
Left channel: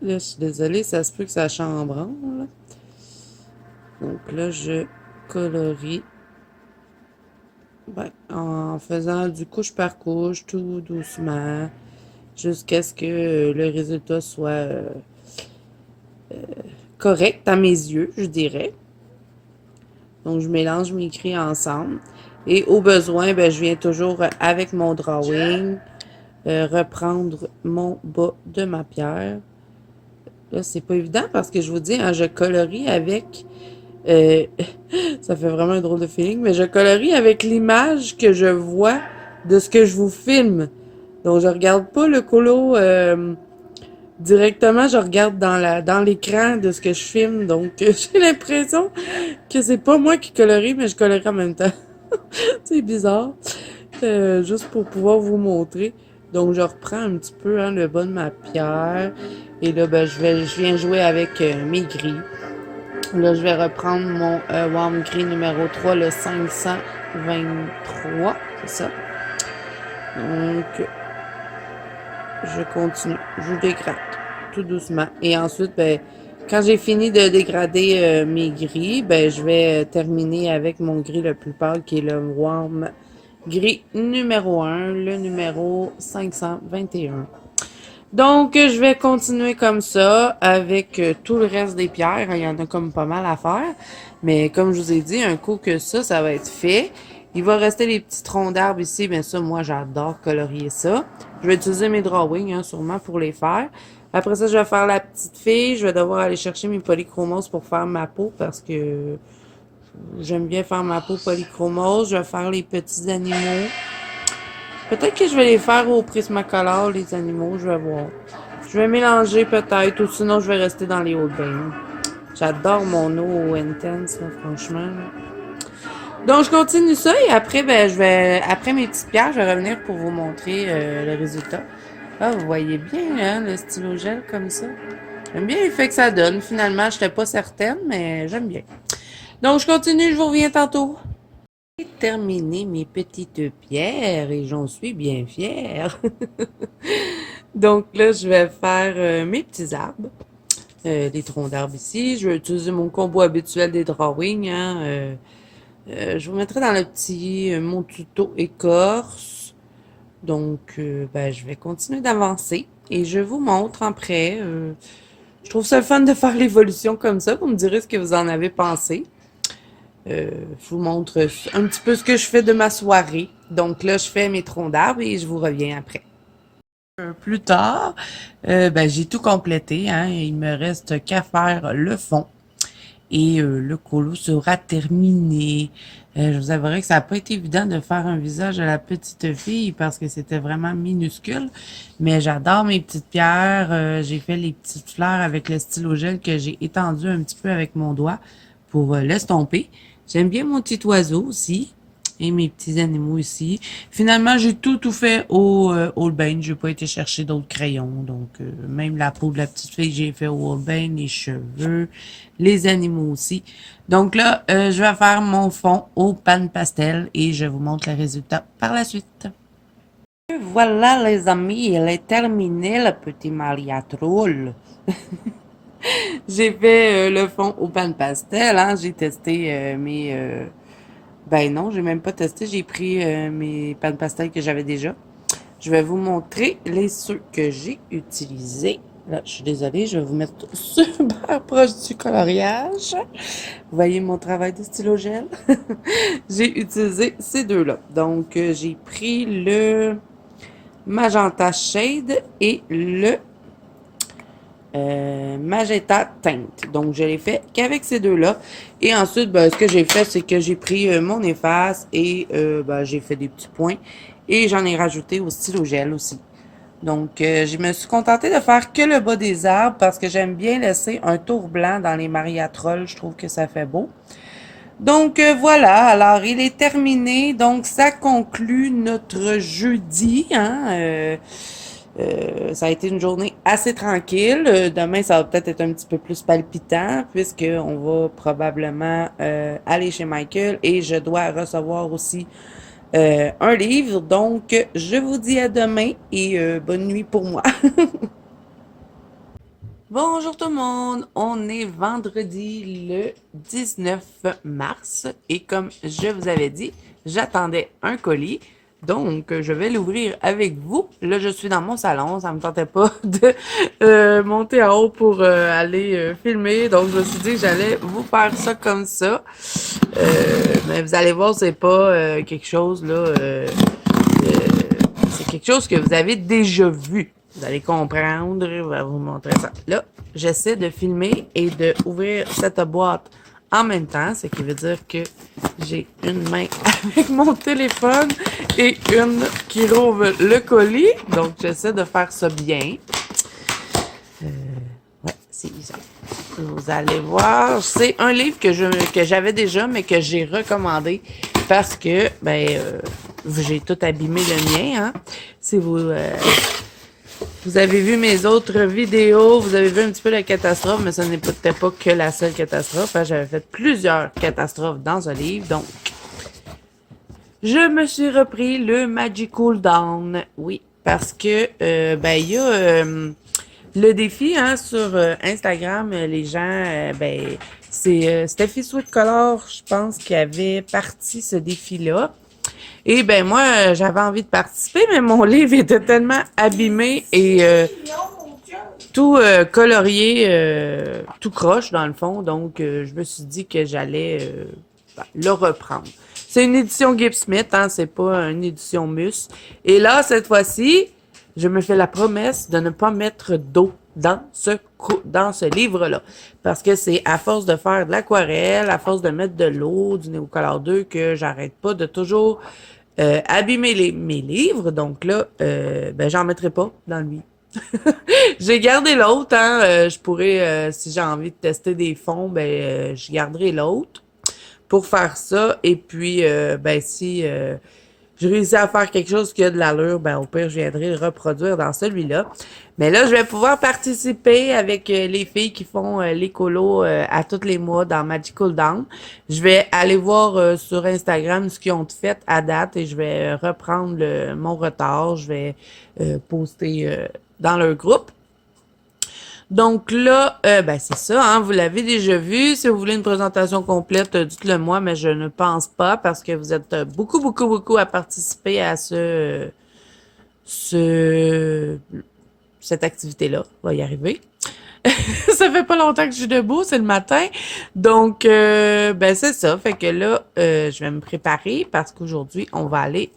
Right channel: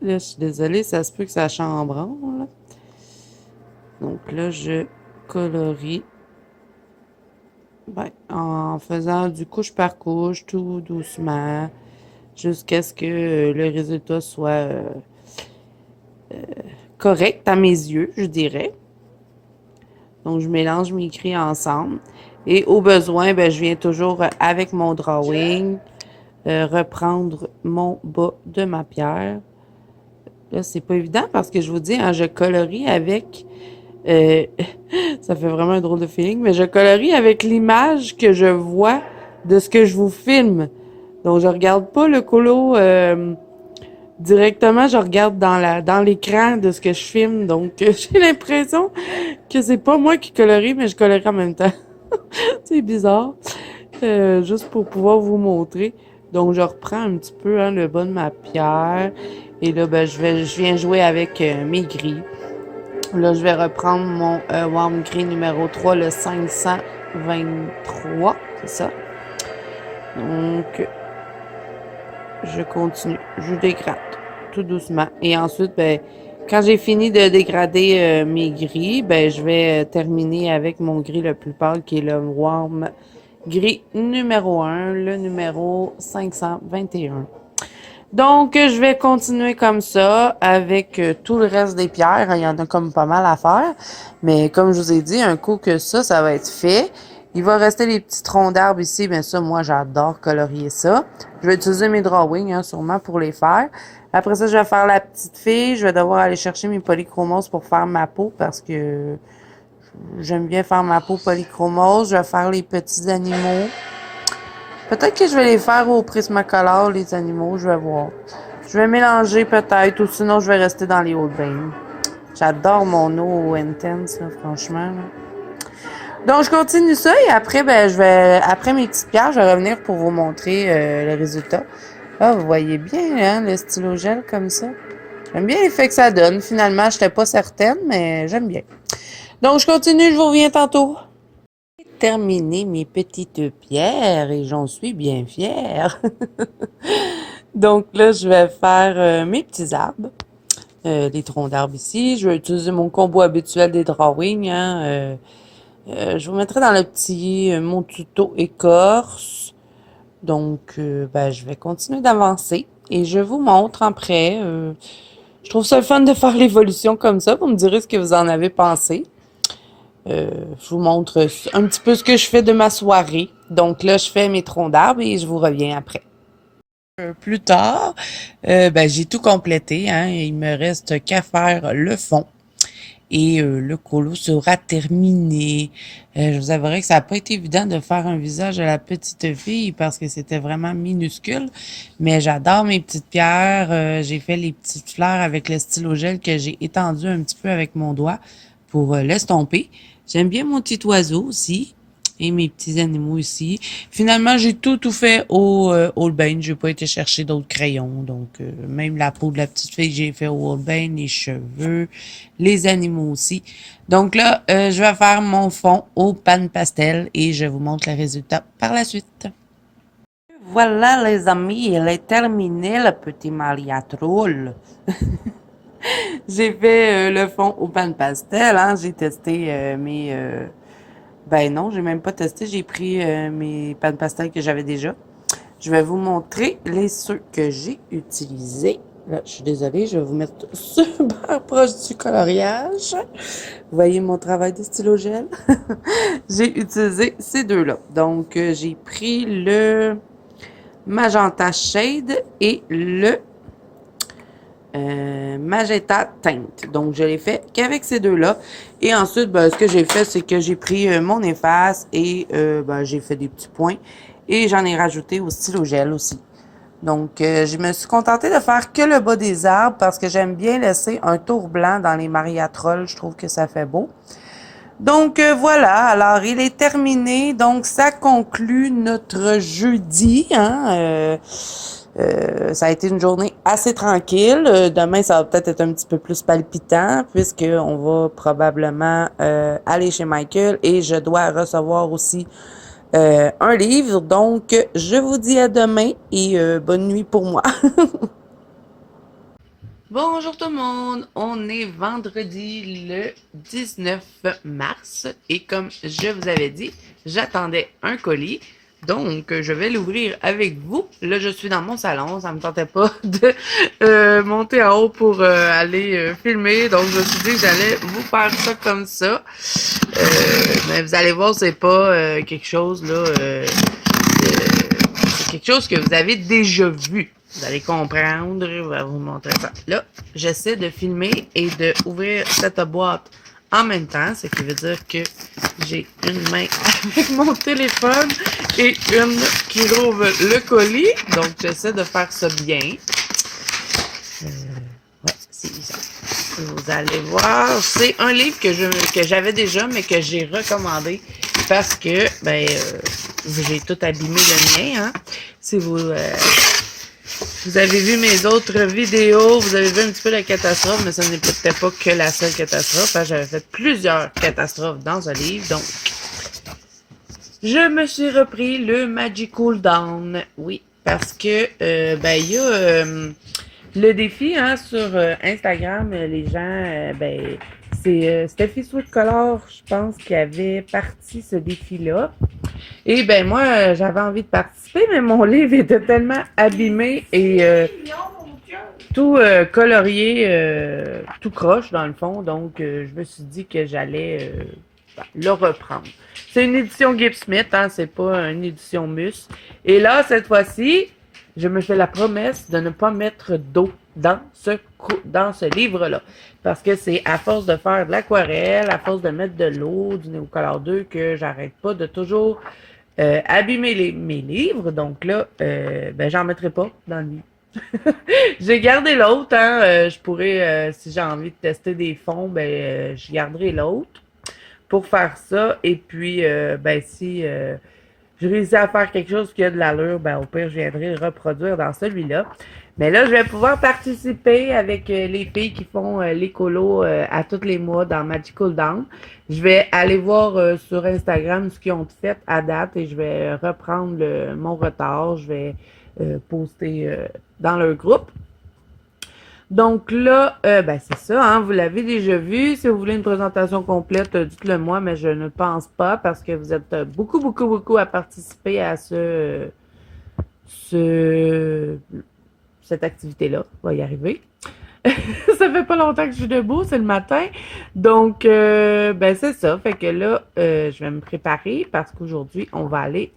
là, je suis désolée, ça se peut que ça chambranle. Donc là, je colorie en faisant du couche par couche, tout doucement, jusqu'à ce que le résultat soit correct à mes yeux, je dirais. Donc, je mélange mes gris ensemble. Et au besoin, ben, je viens toujours avec mon drawing reprendre mon bas de ma pierre. Là, c'est pas évident parce que je vous dis, hein, je colorie avec... ça fait vraiment un drôle de feeling, mais je colorie avec l'image que je vois de ce que je vous filme. Donc, je regarde pas le colo directement, je regarde dans l'écran de ce que je filme. Donc, j'ai l'impression que c'est pas moi qui colorie, mais je colorie en même temps. C'est bizarre. Juste pour pouvoir vous montrer. Donc, je reprends un petit peu hein, le bas de ma pierre. Et là, ben, je viens jouer avec mes gris. Là, je vais reprendre mon Warm Gris numéro 3, le 523. C'est ça. Donc, je continue. Je dégrade tout doucement. Et ensuite, ben, quand j'ai fini de dégrader mes gris, ben, je vais terminer avec mon gris le plus pâle qui est le Warm Gris numéro 1, le numéro 521. Donc, je vais continuer comme ça avec tout le reste des pierres. Il y en a comme pas mal à faire. Mais comme je vous ai dit, un coup que ça va être fait. Il va rester les petits troncs d'arbres ici. Mais ça, moi, j'adore colorier ça. Je vais utiliser mes drawings, hein, sûrement, pour les faire. Après ça, je vais faire la petite fille. Je vais devoir aller chercher mes polychromos pour faire ma peau parce que j'aime bien faire ma peau polychromose. Je vais faire les petits animaux. Peut-être que je vais les faire au Prismacolor, les animaux, je vais voir. Je vais mélanger peut-être, ou sinon je vais rester dans les Holbein. J'adore mon eau intense, là, franchement. Donc je continue ça et après, ben après mes petites pierres, je vais revenir pour vous montrer le résultat. Ah, vous voyez bien, hein, le stylo gel comme ça. J'aime bien l'effet que ça donne. Finalement, je n'étais pas certaine, mais j'aime bien. Donc je continue, je vous reviens tantôt. Terminé mes petites pierres et j'en suis bien fière. Donc là, je vais faire mes petits arbres, les troncs d'arbres ici. Je vais utiliser mon combo habituel des drawings. Hein, je vous mettrai dans le petit mon tuto écorce. Donc, ben, je vais continuer d'avancer et je vous montre après. Je trouve ça le fun de faire l'évolution comme ça. Vous me direz ce que vous en avez pensé. Je vous montre un petit peu ce que je fais de ma soirée. Donc là, je fais mes troncs d'arbres et je vous reviens après. Plus tard, ben, j'ai tout complété, hein. Il me reste qu'à faire le fond et le colo sera terminé. Je vous avouerai que ça n'a pas été évident de faire un visage à la petite fille parce que c'était vraiment minuscule, mais j'adore mes petites pierres. J'ai fait les petites fleurs avec le stylo gel que j'ai étendu un petit peu avec mon doigt pour l'estomper. J'aime bien mon petit oiseau aussi. Et mes petits animaux ici. Finalement, j'ai tout fait au Holbein. J'ai pas été chercher d'autres crayons. Donc, même la peau de la petite fille, j'ai fait au Holbein, les cheveux, les animaux aussi. Donc là, je vais faire mon fond au pan pastel et je vous montre le résultat par la suite. Voilà les amis, il est terminé le petit mariatrol. J'ai fait le fond au pan pastel, hein. J'ai testé ben non, j'ai même pas testé. J'ai pris mes pâtes pastel que j'avais déjà. Je vais vous montrer les ceux que j'ai utilisés. Là, je suis désolée, je vais vous mettre super proche du coloriage. Vous voyez mon travail de stylo gel? J'ai utilisé ces deux-là. Donc, j'ai pris le Magenta Shade et le Magenta Teinte. Donc, je l'ai fait qu'avec ces deux-là. Et ensuite, ben, ce que j'ai fait, c'est que j'ai pris mon efface et ben, j'ai fait des petits points. Et j'en ai rajouté au stylo gel aussi. Donc, je me suis contentée de faire que le bas des arbres parce que j'aime bien laisser un tour blanc dans les mariatrolles. Je trouve que ça fait beau. Donc, voilà. Alors, il est terminé. Donc, ça conclut notre jeudi. Hein, ça a été une journée assez tranquille. Demain, ça va peut-être être un petit peu plus palpitant puisqu'on va probablement aller chez Michael et je dois recevoir aussi un livre. Donc, je vous dis à demain et bonne nuit pour moi. Bonjour tout le monde, on est vendredi le 19 mars et comme je vous avais dit, j'attendais un colis, donc je vais l'ouvrir avec vous. Là, je suis dans mon salon, ça me tentait pas de monter en haut pour aller filmer, donc je me suis dit que j'allais vous faire ça comme ça. Mais vous allez voir, c'est pas quelque chose là, c'est quelque chose que vous avez déjà vu. Vous allez comprendre, je vais vous montrer ça. Là, j'essaie de filmer et de ouvrir cette boîte en même temps, ce qui veut dire que j'ai une main avec mon téléphone et une qui rouvre le colis. Donc, j'essaie de faire ça bien. Ouais, c'est ça. Vous allez voir, c'est un livre que j'avais déjà, mais que j'ai recommandé parce que, ben, j'ai tout abîmé le mien, hein. Si vous avez vu mes autres vidéos, vous avez vu un petit peu la catastrophe, mais ce n'était pas que la seule catastrophe, hein. J'avais fait plusieurs catastrophes dans ce livre, donc je me suis repris le Magical Down. Oui, parce que ben il y a le défi hein, sur Instagram, les gens ben c'est Steffi Sweet Color, je pense, qui avait parti ce défi-là. Et ben moi, j'avais envie de participer, mais mon livre était tellement abîmé et tout colorié, tout croche dans le fond. Donc, je me suis dit que j'allais le reprendre. C'est une édition Gibb Smith, hein, c'est pas une édition Mus. Et là, cette fois-ci, je me fais la promesse de ne pas mettre d'eau dans ce livre-là. Parce que c'est à force de faire de l'aquarelle, à force de mettre de l'eau, du Neocolor 2, que j'arrête pas de toujours abîmer mes livres. Donc là, ben j'en mettrai pas dans le mien. J'ai gardé l'autre, hein. Je pourrais, si j'ai envie de tester des fonds, ben je garderai l'autre pour faire ça. Et puis, ben si je réussis à faire quelque chose qui a de l'allure, ben au pire, je viendrai le reproduire dans celui-là. Mais là, je vais pouvoir participer avec les filles qui font les colos à tous les mois dans Magical Down. Je vais aller voir sur Instagram ce qu'ils ont fait à date et je vais reprendre mon retard. Je vais poster dans leur groupe. Donc là, ben c'est ça, hein, vous l'avez déjà vu. Si vous voulez une présentation complète, dites-le moi, mais je ne pense pas parce que vous êtes beaucoup à participer à cette activité-là. On va y arriver. Ça fait pas longtemps que je suis debout, c'est le matin. Donc, ben c'est ça. Fait que là, je vais me préparer parce qu'aujourd'hui, on va aller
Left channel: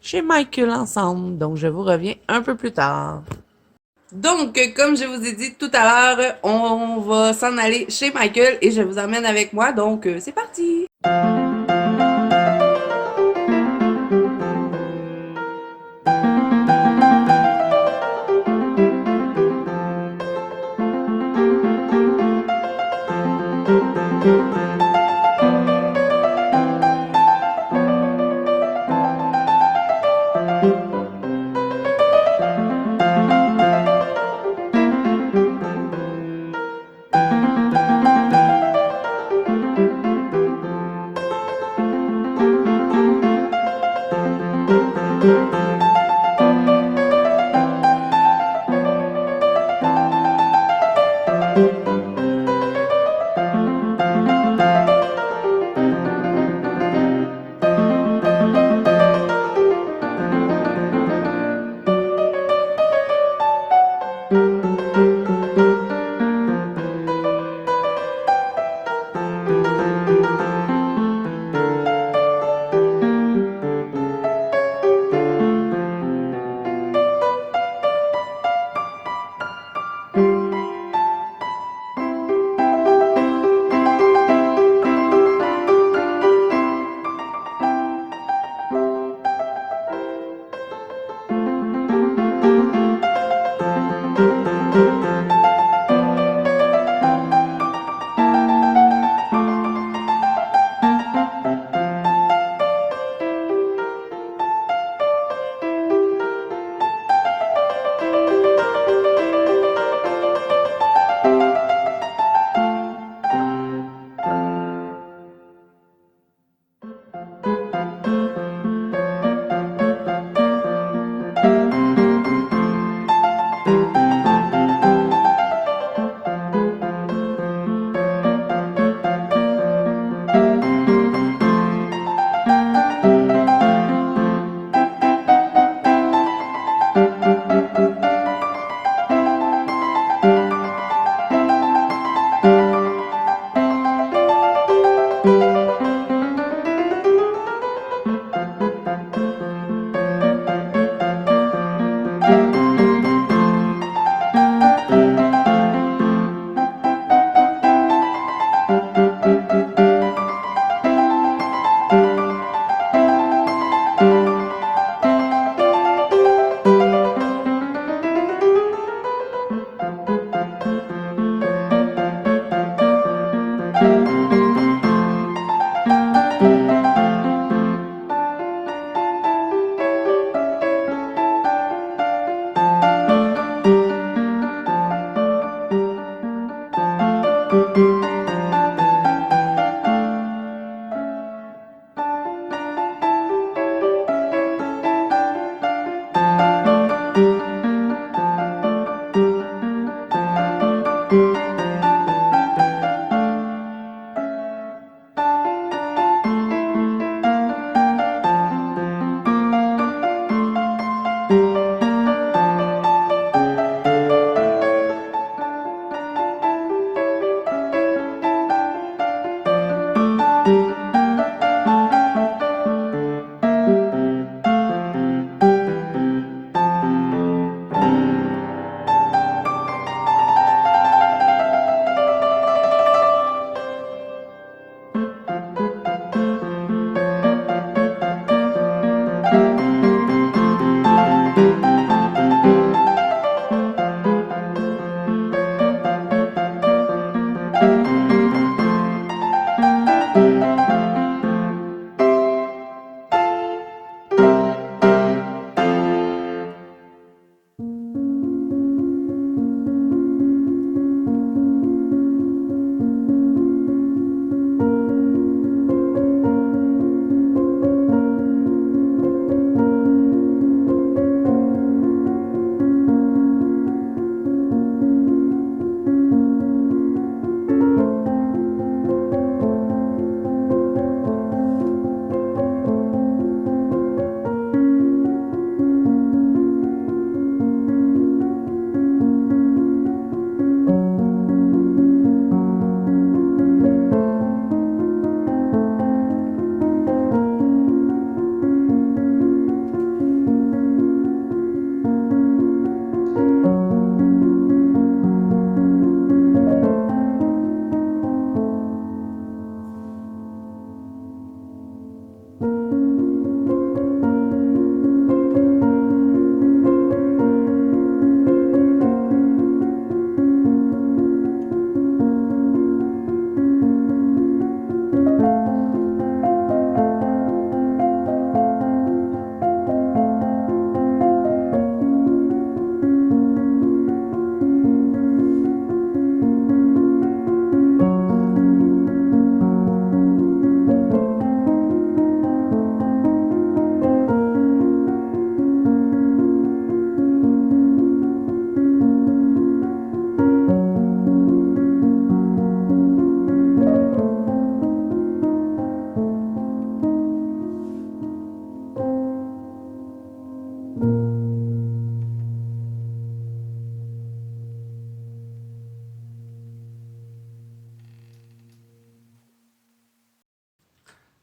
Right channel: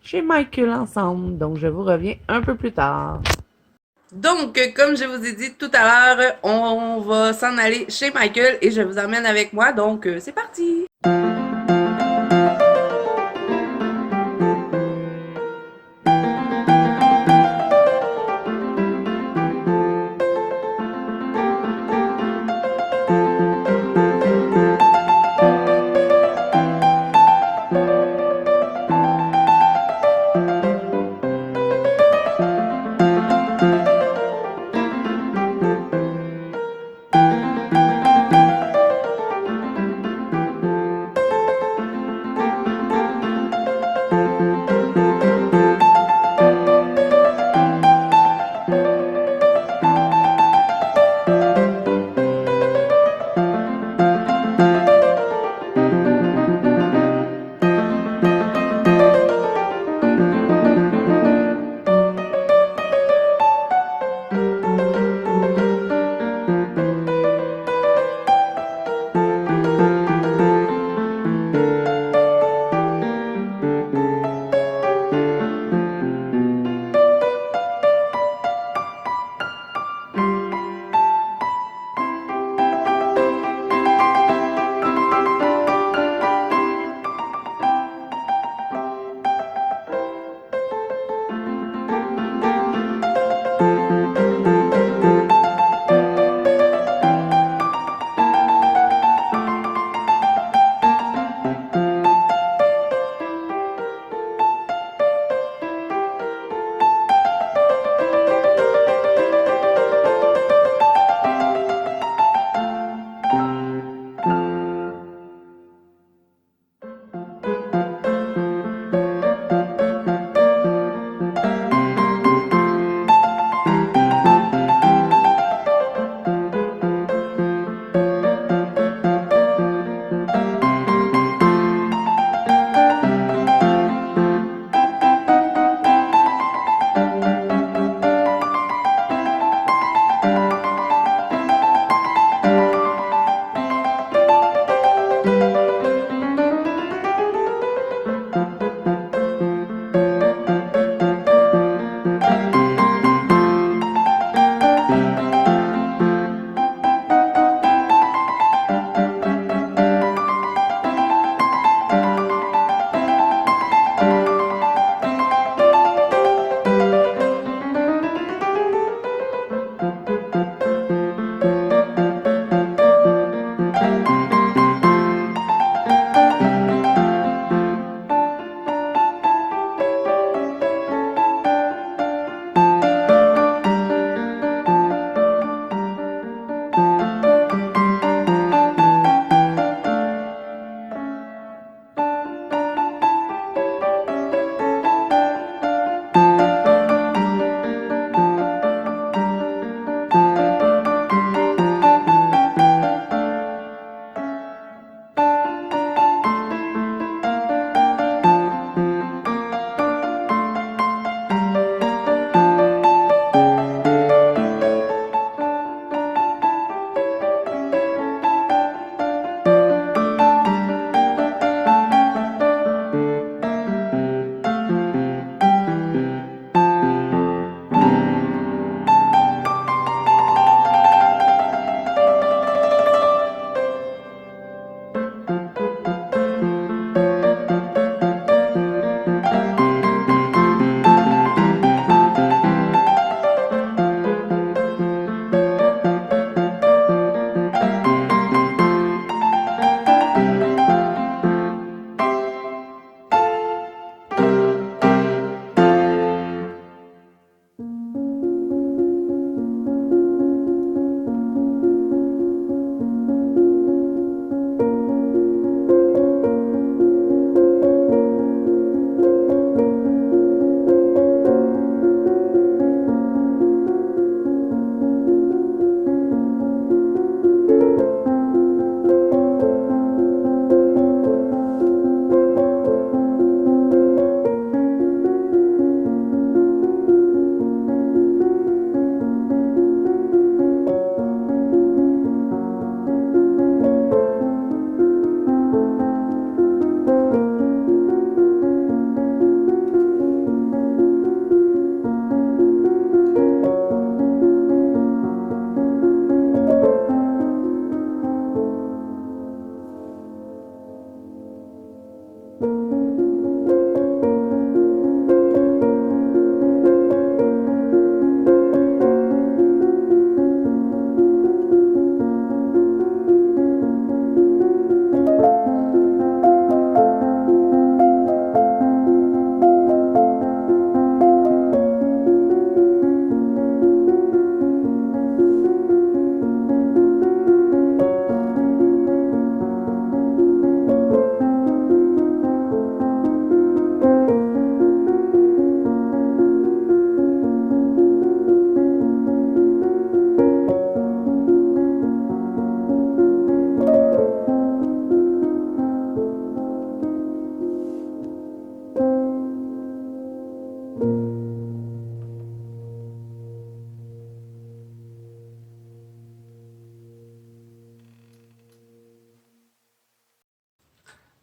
chez Michael ensemble. Donc, je vous reviens un peu plus tard. Donc, comme je vous ai dit tout à l'heure, on va s'en aller chez Michael et je vous emmène avec moi. Donc, c'est parti!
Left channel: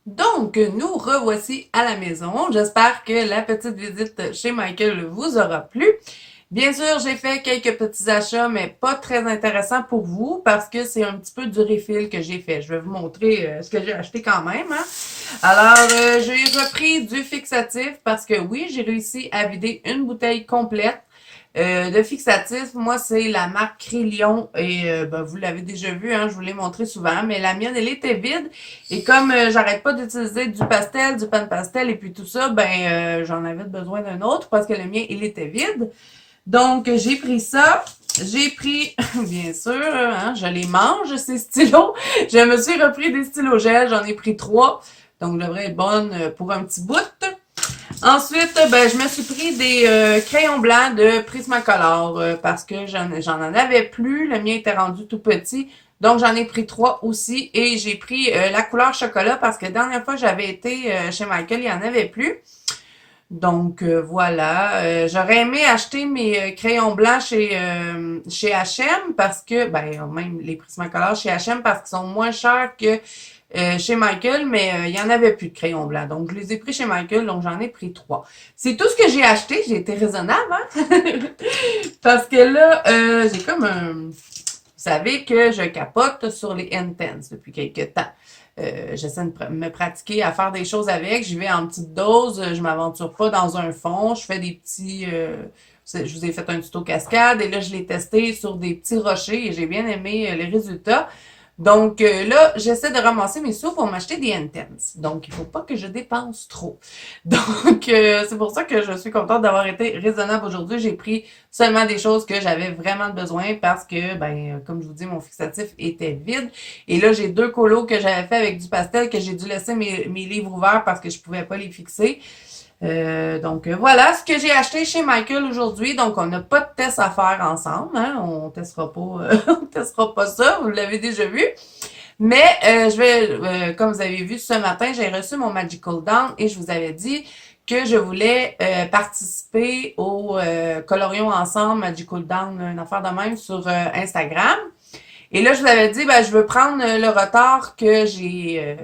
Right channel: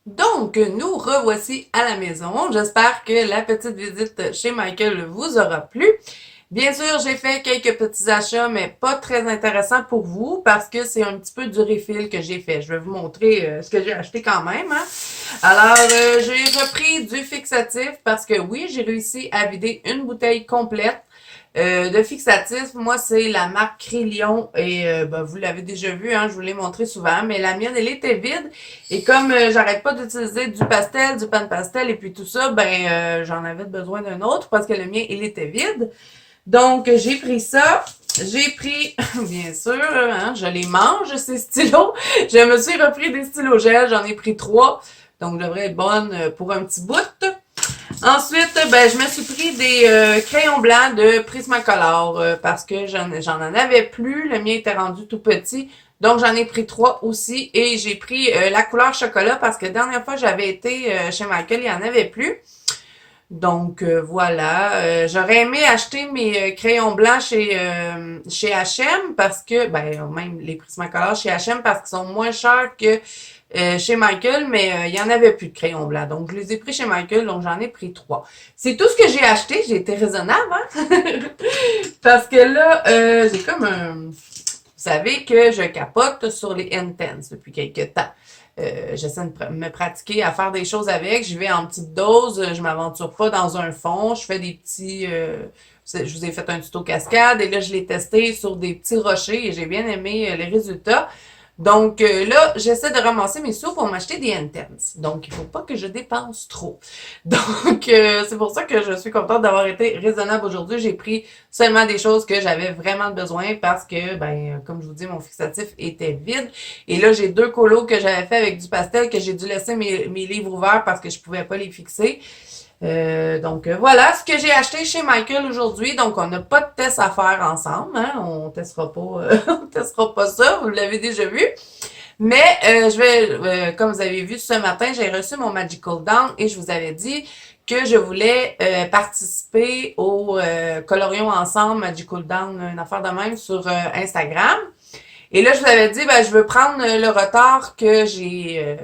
Donc, nous revoici à la maison. J'espère que la petite visite chez Michael vous aura plu. Bien sûr, j'ai fait quelques petits achats, mais pas très intéressants pour vous parce que c'est un petit peu du refill que j'ai fait. Je vais vous montrer ce que j'ai acheté quand même, hein. Alors, j'ai repris du fixatif parce que oui, j'ai réussi à vider une bouteille complète. De fixatif, moi, c'est la marque Crayon et ben, vous l'avez déjà vu, hein, je vous l'ai montré souvent, mais la mienne, elle était vide. Et comme j'arrête pas d'utiliser du pastel, du pan pastel et puis tout ça, ben j'en avais besoin d'un autre parce que le mien, il était vide. Donc, j'ai pris ça. J'ai pris, bien sûr, hein, je les mange, ces stylos. Je me suis repris des stylos gel, j'en ai pris 3. Donc, je devrais être bonne pour un petit bout. Ensuite, ben, je me suis pris des crayons blancs de Prismacolor parce que j'en avais plus. Le mien était rendu tout petit. Donc, j'en ai pris 3 aussi. Et j'ai pris la couleur chocolat parce que la dernière fois que j'avais été chez Michael, il n'y en avait plus. Donc voilà, j'aurais aimé acheter mes crayons blancs chez H&M parce que ben même les Prismacolor chez H&M parce qu'ils sont moins chers que chez Michael, mais il y en avait plus de crayons blancs. Donc je les ai pris chez Michael, donc j'en ai pris 3. C'est tout ce que j'ai acheté, j'ai été raisonnable, hein? Parce que là, j'ai comme un. Vous savez que je capote sur les Intense depuis quelques temps. J'essaie de me pratiquer à faire des choses avec. J'y vais en petite dose. Je m'aventure pas dans un fond. Je fais des petits. Je vous ai fait un tuto cascade et là, je l'ai testé sur des petits rochers et j'ai bien aimé les résultats. Donc là, j'essaie de ramasser mes sous pour m'acheter des Intense. Donc, il faut pas que je dépense trop. Donc, c'est pour ça que je suis contente d'avoir été raisonnable aujourd'hui. J'ai pris seulement des choses que j'avais vraiment besoin parce que, ben, comme je vous dis, mon fixatif était vide. Et là, j'ai 2 colos que j'avais fait avec du pastel que j'ai dû laisser mes livres ouverts parce que je pouvais pas les fixer. Donc voilà ce que j'ai acheté chez Michael aujourd'hui. Donc on n'a pas de test à faire ensemble, hein? On testera pas, on testera pas ça. Vous l'avez déjà vu. Mais je vais, comme vous avez vu ce matin, j'ai reçu mon Magical Down et je vous avais dit que je voulais participer au Colorions ensemble Magical Down, une affaire de même sur Instagram. Et là, je vous avais dit, ben, je veux prendre le retard que j'ai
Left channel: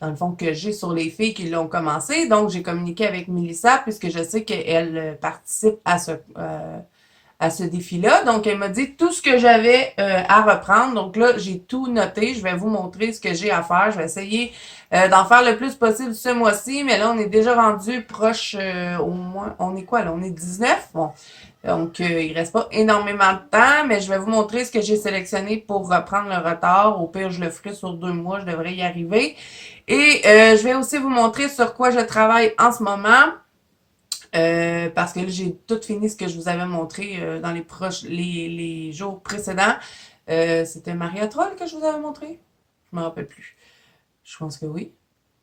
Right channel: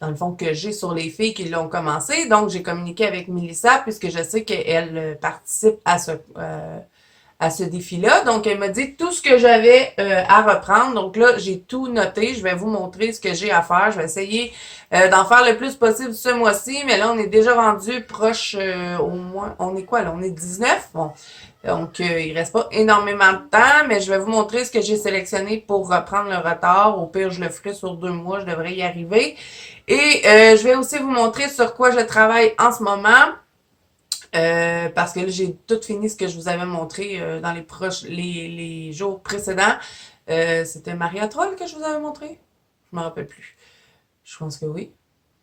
dans le fond, que j'ai sur les filles qui l'ont commencé. Donc, j'ai communiqué avec Melissa puisque je sais qu'elle participe à ce défi-là. Donc, elle m'a dit tout ce que j'avais à reprendre. Donc là, j'ai tout noté. Je vais vous montrer ce que j'ai à faire. Je vais essayer d'en faire le plus possible ce mois-ci. Mais là, on est déjà rendu proche au moins. On est quoi là? On est 19. Bon. Donc, il reste pas énormément de temps, mais je vais vous montrer ce que j'ai sélectionné pour reprendre le retard. Au pire, je le ferai sur 2 mois, je devrais y arriver. Et je vais aussi vous montrer sur quoi je travaille en ce moment. Parce que là, j'ai tout fini ce que je vous avais montré dans les jours précédents. C'était Maria Troll que je vous avais montré? Je me rappelle plus. Je pense que oui.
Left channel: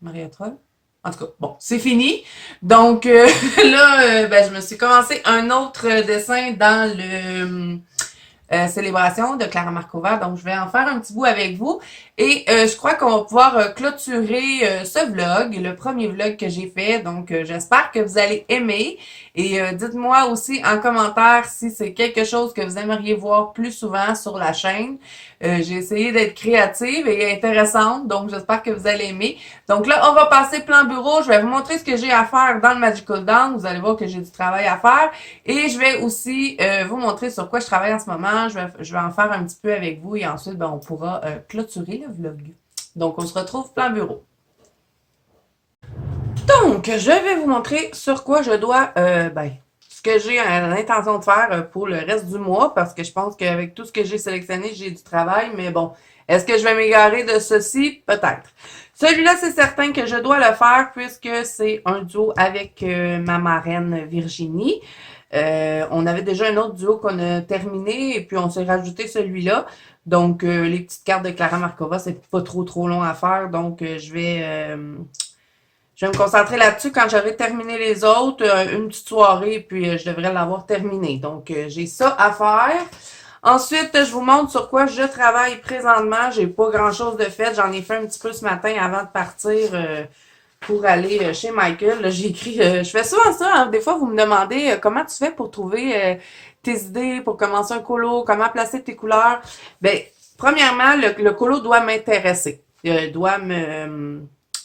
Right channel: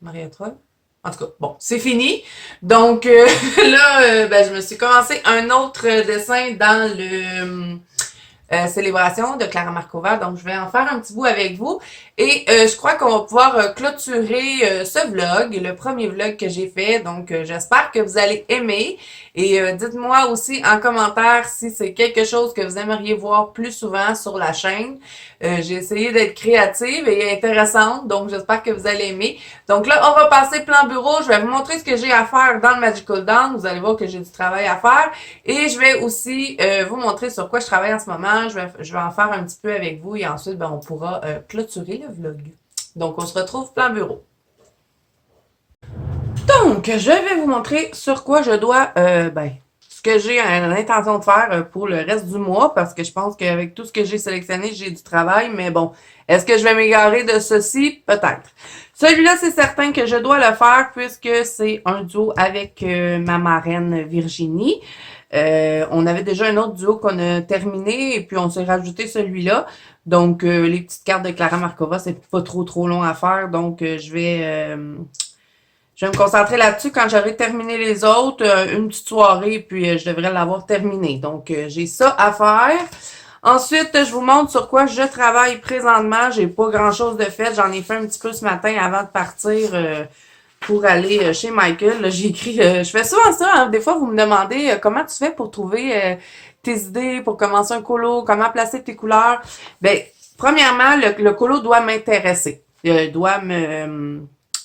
Maria Troll. En tout cas, bon, c'est fini. Donc là, ben, je me suis commencé un autre dessin dans le célébration de Clara Markova. Donc, je vais en faire un petit bout avec vous. Et je crois qu'on va pouvoir clôturer ce vlog, le premier vlog que j'ai fait. Donc, j'espère que vous allez aimer. Et dites-moi aussi en commentaire si c'est quelque chose que vous aimeriez voir plus souvent sur la chaîne. J'ai essayé d'être créative et intéressante, donc j'espère que vous allez aimer. Donc là, on va passer plan bureau. Je vais vous montrer ce que j'ai à faire dans le Magical Down. Vous allez voir que j'ai du travail à faire. Et je vais aussi vous montrer sur quoi je travaille en ce moment. Je vais en faire un petit peu avec vous et ensuite, ben, on pourra clôturer le vlog. Donc, on se retrouve plan bureau. Donc, je vais vous montrer sur quoi je dois, ben, ce que j'ai l'intention de faire pour le reste du mois, parce que je pense qu'avec tout ce que j'ai sélectionné, j'ai du travail, mais bon, est-ce que je vais m'égarer de ceci? Peut-être. Celui-là, c'est certain que je dois le faire puisque c'est un duo avec ma marraine Virginie. On avait déjà un autre duo qu'on a terminé et puis on s'est rajouté celui-là. Donc, les petites cartes de Clara Markova, c'est pas trop long à faire. Donc, je vais me concentrer là-dessus quand j'aurai terminé les autres, une petite soirée, puis je devrais l'avoir terminé. Donc, j'ai ça à faire. Ensuite, je vous montre sur quoi je travaille présentement. J'ai pas grand-chose de fait. J'en ai fait un petit peu ce matin avant de partir pour aller chez Michael. Là, j'ai écrit, je fais souvent ça. Hein. Des fois, vous me demandez comment tu fais pour trouver tes idées, pour commencer un colo, comment placer tes couleurs. Ben, premièrement, le colo doit m'intéresser. Doit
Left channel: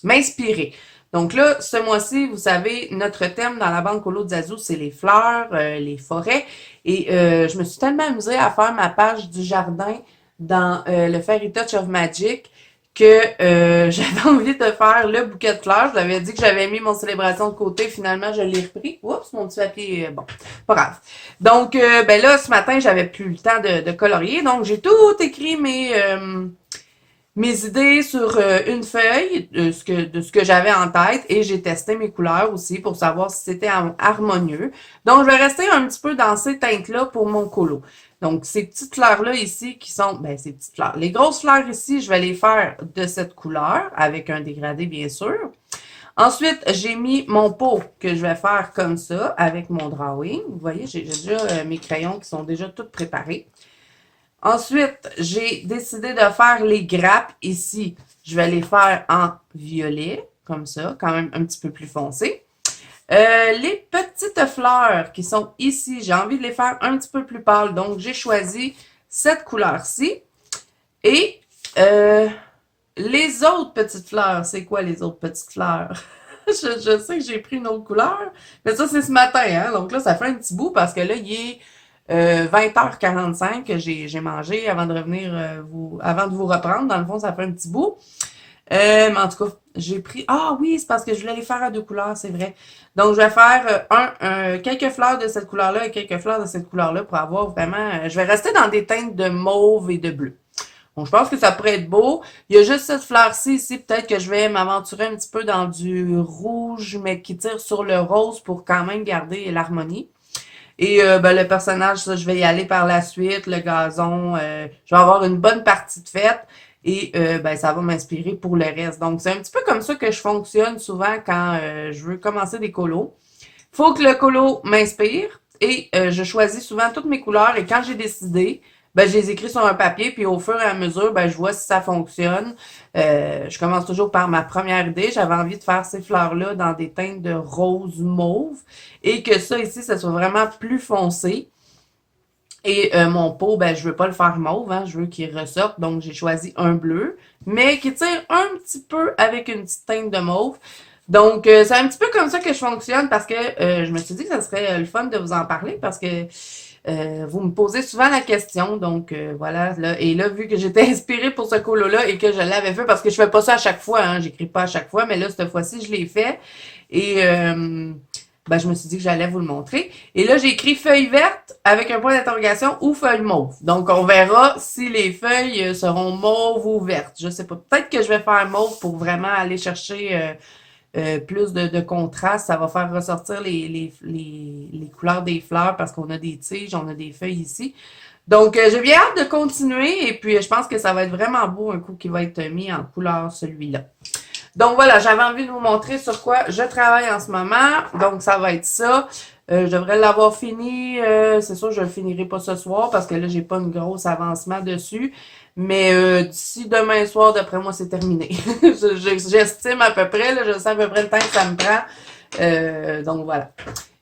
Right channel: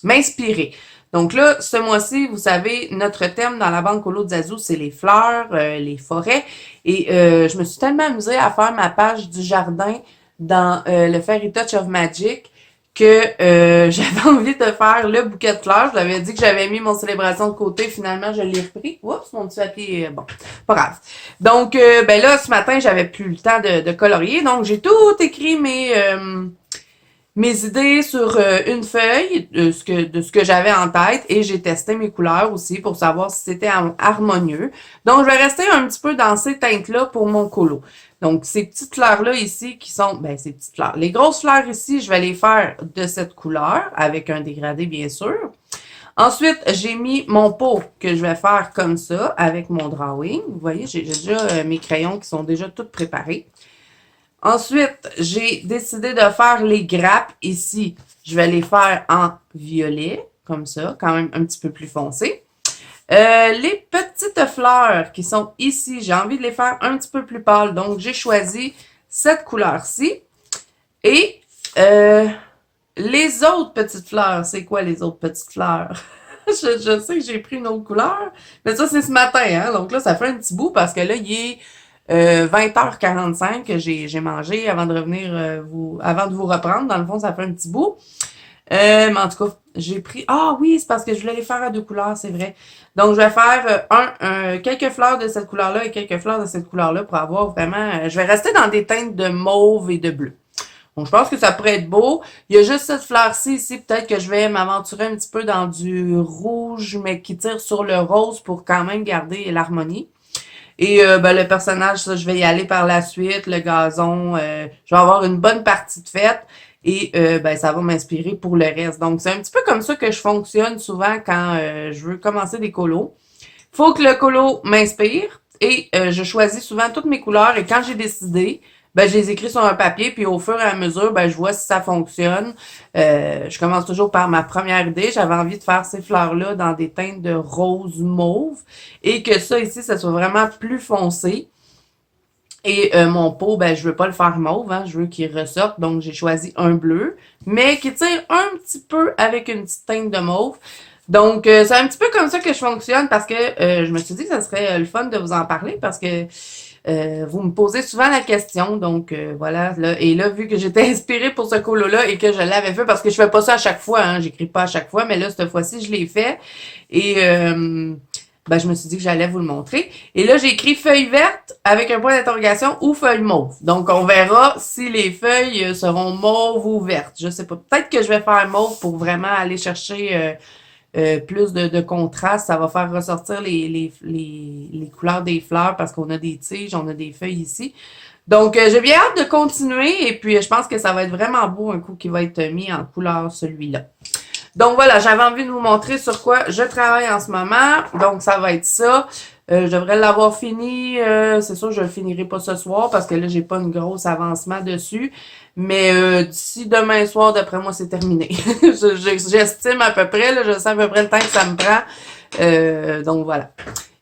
m'inspirer. Donc là, ce mois-ci, vous savez, notre thème dans la banque Colo de Zazu, c'est les fleurs, les forêts. Et je me suis tellement amusée à faire ma page du jardin dans le Fairy Touch of Magic que j'avais envie de faire le bouquet de fleurs. Je l'avais dit que j'avais mis mon célébration de côté. Finalement, je l'ai repris. Oups, mon petit papier. Bon, pas grave. Donc, ben là, ce matin, j'avais plus le temps de colorier. Donc, j'ai tout écrit mes idées sur une feuille de ce que j'avais en tête et j'ai testé mes couleurs aussi pour savoir si c'était harmonieux. Donc, je vais rester un petit peu dans ces teintes-là pour mon colo. Donc, ces petites fleurs-là ici qui sont, ben, ces petites fleurs. Les grosses fleurs ici, je vais les faire de cette couleur avec un dégradé, bien sûr. Ensuite, j'ai mis mon pot que je vais faire comme ça avec mon drawing. Vous voyez, j'ai déjà mes crayons qui sont déjà tous préparés. Ensuite, j'ai décidé de faire les grappes ici. Je vais les faire en violet, comme ça, quand même un petit peu plus foncé. Les petites fleurs qui sont ici, j'ai envie de les faire un petit peu plus pâles. Donc, j'ai choisi cette couleur-ci. Et les autres petites fleurs, c'est quoi les autres petites fleurs? je sais que j'ai pris une autre couleur, mais ça, c'est ce matin. Hein? Donc là, ça fait un petit bout parce que là, il est 20h45 que j'ai mangé avant de revenir avant de vous reprendre. Dans le fond, ça fait un petit bout. Mais en tout cas, j'ai pris... Ah oui, c'est parce que je voulais les faire à deux couleurs, c'est vrai. Donc, je vais faire quelques fleurs de cette couleur-là et quelques fleurs de cette couleur-là pour avoir vraiment... je vais rester dans des teintes de mauve et de bleu. Donc, je pense que ça pourrait être beau. Il y a juste cette fleur-ci ici. Peut-être que je vais m'aventurer un petit peu dans du rouge, mais qui tire sur le rose pour quand même garder l'harmonie. Et ben, le personnage, ça, je vais y aller par la suite. Le gazon, je vais avoir une bonne partie de fête. Et ben, ça va m'inspirer pour le reste. Donc, c'est un petit peu comme ça que je fonctionne souvent quand je veux commencer des colos. Faut que le colo m'inspire. Et je choisis souvent toutes mes couleurs. Et quand j'ai décidé, ben, je les écris sur un papier, puis au fur et à mesure, ben, je vois si ça fonctionne. Je commence toujours par ma première idée. J'avais envie de faire ces fleurs-là dans des teintes de rose mauve et que ça ici, ça soit vraiment plus foncé. Et mon pot, ben, je veux pas le faire mauve, hein, je veux qu'il ressorte, donc j'ai choisi un bleu, mais qui tire un petit peu avec une petite teinte de mauve. Donc, c'est un petit peu comme ça que je fonctionne parce que je me suis dit que ça serait le fun de vous en parler parce que vous me posez souvent la question, donc voilà. Là, et là, vu que j'étais inspirée pour ce colo-là et que je l'avais fait, parce que je fais pas ça à chaque fois, hein, j'écris pas à chaque fois, mais là, cette fois-ci, je l'ai fait. Et ben, je me suis dit que j'allais vous le montrer. Et là, j'ai écrit feuille verte avec un point d'interrogation ou feuille mauve. Donc, on verra si les feuilles seront mauves ou vertes. Je sais pas. Peut-être que je vais faire mauve pour vraiment aller chercher plus de contraste. Ça va faire ressortir les couleurs des fleurs parce qu'on a des tiges, on a des feuilles ici. Donc, j'ai bien hâte de continuer. Et puis, je pense que ça va être vraiment beau un coup qui va être mis en couleur celui-là. Donc voilà, j'avais envie de vous montrer sur quoi je travaille en ce moment. Donc ça va être ça. Je devrais l'avoir fini. C'est sûr, je le finirai pas ce soir parce que là, j'ai pas une grosse avancement dessus. Mais d'ici demain soir, d'après moi, c'est terminé. J'estime à peu près, là, je sais à peu près le temps que ça me prend. Donc voilà.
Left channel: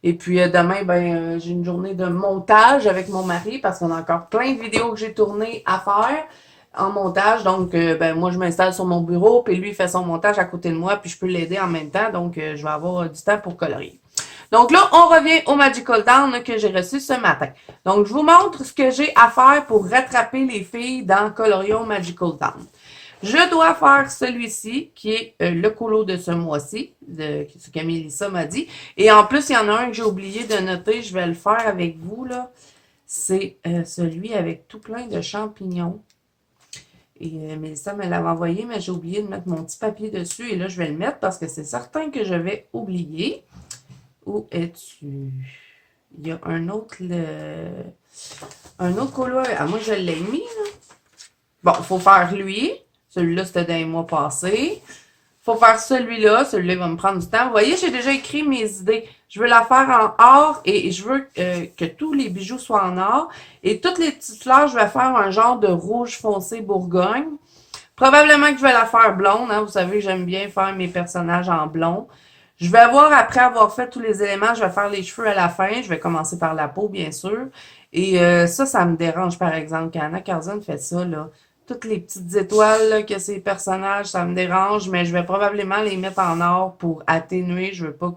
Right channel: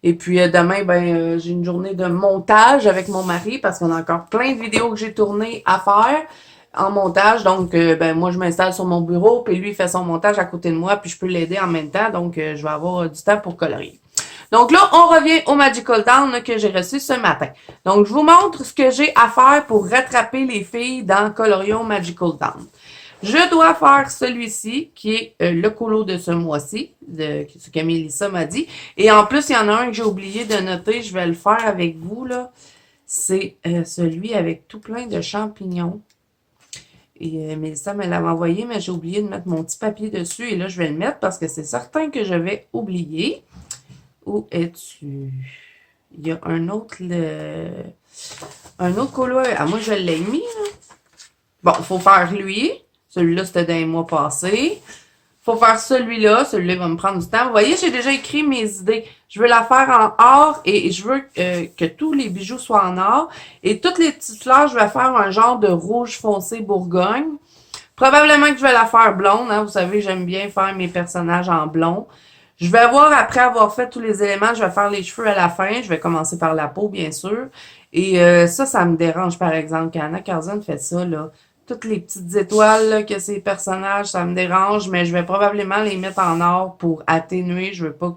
Et puis demain, ben j'ai une journée de montage avec mon mari parce qu'on a encore plein de vidéos que j'ai tournées à faire en montage. Donc, ben moi, je m'installe sur mon bureau, puis lui, il fait son montage à côté de moi, puis je peux l'aider en même temps. Donc, je vais avoir du temps pour colorier. Donc là, on revient au Magical Town que j'ai reçu ce matin. Donc, je vous montre ce que j'ai à faire pour rattraper les filles dans Colorion Magical Town. Je dois faire celui-ci, qui est le colo de ce mois-ci, ce que Mélissa m'a dit. Et en plus, il y en a un que j'ai oublié de noter, je vais le faire avec vous, là. C'est celui avec tout plein de champignons. Et Mélissa me l'avait envoyé, mais j'ai oublié de mettre mon petit papier dessus. Et là, je vais le mettre parce que c'est certain que je vais oublier. Où es-tu? Il y a un autre colo. Ah, moi, je l'ai mis, là. Bon, il faut faire lui. Celui-là, c'était dans les mois passés. Il faut faire celui-là. Celui-là, il va me prendre du temps. Vous voyez, j'ai déjà écrit mes idées. Je veux la faire en or et je veux que tous les bijoux soient en or. Et toutes les petites fleurs, je vais faire un genre de rouge foncé Bourgogne. Probablement que je vais la faire blonde. Hein. Vous savez, j'aime bien faire mes personnages en blond. Je vais voir, après avoir fait tous les éléments, je vais faire les cheveux à la fin. Je vais commencer par la peau, bien sûr. Et ça me dérange, par exemple. Quand Anna Carzon fait ça, là, toutes les petites étoiles là, que ces personnages, ça me dérange, mais je vais probablement les mettre en or pour atténuer. Je veux pas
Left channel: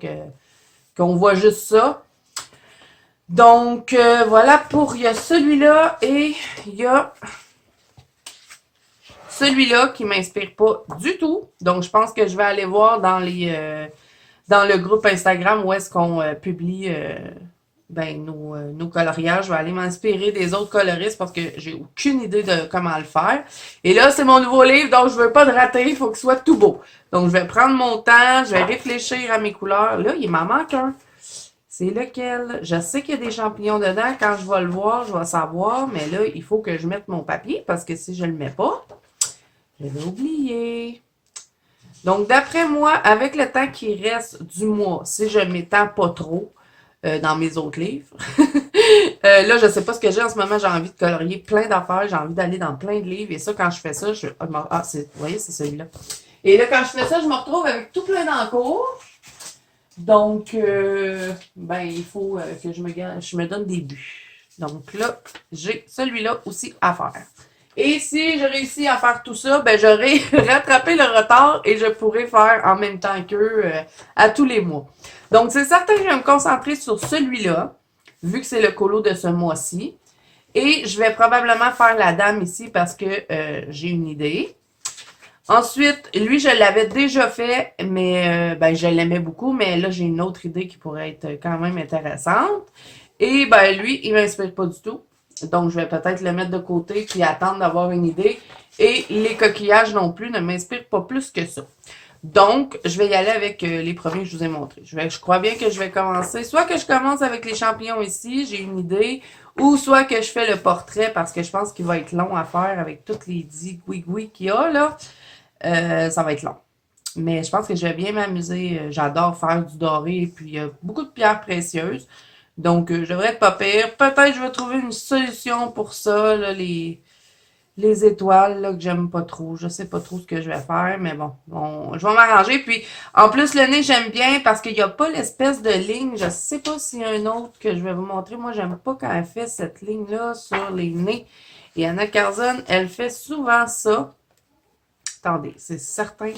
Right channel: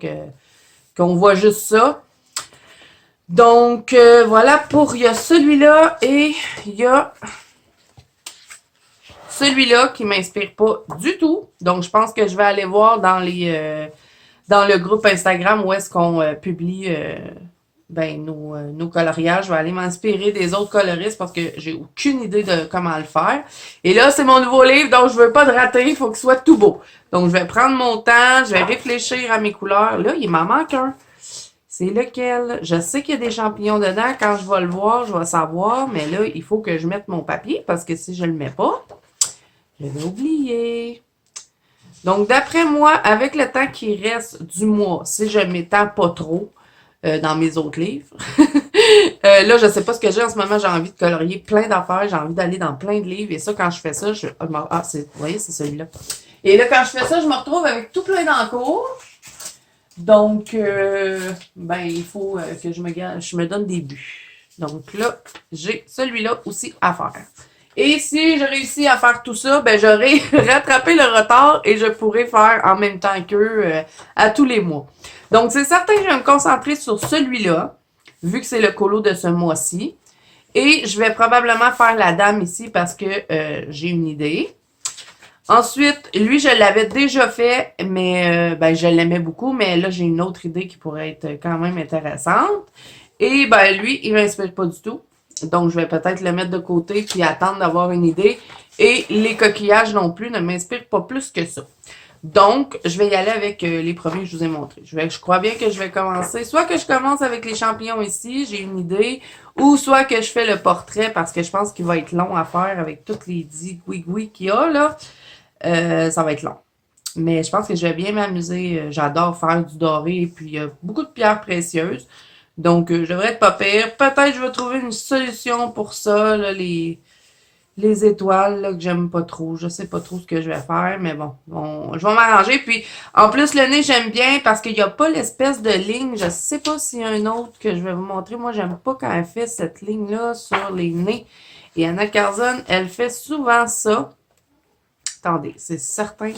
qu'on voit juste ça. Donc, voilà pour, il y a celui-là et il y a celui-là qui m'inspire pas du tout. Donc, je pense que je vais aller voir dans dans le groupe Instagram où est-ce qu'on publie nos coloriages. Je vais aller m'inspirer des autres coloristes parce que j'ai aucune idée de comment le faire. Et là, c'est mon nouveau livre, donc je veux pas de rater, il faut qu'il soit tout beau. Donc, je vais prendre mon temps, je vais réfléchir à mes couleurs. Là, il m'en manque un. C'est lequel? Je sais qu'il y a des champignons dedans. Quand je vais le voir, je vais savoir. Mais là, il faut que je mette mon papier parce que si je le mets pas, je vais oublier. Donc, d'après moi, avec le temps qui reste du mois, si je m'étends pas trop dans mes autres livres, là, je sais pas ce que j'ai en ce moment. J'ai envie de colorier plein d'affaires. J'ai envie d'aller dans plein de livres. Et ça, quand je fais ça, vous voyez, c'est celui-là. Et là, quand je fais ça, je me retrouve avec tout plein d'encours. Donc, il faut que je me donne des buts. Donc là, j'ai celui-là aussi à faire. Et si je réussis à faire tout ça, ben j'aurai rattrapé le retard et je pourrai faire en même temps qu'eux à tous les mois. Donc, c'est certain que je vais me concentrer sur celui-là, vu que c'est le colo de ce mois-ci. Et je vais probablement faire la dame ici parce que j'ai une idée. Ensuite, lui, je l'avais déjà fait, mais je l'aimais beaucoup, mais là, j'ai une autre idée qui pourrait être quand même intéressante. Et lui, il m'inspire pas du tout. Donc, je vais peut-être le mettre de côté puis attendre d'avoir une idée. Et les coquillages non plus ne m'inspirent pas plus que ça. Donc, je vais y aller avec les premiers que je vous ai montrés. Je crois bien que je vais commencer. Soit que je commence avec les champignons ici, j'ai une idée, ou soit que je fais le portrait parce que je pense qu'il va être long à faire avec toutes les zigouigouis qu'il y a là. Ça va être long. Mais je pense que je vais bien m'amuser. J'adore faire du doré et puis il y a beaucoup de pierres précieuses. Donc, je devrais être pas pire. Peut-être que je vais trouver une solution pour ça, là, les étoiles là, que j'aime pas trop. Je sais pas trop ce que je vais faire, mais bon, je vais m'arranger. Puis, en plus, le nez, j'aime bien parce qu'il n'y a pas l'espèce de ligne. Je sais pas s'il y a un autre que je vais vous montrer. Moi, j'aime pas quand elle fait cette ligne-là sur les nez. Et Anna Carzon, elle fait souvent ça. Attendez, c'est certain.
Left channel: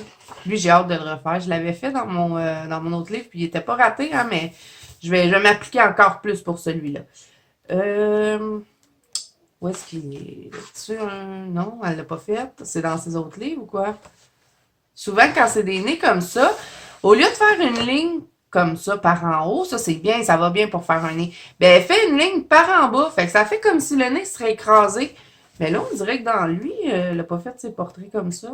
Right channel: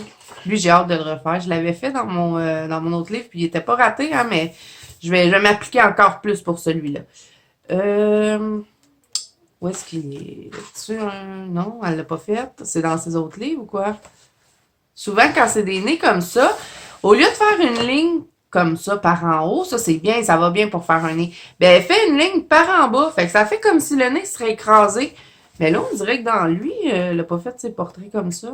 Lui, j'ai hâte de le refaire. Je l'avais fait dans mon autre livre, puis il était pas raté, hein, mais je vais m'appliquer encore plus pour celui-là. Où est-ce qu'il est? Là-dessus, non, elle l'a pas fait. C'est dans ses autres livres ou quoi? Souvent, quand c'est des nez comme ça, au lieu de faire une ligne comme ça par en haut, ça c'est bien, ça va bien pour faire un nez. Ben, elle fait une ligne par en bas. Fait que ça fait comme si le nez serait écrasé. Mais là, on dirait que dans lui, elle n'a pas fait ses portraits comme ça.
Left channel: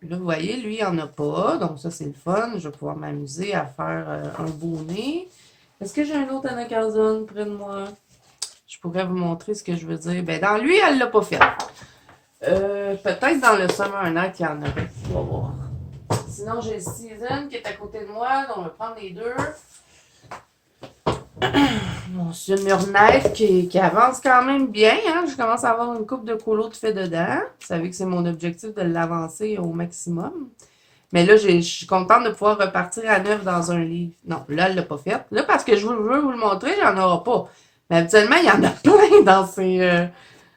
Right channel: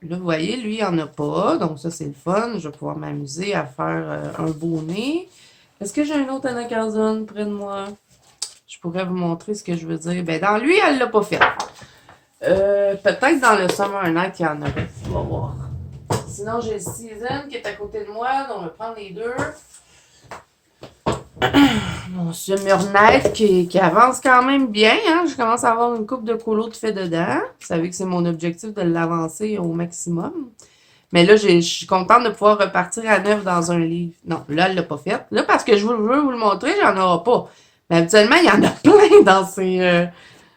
Là, vous voyez, lui, il n'y en a pas. Donc, ça, c'est le fun. Je vais pouvoir m'amuser à faire un beau nez. Est-ce que j'ai un autre Anna Carzon près de moi? Je pourrais vous montrer ce que je veux dire. Ben, dans lui, elle ne l'a pas fait. Peut-être dans le Summer Night, il y en aurait. On va voir. Sinon, j'ai le Season qui est à côté de moi. Donc, on va prendre les deux. Mon Summer qui avance quand même bien. Hein? Je commence à avoir une coupe de colo de fait dedans. Vous savez que c'est mon objectif de l'avancer au maximum. Mais là, je suis contente de pouvoir repartir à neuf dans un livre. Non, là, elle l'a pas fait. Là, parce que je veux vous le montrer, j'en aurai pas. Mais habituellement, il y en a plein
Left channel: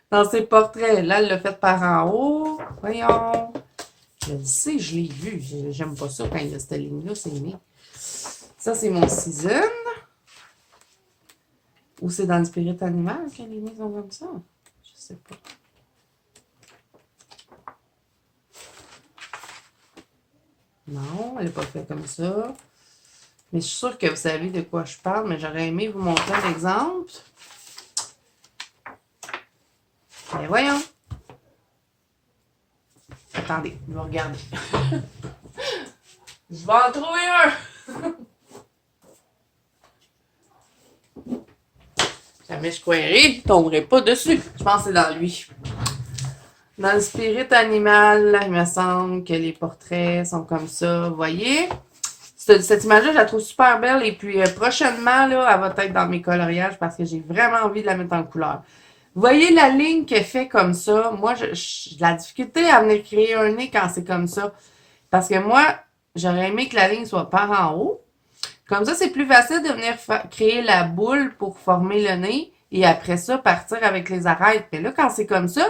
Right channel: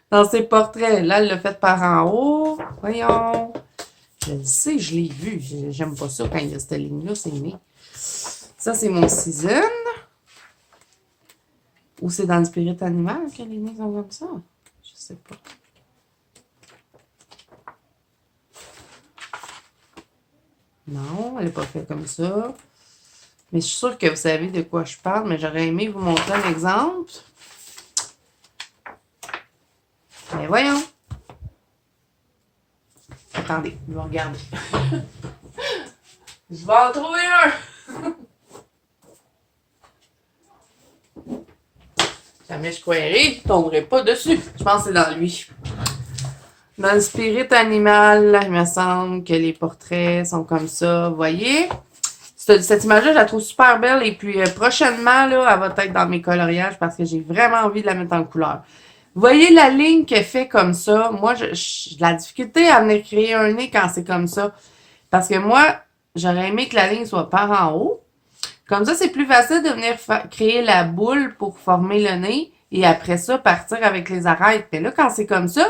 dans ses portraits. Là, elle l'a fait par en haut. Voyons. Je le sais, je l'ai vu. J'aime pas ça quand il y a cette ligne-là, c'est né. Ça, c'est mon Season. Ou c'est dans le spirit animal que les nez sont comme ça? Je sais pas. Non, elle n'est pas faite comme ça. Mais je suis sûre que vous savez de quoi je parle, mais j'aurais aimé vous montrer un exemple. Mais voyons. Attendez, je vais regarder. Je vais en trouver un! Jamais je croirais, je ne tomberai pas dessus. Je pense que c'est dans lui. Dans le spirit animal, il me semble que les portraits sont comme ça. Vous voyez? Cette image-là, je la trouve super belle. Et puis, prochainement, là, elle va être dans mes coloriages parce que j'ai vraiment envie de la mettre en couleur. Vous voyez la ligne qu'elle fait comme ça? Moi, j'ai de la difficulté à venir créer un nez quand c'est comme ça. Parce que moi, j'aurais aimé que la ligne soit par en haut. Comme ça, c'est plus facile de venir créer la boule pour former le nez. et après ça, partir avec les arêtes. Mais là, quand c'est comme ça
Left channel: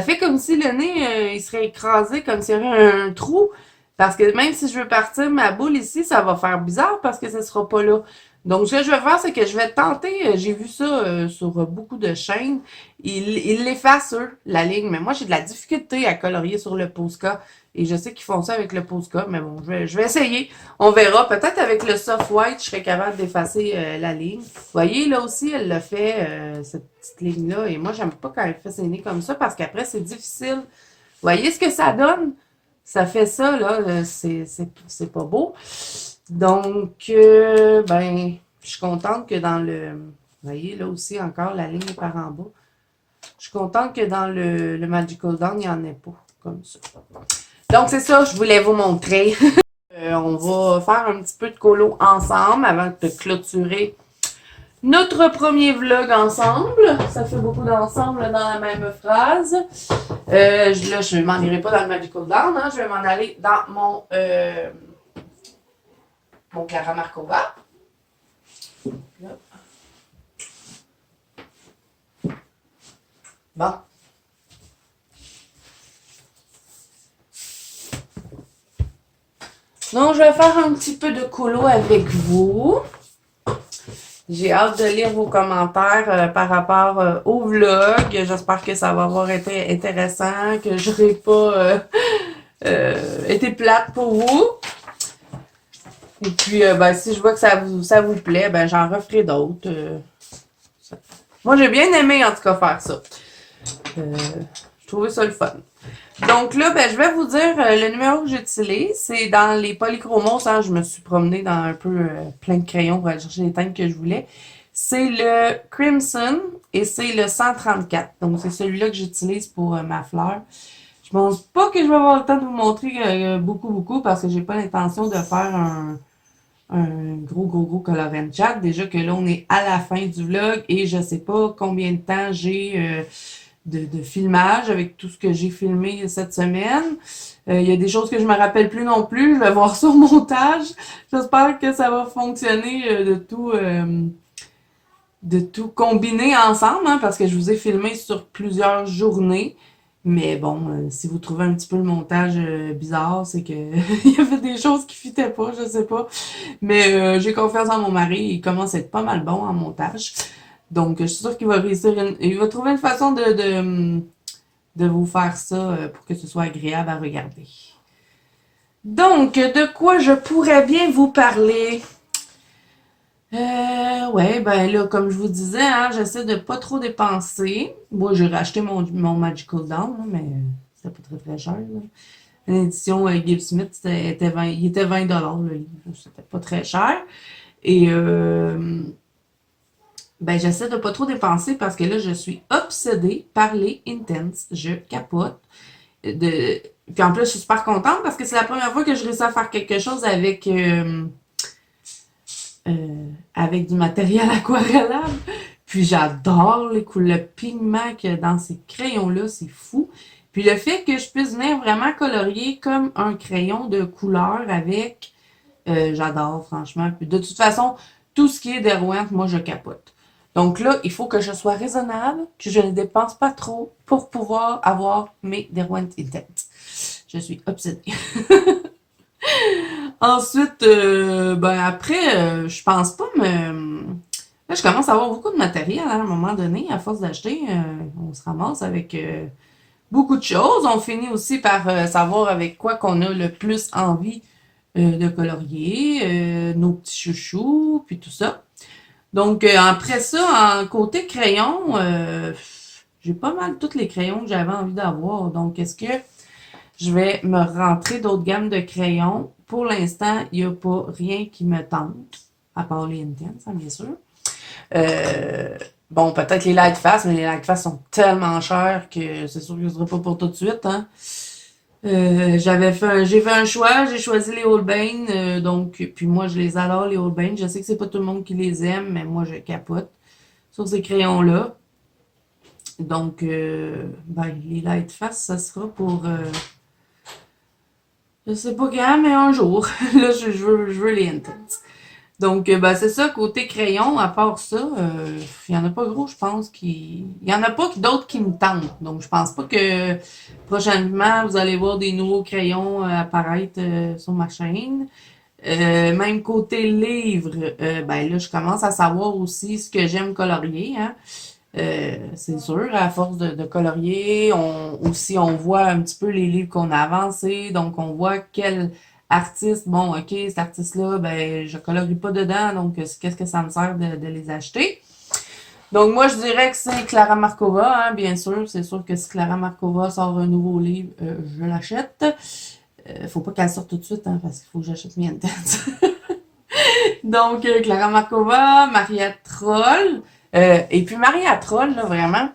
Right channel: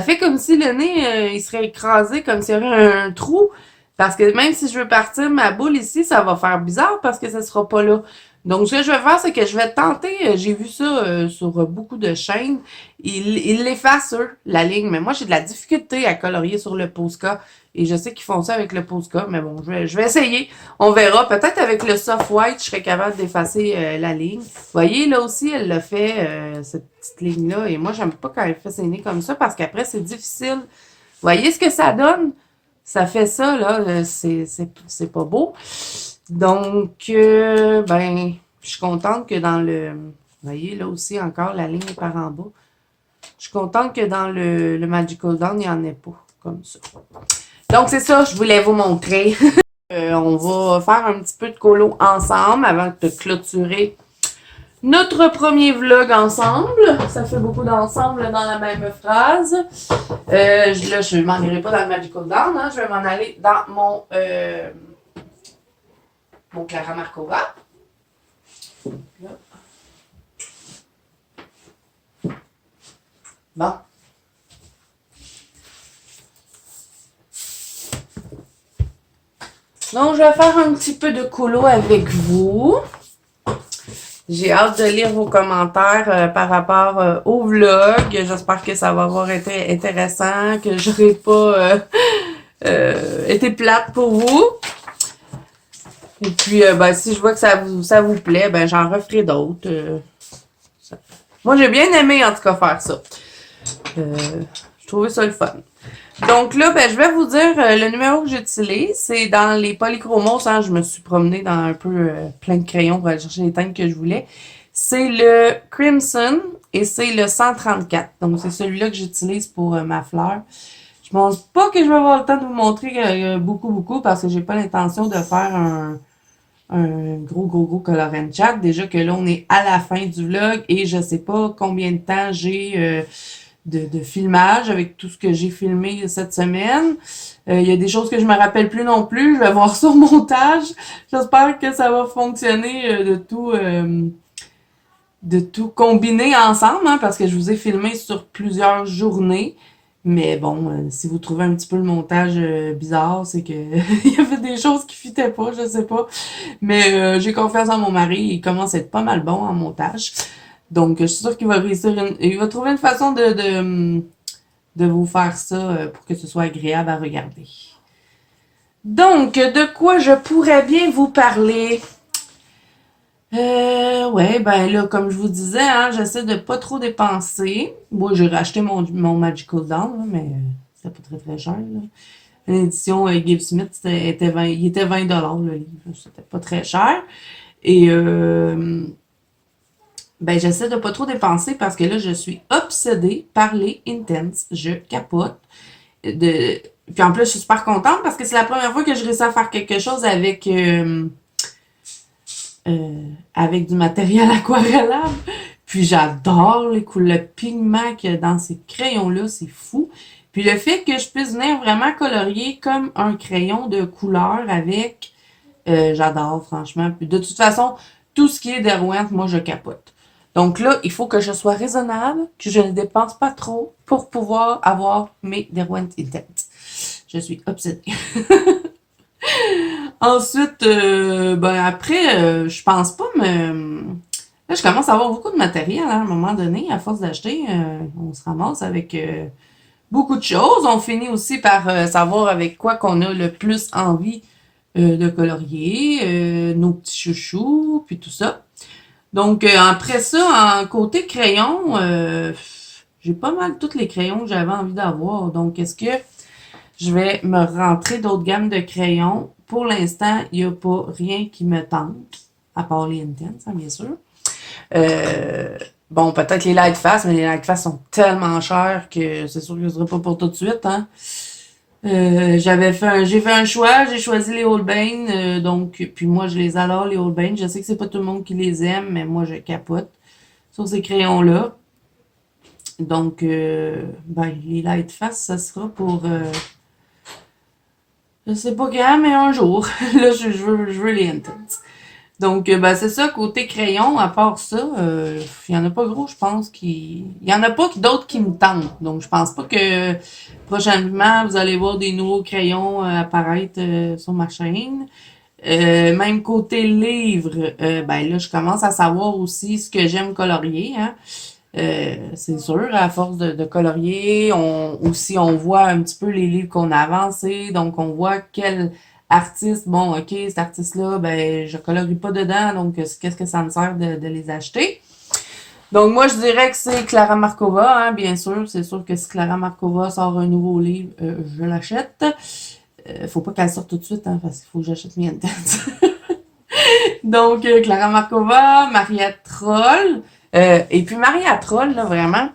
fait comme si le nez, il serait écrasé, comme s'il y avait un trou. Parce que même si je veux partir ma boule ici, ça va faire bizarre parce que ça sera pas là. Donc, ce que je vais faire, c'est que je vais tenter, j'ai vu ça sur beaucoup de chaînes, ils l'effacent, eux, la ligne. Mais moi, j'ai de la difficulté à colorier sur le Posca. Et je sais qu'ils font ça avec le Posca, mais bon, je vais essayer. On verra. Peut-être avec le soft white, je serais capable d'effacer la ligne. Vous voyez, là aussi, elle l'a fait, cette petite ligne-là. Et moi, j'aime pas quand elle fait ses nez comme ça parce qu'après, c'est difficile. Vous voyez ce que ça donne? Ça fait ça, là. C'est pas beau. Donc, ben, je suis contente que dans le... Vous voyez, là aussi, encore, la ligne est par en bas. Je suis contente que dans le Magical Dawn, il n'y en ait pas, comme ça. Donc, c'est ça, je voulais vous montrer. On va faire un petit peu de colo ensemble avant de clôturer notre premier vlog ensemble. Ça fait beaucoup d'ensemble dans la même phrase. Là, je ne m'en irai pas dans le Magical Dawn, hein. Je vais m'en aller dans mon Clara Markova. Là. Bon. Donc, je vais faire un petit peu de colo avec vous. J'ai hâte de lire vos commentaires par rapport au vlog. J'espère que ça va avoir été intéressant, que je n'aurai pas été plate pour vous. Et puis, ben, si je vois que ça vous plaît, ben, j'en referai d'autres. Moi, j'ai bien aimé, en tout cas, faire ça. Je trouvais ça le fun. Donc là, ben, je vais vous dire le numéro que j'utilise. C'est dans les polychromos. Hein, je me suis promenée dans un peu plein de crayons pour aller chercher les teintes que je voulais. C'est le Crimson et c'est le 134. Donc, c'est celui-là que j'utilise pour ma fleur. Je pense pas que je vais avoir le temps de vous montrer beaucoup parce que j'ai pas l'intention de faire un gros colorant chat. Déjà que là, on est à la fin du vlog et je sais pas combien de temps j'ai de filmage avec tout ce que j'ai filmé cette semaine. Il y a des choses que je me rappelle plus non plus. Je vais voir ça au montage. J'espère que ça va fonctionner de tout combiner ensemble, hein, parce que je vous ai filmé sur plusieurs journées. Mais bon, si vous trouvez un petit peu le montage bizarre, c'est que il y avait des choses qui fitaient pas, je sais pas. Mais j'ai confiance en mon mari, il commence à être pas mal bon en montage. Donc, je suis sûre qu'il va réussir, il va trouver une façon de vous faire ça pour que ce soit agréable à regarder. Donc, de quoi je pourrais bien vous parler? Ouais, ben là, comme je vous disais, hein, j'essaie de pas trop dépenser. Moi, j'ai racheté mon Magical Dawn, là, mais c'était pas très cher, là. L'édition Gibbs Smith, il était 20$ le livre. C'était pas très cher. Et ben, j'essaie de pas trop dépenser parce que là, je suis obsédée par les Intense. Je capote. Puis en plus, je suis super contente parce que c'est la première fois que je réussis à faire quelque chose avec du matériel aquarellable. Puis j'adore le pigment qu'il y a dans ces crayons-là, c'est fou. Puis le fait que je puisse venir vraiment colorier comme un crayon de couleur avec, j'adore franchement. Puis de toute façon, tout ce qui est Derwent, moi je capote. Donc là, il faut que je sois raisonnable, que je ne dépense pas trop pour pouvoir avoir mes Derwent Intense. Je suis obsédée. Ensuite, ben après, je pense pas me... Là, je commence à avoir beaucoup de matériel, hein, à un moment donné. À force d'acheter, on se ramasse avec beaucoup de choses. On finit aussi par savoir avec quoi qu'on a le plus envie de colorier, nos petits chouchous, puis tout ça. Donc, après ça, en côté crayon, j'ai pas mal tous les crayons que j'avais envie d'avoir. Donc, est-ce que je vais me rentrer d'autres gammes de crayons? Pour l'instant, il n'y a pas rien qui me tente, à part les Intense, hein, bien sûr. Bon, peut-être les Lightfast, mais les Lightfast sont tellement chers que c'est sûr que ce ne sera pas pour tout de suite, hein. J'ai fait un choix, j'ai choisi les Holbein, donc, puis moi je les adore, les Holbein. Je sais que c'est pas tout le monde qui les aime, mais moi je capote sur ces crayons-là. Donc, ben, les Lightfast, ça sera pour, je sais pas quand, mais un jour. Là, je veux les Intense. Donc, ben, c'est ça, côté crayon, à part ça, il y en a pas gros, je pense, il y en a pas d'autres qui me tentent. Donc, je pense pas que prochainement, vous allez voir des nouveaux crayons apparaître sur ma chaîne. Même côté livre, ben là, je commence à savoir aussi ce que j'aime colorier, hein. C'est sûr, à force de colorier, on voit un petit peu les livres qu'on a avancés, donc on voit quel artiste, bon, ok, cet artiste-là, ben, je colorie pas dedans, donc qu'est-ce que ça me sert de les acheter? Donc moi, je dirais que c'est Clara Markova, hein, bien sûr, c'est sûr que si Clara Markova sort un nouveau livre, je l'achète. Faut pas qu'elle sorte tout de suite, hein, parce qu'il faut que j'achète mes intenses. Donc, Clara Markova, Maria Troll. Et puis Maria Troll, là, vraiment,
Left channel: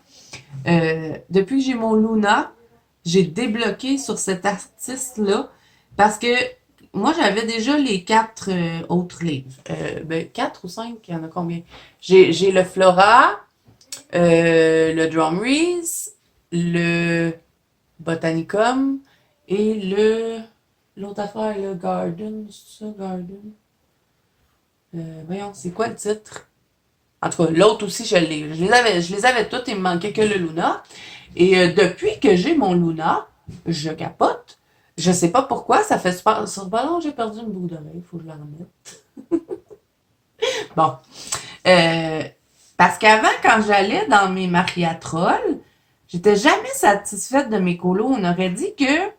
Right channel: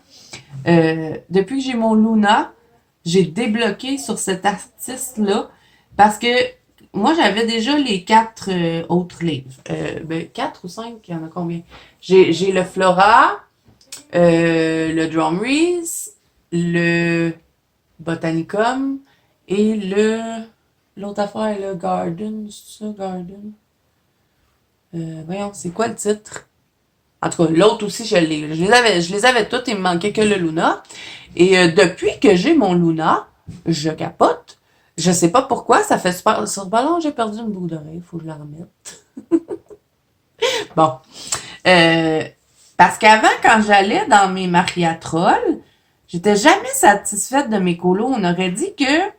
depuis que j'ai mon Luna, j'ai débloqué sur cet artiste-là parce que moi, j'avais déjà les 4 autres livres. Ben, 4 ou 5, il y en a combien? J'ai le Flora, le Drumreese, le Botanicum et l'autre affaire, le Garden, c'est ça, Garden? Voyons, c'est quoi le titre? En tout cas, l'autre aussi, je les avais toutes, il me manquait que le Luna. Et depuis que j'ai mon Luna, je capote. Je sais pas pourquoi, ça fait super. Sur le ballon, j'ai perdu une boucle d'oreille, faut que je la remette. Bon. Euh, Parce qu'avant, quand j'allais dans mes mariatrolles, j'étais jamais satisfaite de mes colos. On aurait dit que.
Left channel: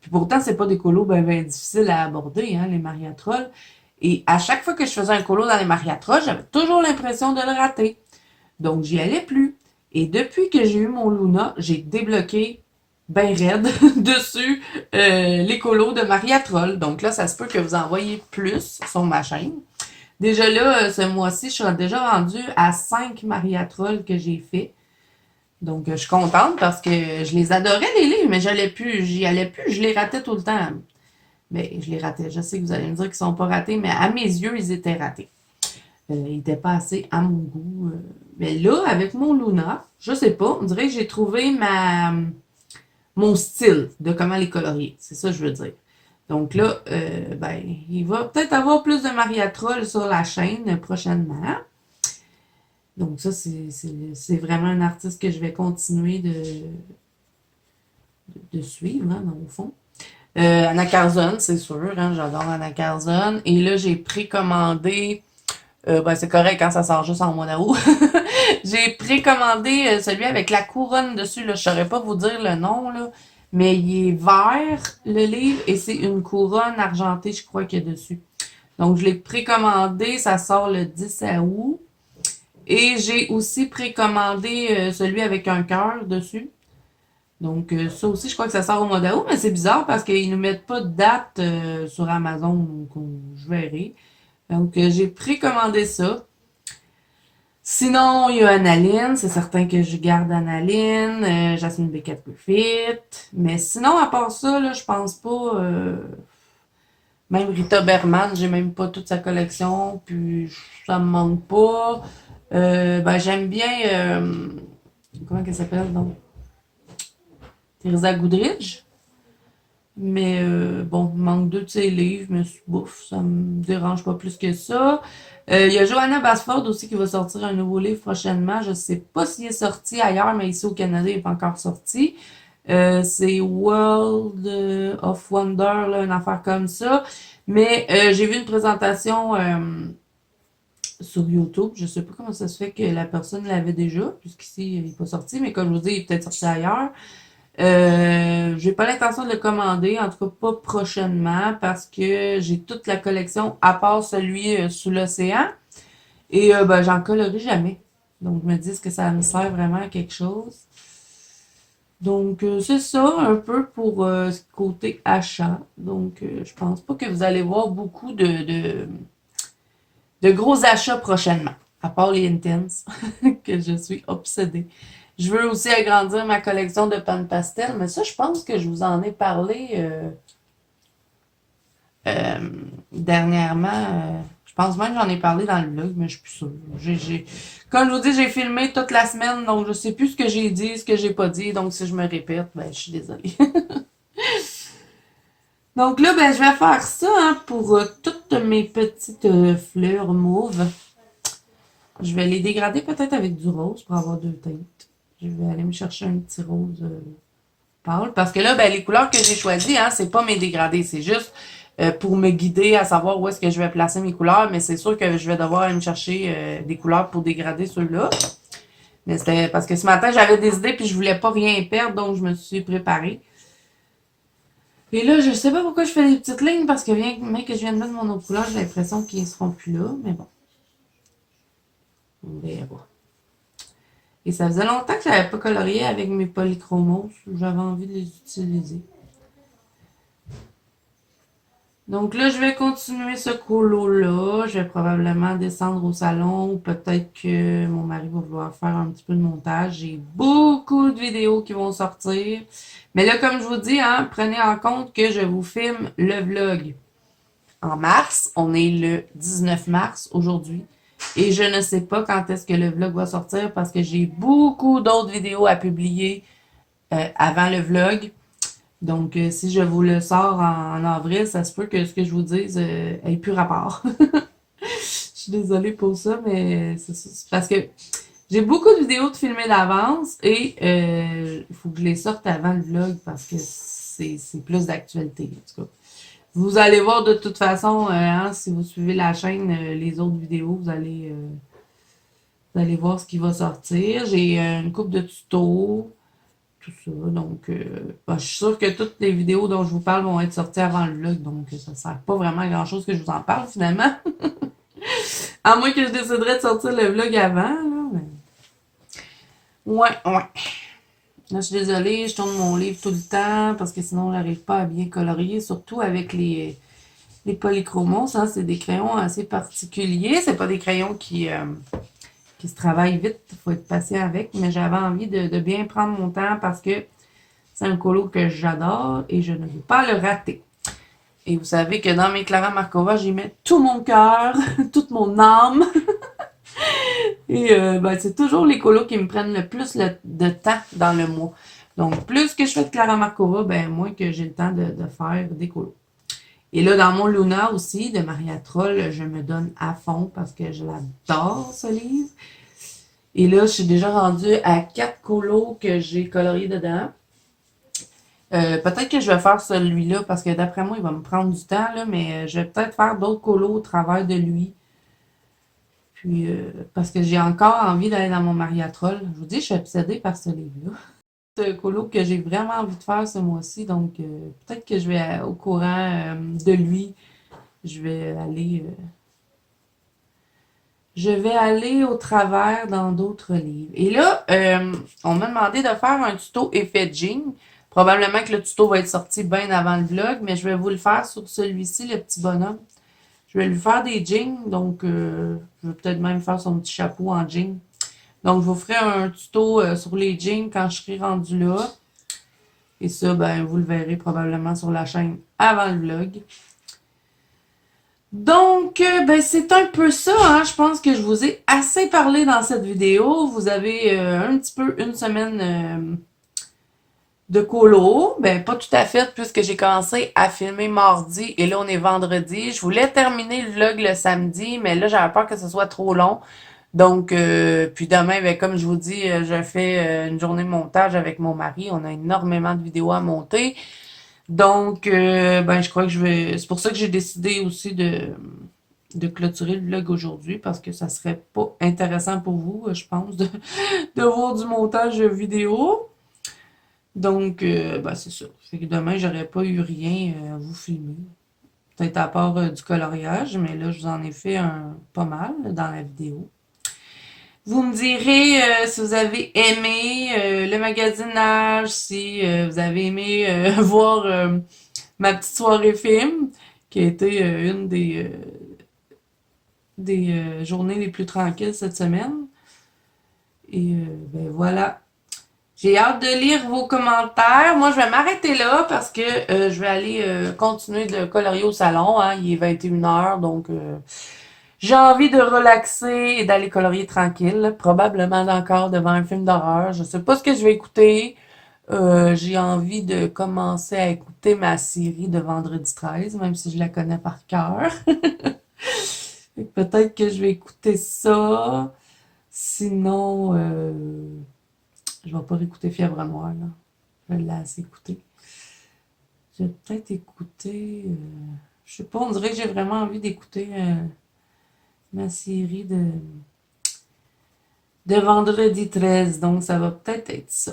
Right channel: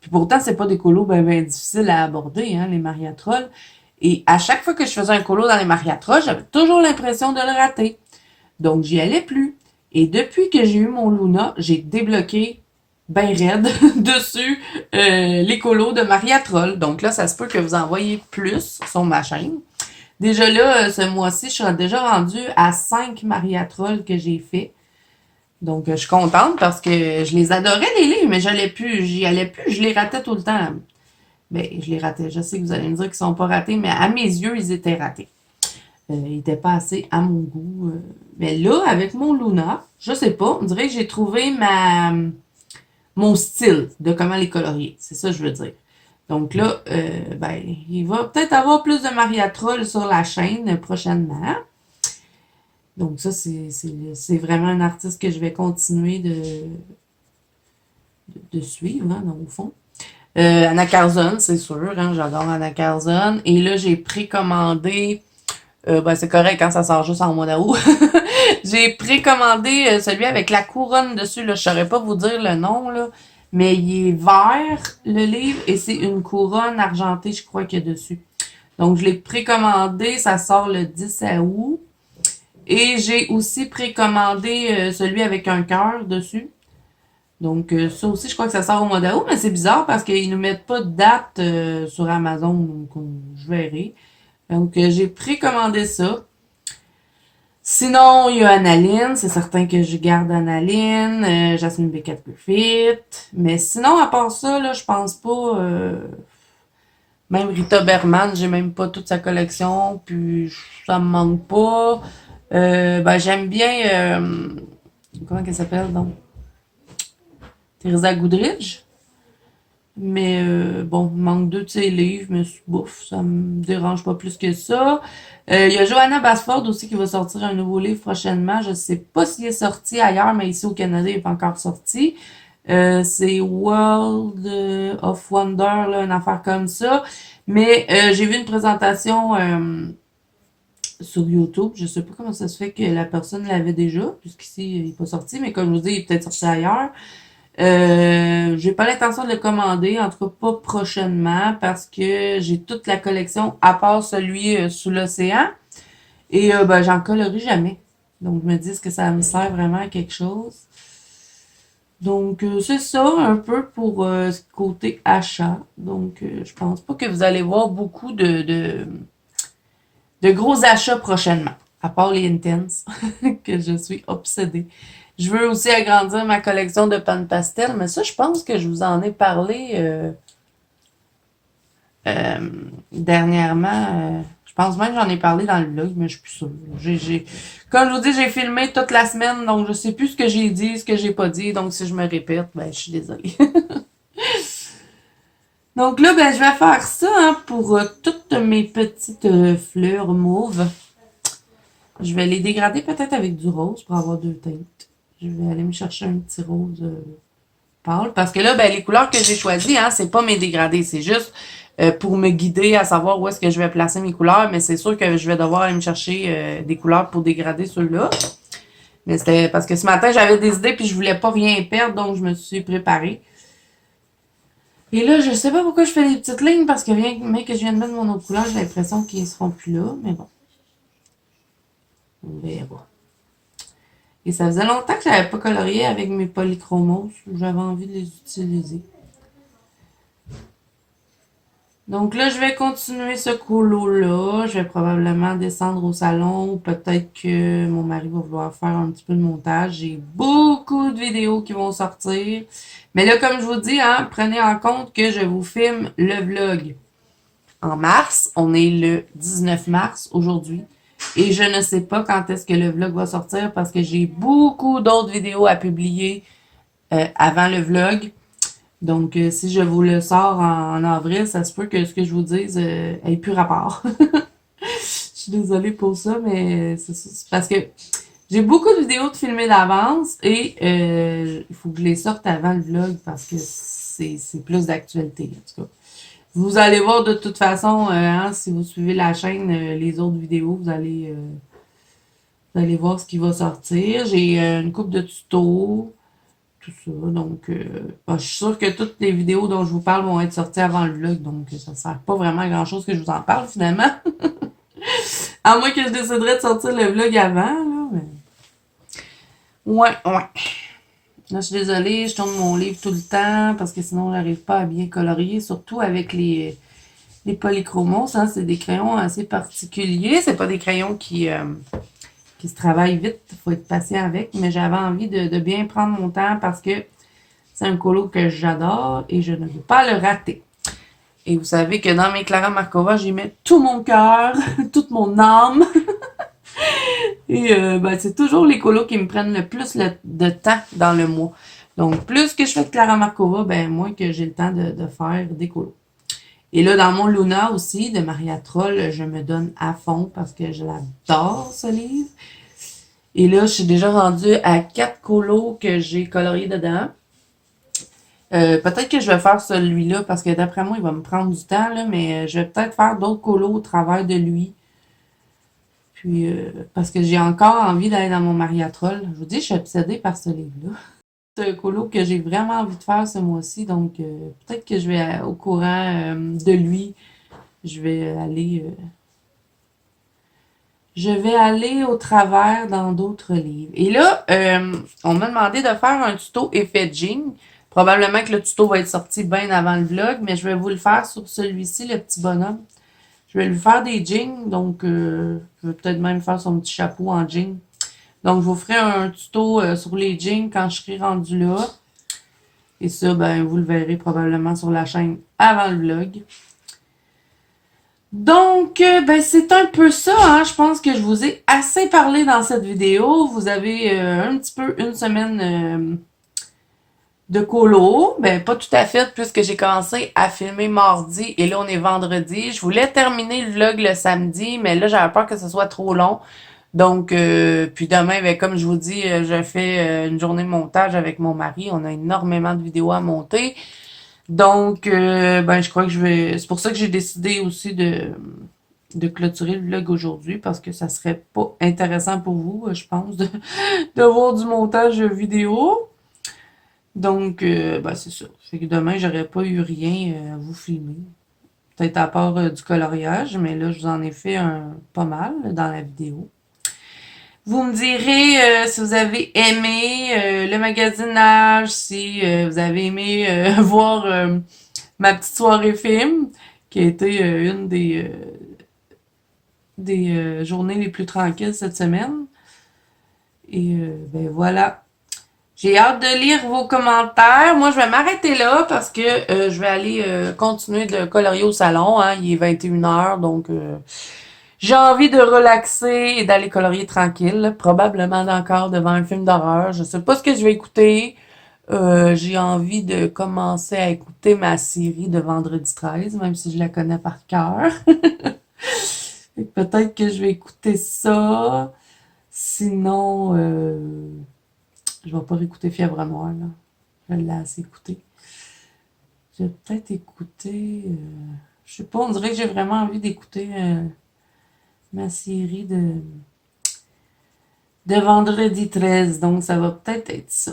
Puis pourtant, c'est pas des colos ben difficiles à aborder, hein, les mariatrolles. Et à chaque fois que je faisais un colo dans les mariatrolles, j'avais toujours l'impression de le rater. Donc, j'y allais plus. Et depuis que j'ai eu mon Luna, j'ai débloqué ben raide dessus les colos de Maria Troll. Donc là, ça se peut que vous en voyez plus sur ma chaîne. Déjà là, ce mois-ci, je suis déjà rendue à 5 Maria Troll que j'ai fait. Donc, je suis contente parce que je les adorais, les livres, mais j'y allais plus, je les ratais tout le temps. Ben, je les ratais. Je sais que vous allez me dire qu'ils sont pas ratés, mais à mes yeux, ils étaient ratés. Il était pas assez à mon goût. Mais là, avec mon Luna, je sais pas, on dirait que j'ai trouvé mon style de comment les colorier. C'est ça que je veux dire. Donc là, ben, il va peut-être avoir plus de Maria Troll sur la chaîne prochainement. Donc ça, c'est vraiment un artiste que je vais continuer de suivre, hein, dans le fond. Anna Carzon, c'est sûr, hein, j'adore Anna Carzon. Et là, j'ai précommandé ben, c'est correct quand ça sort juste en mois d'août. J'ai précommandé celui avec la couronne dessus. Là. Je saurais pas vous dire le nom, là, mais il est vert, le livre, et c'est une couronne argentée, je crois, qu'il y a dessus. Donc, je l'ai précommandé. Ça sort le 10 août. Et j'ai aussi précommandé celui avec un cœur dessus. Donc, ça aussi, je crois que ça sort au mois d'août, mais c'est bizarre parce qu'ils ne mettent pas de date sur Amazon, donc je verrai. Donc, j'ai précommandé ça. Sinon, il y a Analine. C'est certain que je garde Analine. Jasmine Beckett Fit. Mais sinon, à part ça, là, je pense pas. Même Rita Berman, j'ai même pas toute sa collection. Puis, ça me manque pas. Ben, j'aime bien. Comment qu'elle s'appelle, donc? Teresa Goodridge. Mais bon, il manque deux de ses livres, mais bouf, ça me dérange pas plus que ça. Il y a Johanna Basford aussi qui va sortir un nouveau livre prochainement. Je sais pas s'il est sorti ailleurs, mais ici au Canada, il n'est pas encore sorti. C'est World of Wonder, là, une affaire comme ça. Mais j'ai vu une présentation sur YouTube. Je sais pas comment ça se fait que la personne l'avait déjà, puisqu'ici, il n'est pas sorti, mais comme je vous dis, il est peut-être sorti ailleurs. J'ai pas l'intention de le commander, en tout cas pas prochainement, parce que j'ai toute la collection à part celui sous l'océan. Et ben j'en colorie jamais. Donc je me dis que ça me sert vraiment à quelque chose. Donc c'est ça un peu pour ce côté achat. Donc je pense pas que vous allez voir beaucoup de gros achats prochainement. À part les Intense, que je suis obsédée. Je veux aussi agrandir ma collection de pan pastel, mais ça, je pense que je vous en ai parlé dernièrement. Je pense même que j'en ai parlé dans le vlog, mais je suis plus sûre. Comme je vous dis, j'ai filmé toute la semaine, donc je sais plus ce que j'ai dit, ce que j'ai pas dit. Donc si je me répète, ben je suis désolée. Donc là, ben, je vais faire ça hein, pour toutes mes petites fleurs mauves. Je vais les dégrader peut-être avec du rose pour avoir deux teintes. Je vais aller me chercher un petit rose pâle. Parce que là, ben, les couleurs que j'ai choisies, hein, c'est pas mes dégradés. C'est juste pour me guider à savoir où est-ce que je vais placer mes couleurs. Mais c'est sûr que je vais devoir aller me chercher des couleurs pour dégrader ceux-là. Mais c'était parce que ce matin, j'avais des idées puis je voulais pas rien perdre, donc je me suis préparée. Et là, je sais pas pourquoi je fais des petites lignes parce que bien mais que je viens de mettre mon autre couleur, j'ai l'impression qu'ils seront plus là. Mais bon, on verra. Et ça faisait longtemps que j'avais pas colorié avec mes polychromos. J'avais envie de les utiliser. Donc là, je vais continuer ce colo-là. Je vais probablement descendre au salon ou peut-être que mon mari va vouloir faire un petit peu de montage. J'ai beaucoup de vidéos qui vont sortir. Mais là, comme je vous dis, hein, prenez en compte que je vous filme le vlog en mars. On est le 19 mars aujourd'hui. Et je ne sais pas quand est-ce que le vlog va sortir parce que j'ai beaucoup d'autres vidéos à publier avant le vlog. Donc, si je vous le sors en avril, ça se peut que ce que je vous dise ait plus rapport. Je suis désolée pour ça, mais c'est parce que j'ai beaucoup de vidéos de filmer d'avance et il faut que je les sorte avant le vlog parce que c'est plus d'actualité, en tout cas. Vous allez voir de toute façon, hein, si vous suivez la chaîne, les autres vidéos, vous allez voir ce qui va sortir. J'ai une coupe de tutos, tout ça. Donc, ben, je suis sûre que toutes les vidéos dont je vous parle vont être sorties avant le vlog. Donc, ça ne sert pas vraiment à grand-chose que je vous en parle finalement. À moins que je déciderais de sortir le vlog avant. Là, mais... Ouais, ouais. Là, je suis désolée, je tourne mon livre tout le temps parce que sinon, on n'arrive pas à bien colorier, surtout avec les polychromos. Hein, c'est des crayons assez particuliers. C'est pas des crayons qui se travaillent vite. Il faut être patient avec. Mais j'avais envie de bien prendre mon temps parce que c'est un colo que j'adore et je ne veux pas le rater. Et vous savez que dans mes Clara Markova, j'y mets tout mon cœur, toute mon âme. Et ben, c'est toujours les colos qui me prennent le plus de temps dans le mois. Donc, plus que je fais de Clara Markova, ben, moins que j'ai le temps de faire des colos. Et là, dans mon Luna aussi, de Maria Troll, je me donne à fond parce que je l'adore, ce livre. Et là, je suis déjà rendue à 4 colos que j'ai coloriés dedans. Peut-être que je vais faire celui-là parce que d'après moi, il va me prendre du temps, là, mais je vais peut-être faire d'autres colos au travers de lui. Puis, parce que j'ai encore envie d'aller dans mon Mariatrol. Je vous dis, je suis obsédée par ce livre-là. C'est un colo que j'ai vraiment envie de faire ce mois-ci, donc peut-être que je vais au courant de lui. Je vais aller au travers dans d'autres livres. Et là, on m'a demandé de faire un tuto effet jean. Probablement que le tuto va être sorti bien avant le vlog, mais je vais vous le faire sur celui-ci, le petit bonhomme. Je vais lui faire des jeans, donc je vais peut-être même faire son petit chapeau en jean. Donc, je vous ferai un tuto sur les jeans quand je serai rendu là. Et ça, ben, vous le verrez probablement sur la chaîne avant le vlog. Donc, ben, c'est un peu ça, hein. Je pense que je vous ai assez parlé dans cette vidéo. Vous avez un petit peu une semaine de colo. Ben, pas tout à fait, puisque j'ai commencé à filmer mardi et là, on est vendredi. Je voulais terminer le vlog le samedi, mais là, j'avais peur que ce soit trop long. Donc, puis demain, ben, comme je vous dis, je fais une journée de montage avec mon mari. On a énormément de vidéos à monter. Donc, ben, je crois que je vais... C'est pour ça que j'ai décidé aussi de clôturer le vlog aujourd'hui parce que ça serait pas intéressant pour vous, je pense, de voir du montage vidéo. Donc, ben, c'est ça. Fait que demain, j'aurais pas eu rien à vous filmer. Peut-être à part du coloriage, mais là, je vous en ai fait pas mal dans la vidéo. Vous me direz si vous avez aimé le magasinage, si vous avez aimé voir ma petite soirée film, qui a été une des journées les plus tranquilles cette semaine. Et ben voilà. J'ai hâte de lire vos commentaires. Moi, je vais m'arrêter là parce que je vais aller continuer de colorier au salon. Hein. Il est 21h, donc j'ai envie de relaxer et d'aller colorier tranquille. Probablement encore devant un film d'horreur. Je sais pas ce que je vais écouter. J'ai envie de commencer à écouter ma série de Vendredi 13, même si je la connais par cœur. Fait que peut-être que je vais écouter ça. Sinon, je vais pas réécouter Fièvre Noire, là. Je l'ai assez écouté. Je vais peut-être écouter... je sais pas, on dirait que j'ai vraiment envie d'écouter ma série de Vendredi 13. Donc, ça va peut-être être ça.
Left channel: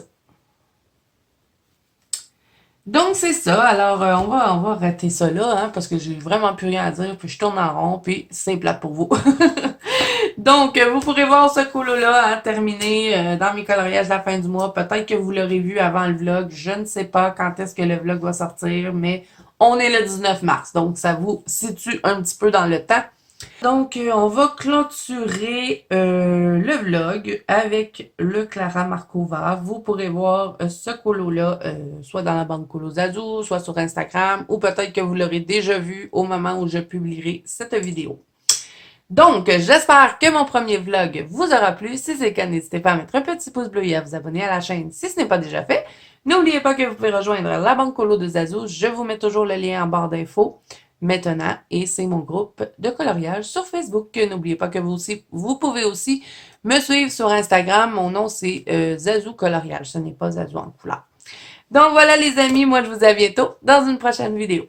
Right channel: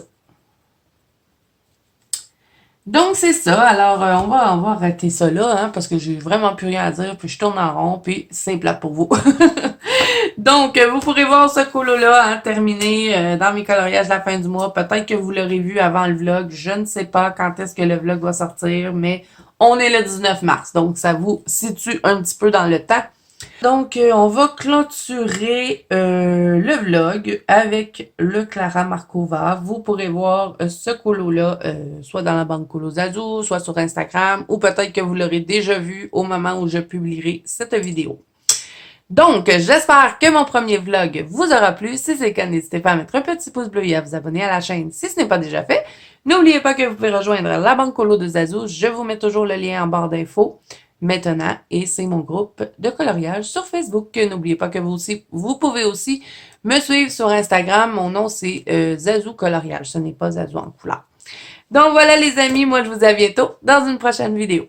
Donc, c'est ça. Alors, on va arrêter ça là, hein, parce que j'ai vraiment plus rien à dire, puis je tourne en rond, puis c'est plate pour vous. Donc, vous pourrez voir ce colo-là hein, terminé dans mes coloriages à la fin du mois. Peut-être que vous l'aurez vu avant le vlog. Je ne sais pas quand est-ce que le vlog va sortir, mais on est le 19 mars. Donc, ça vous situe un petit peu dans le temps. Donc, on va clôturer le vlog avec le Clara Markova. Vous pourrez voir ce colo-là, soit dans la banque Colo Zazu, soit sur Instagram, ou peut-être que vous l'aurez déjà vu au moment où je publierai cette vidéo. Donc, j'espère que mon premier vlog vous aura plu. Si c'est le cas, n'hésitez pas à mettre un petit pouce bleu et à vous abonner à la chaîne si ce n'est pas déjà fait. N'oubliez pas que vous pouvez rejoindre la banque Colo de Zazu. Je vous mets toujours le lien en barre d'infos maintenant et c'est mon groupe de coloriage sur Facebook. N'oubliez pas que vous pouvez aussi me suivre sur Instagram. Mon nom c'est Zazu Coloriage. Ce n'est pas Zazu en couleur. Donc voilà les amis, moi je vous dis à bientôt dans une prochaine vidéo.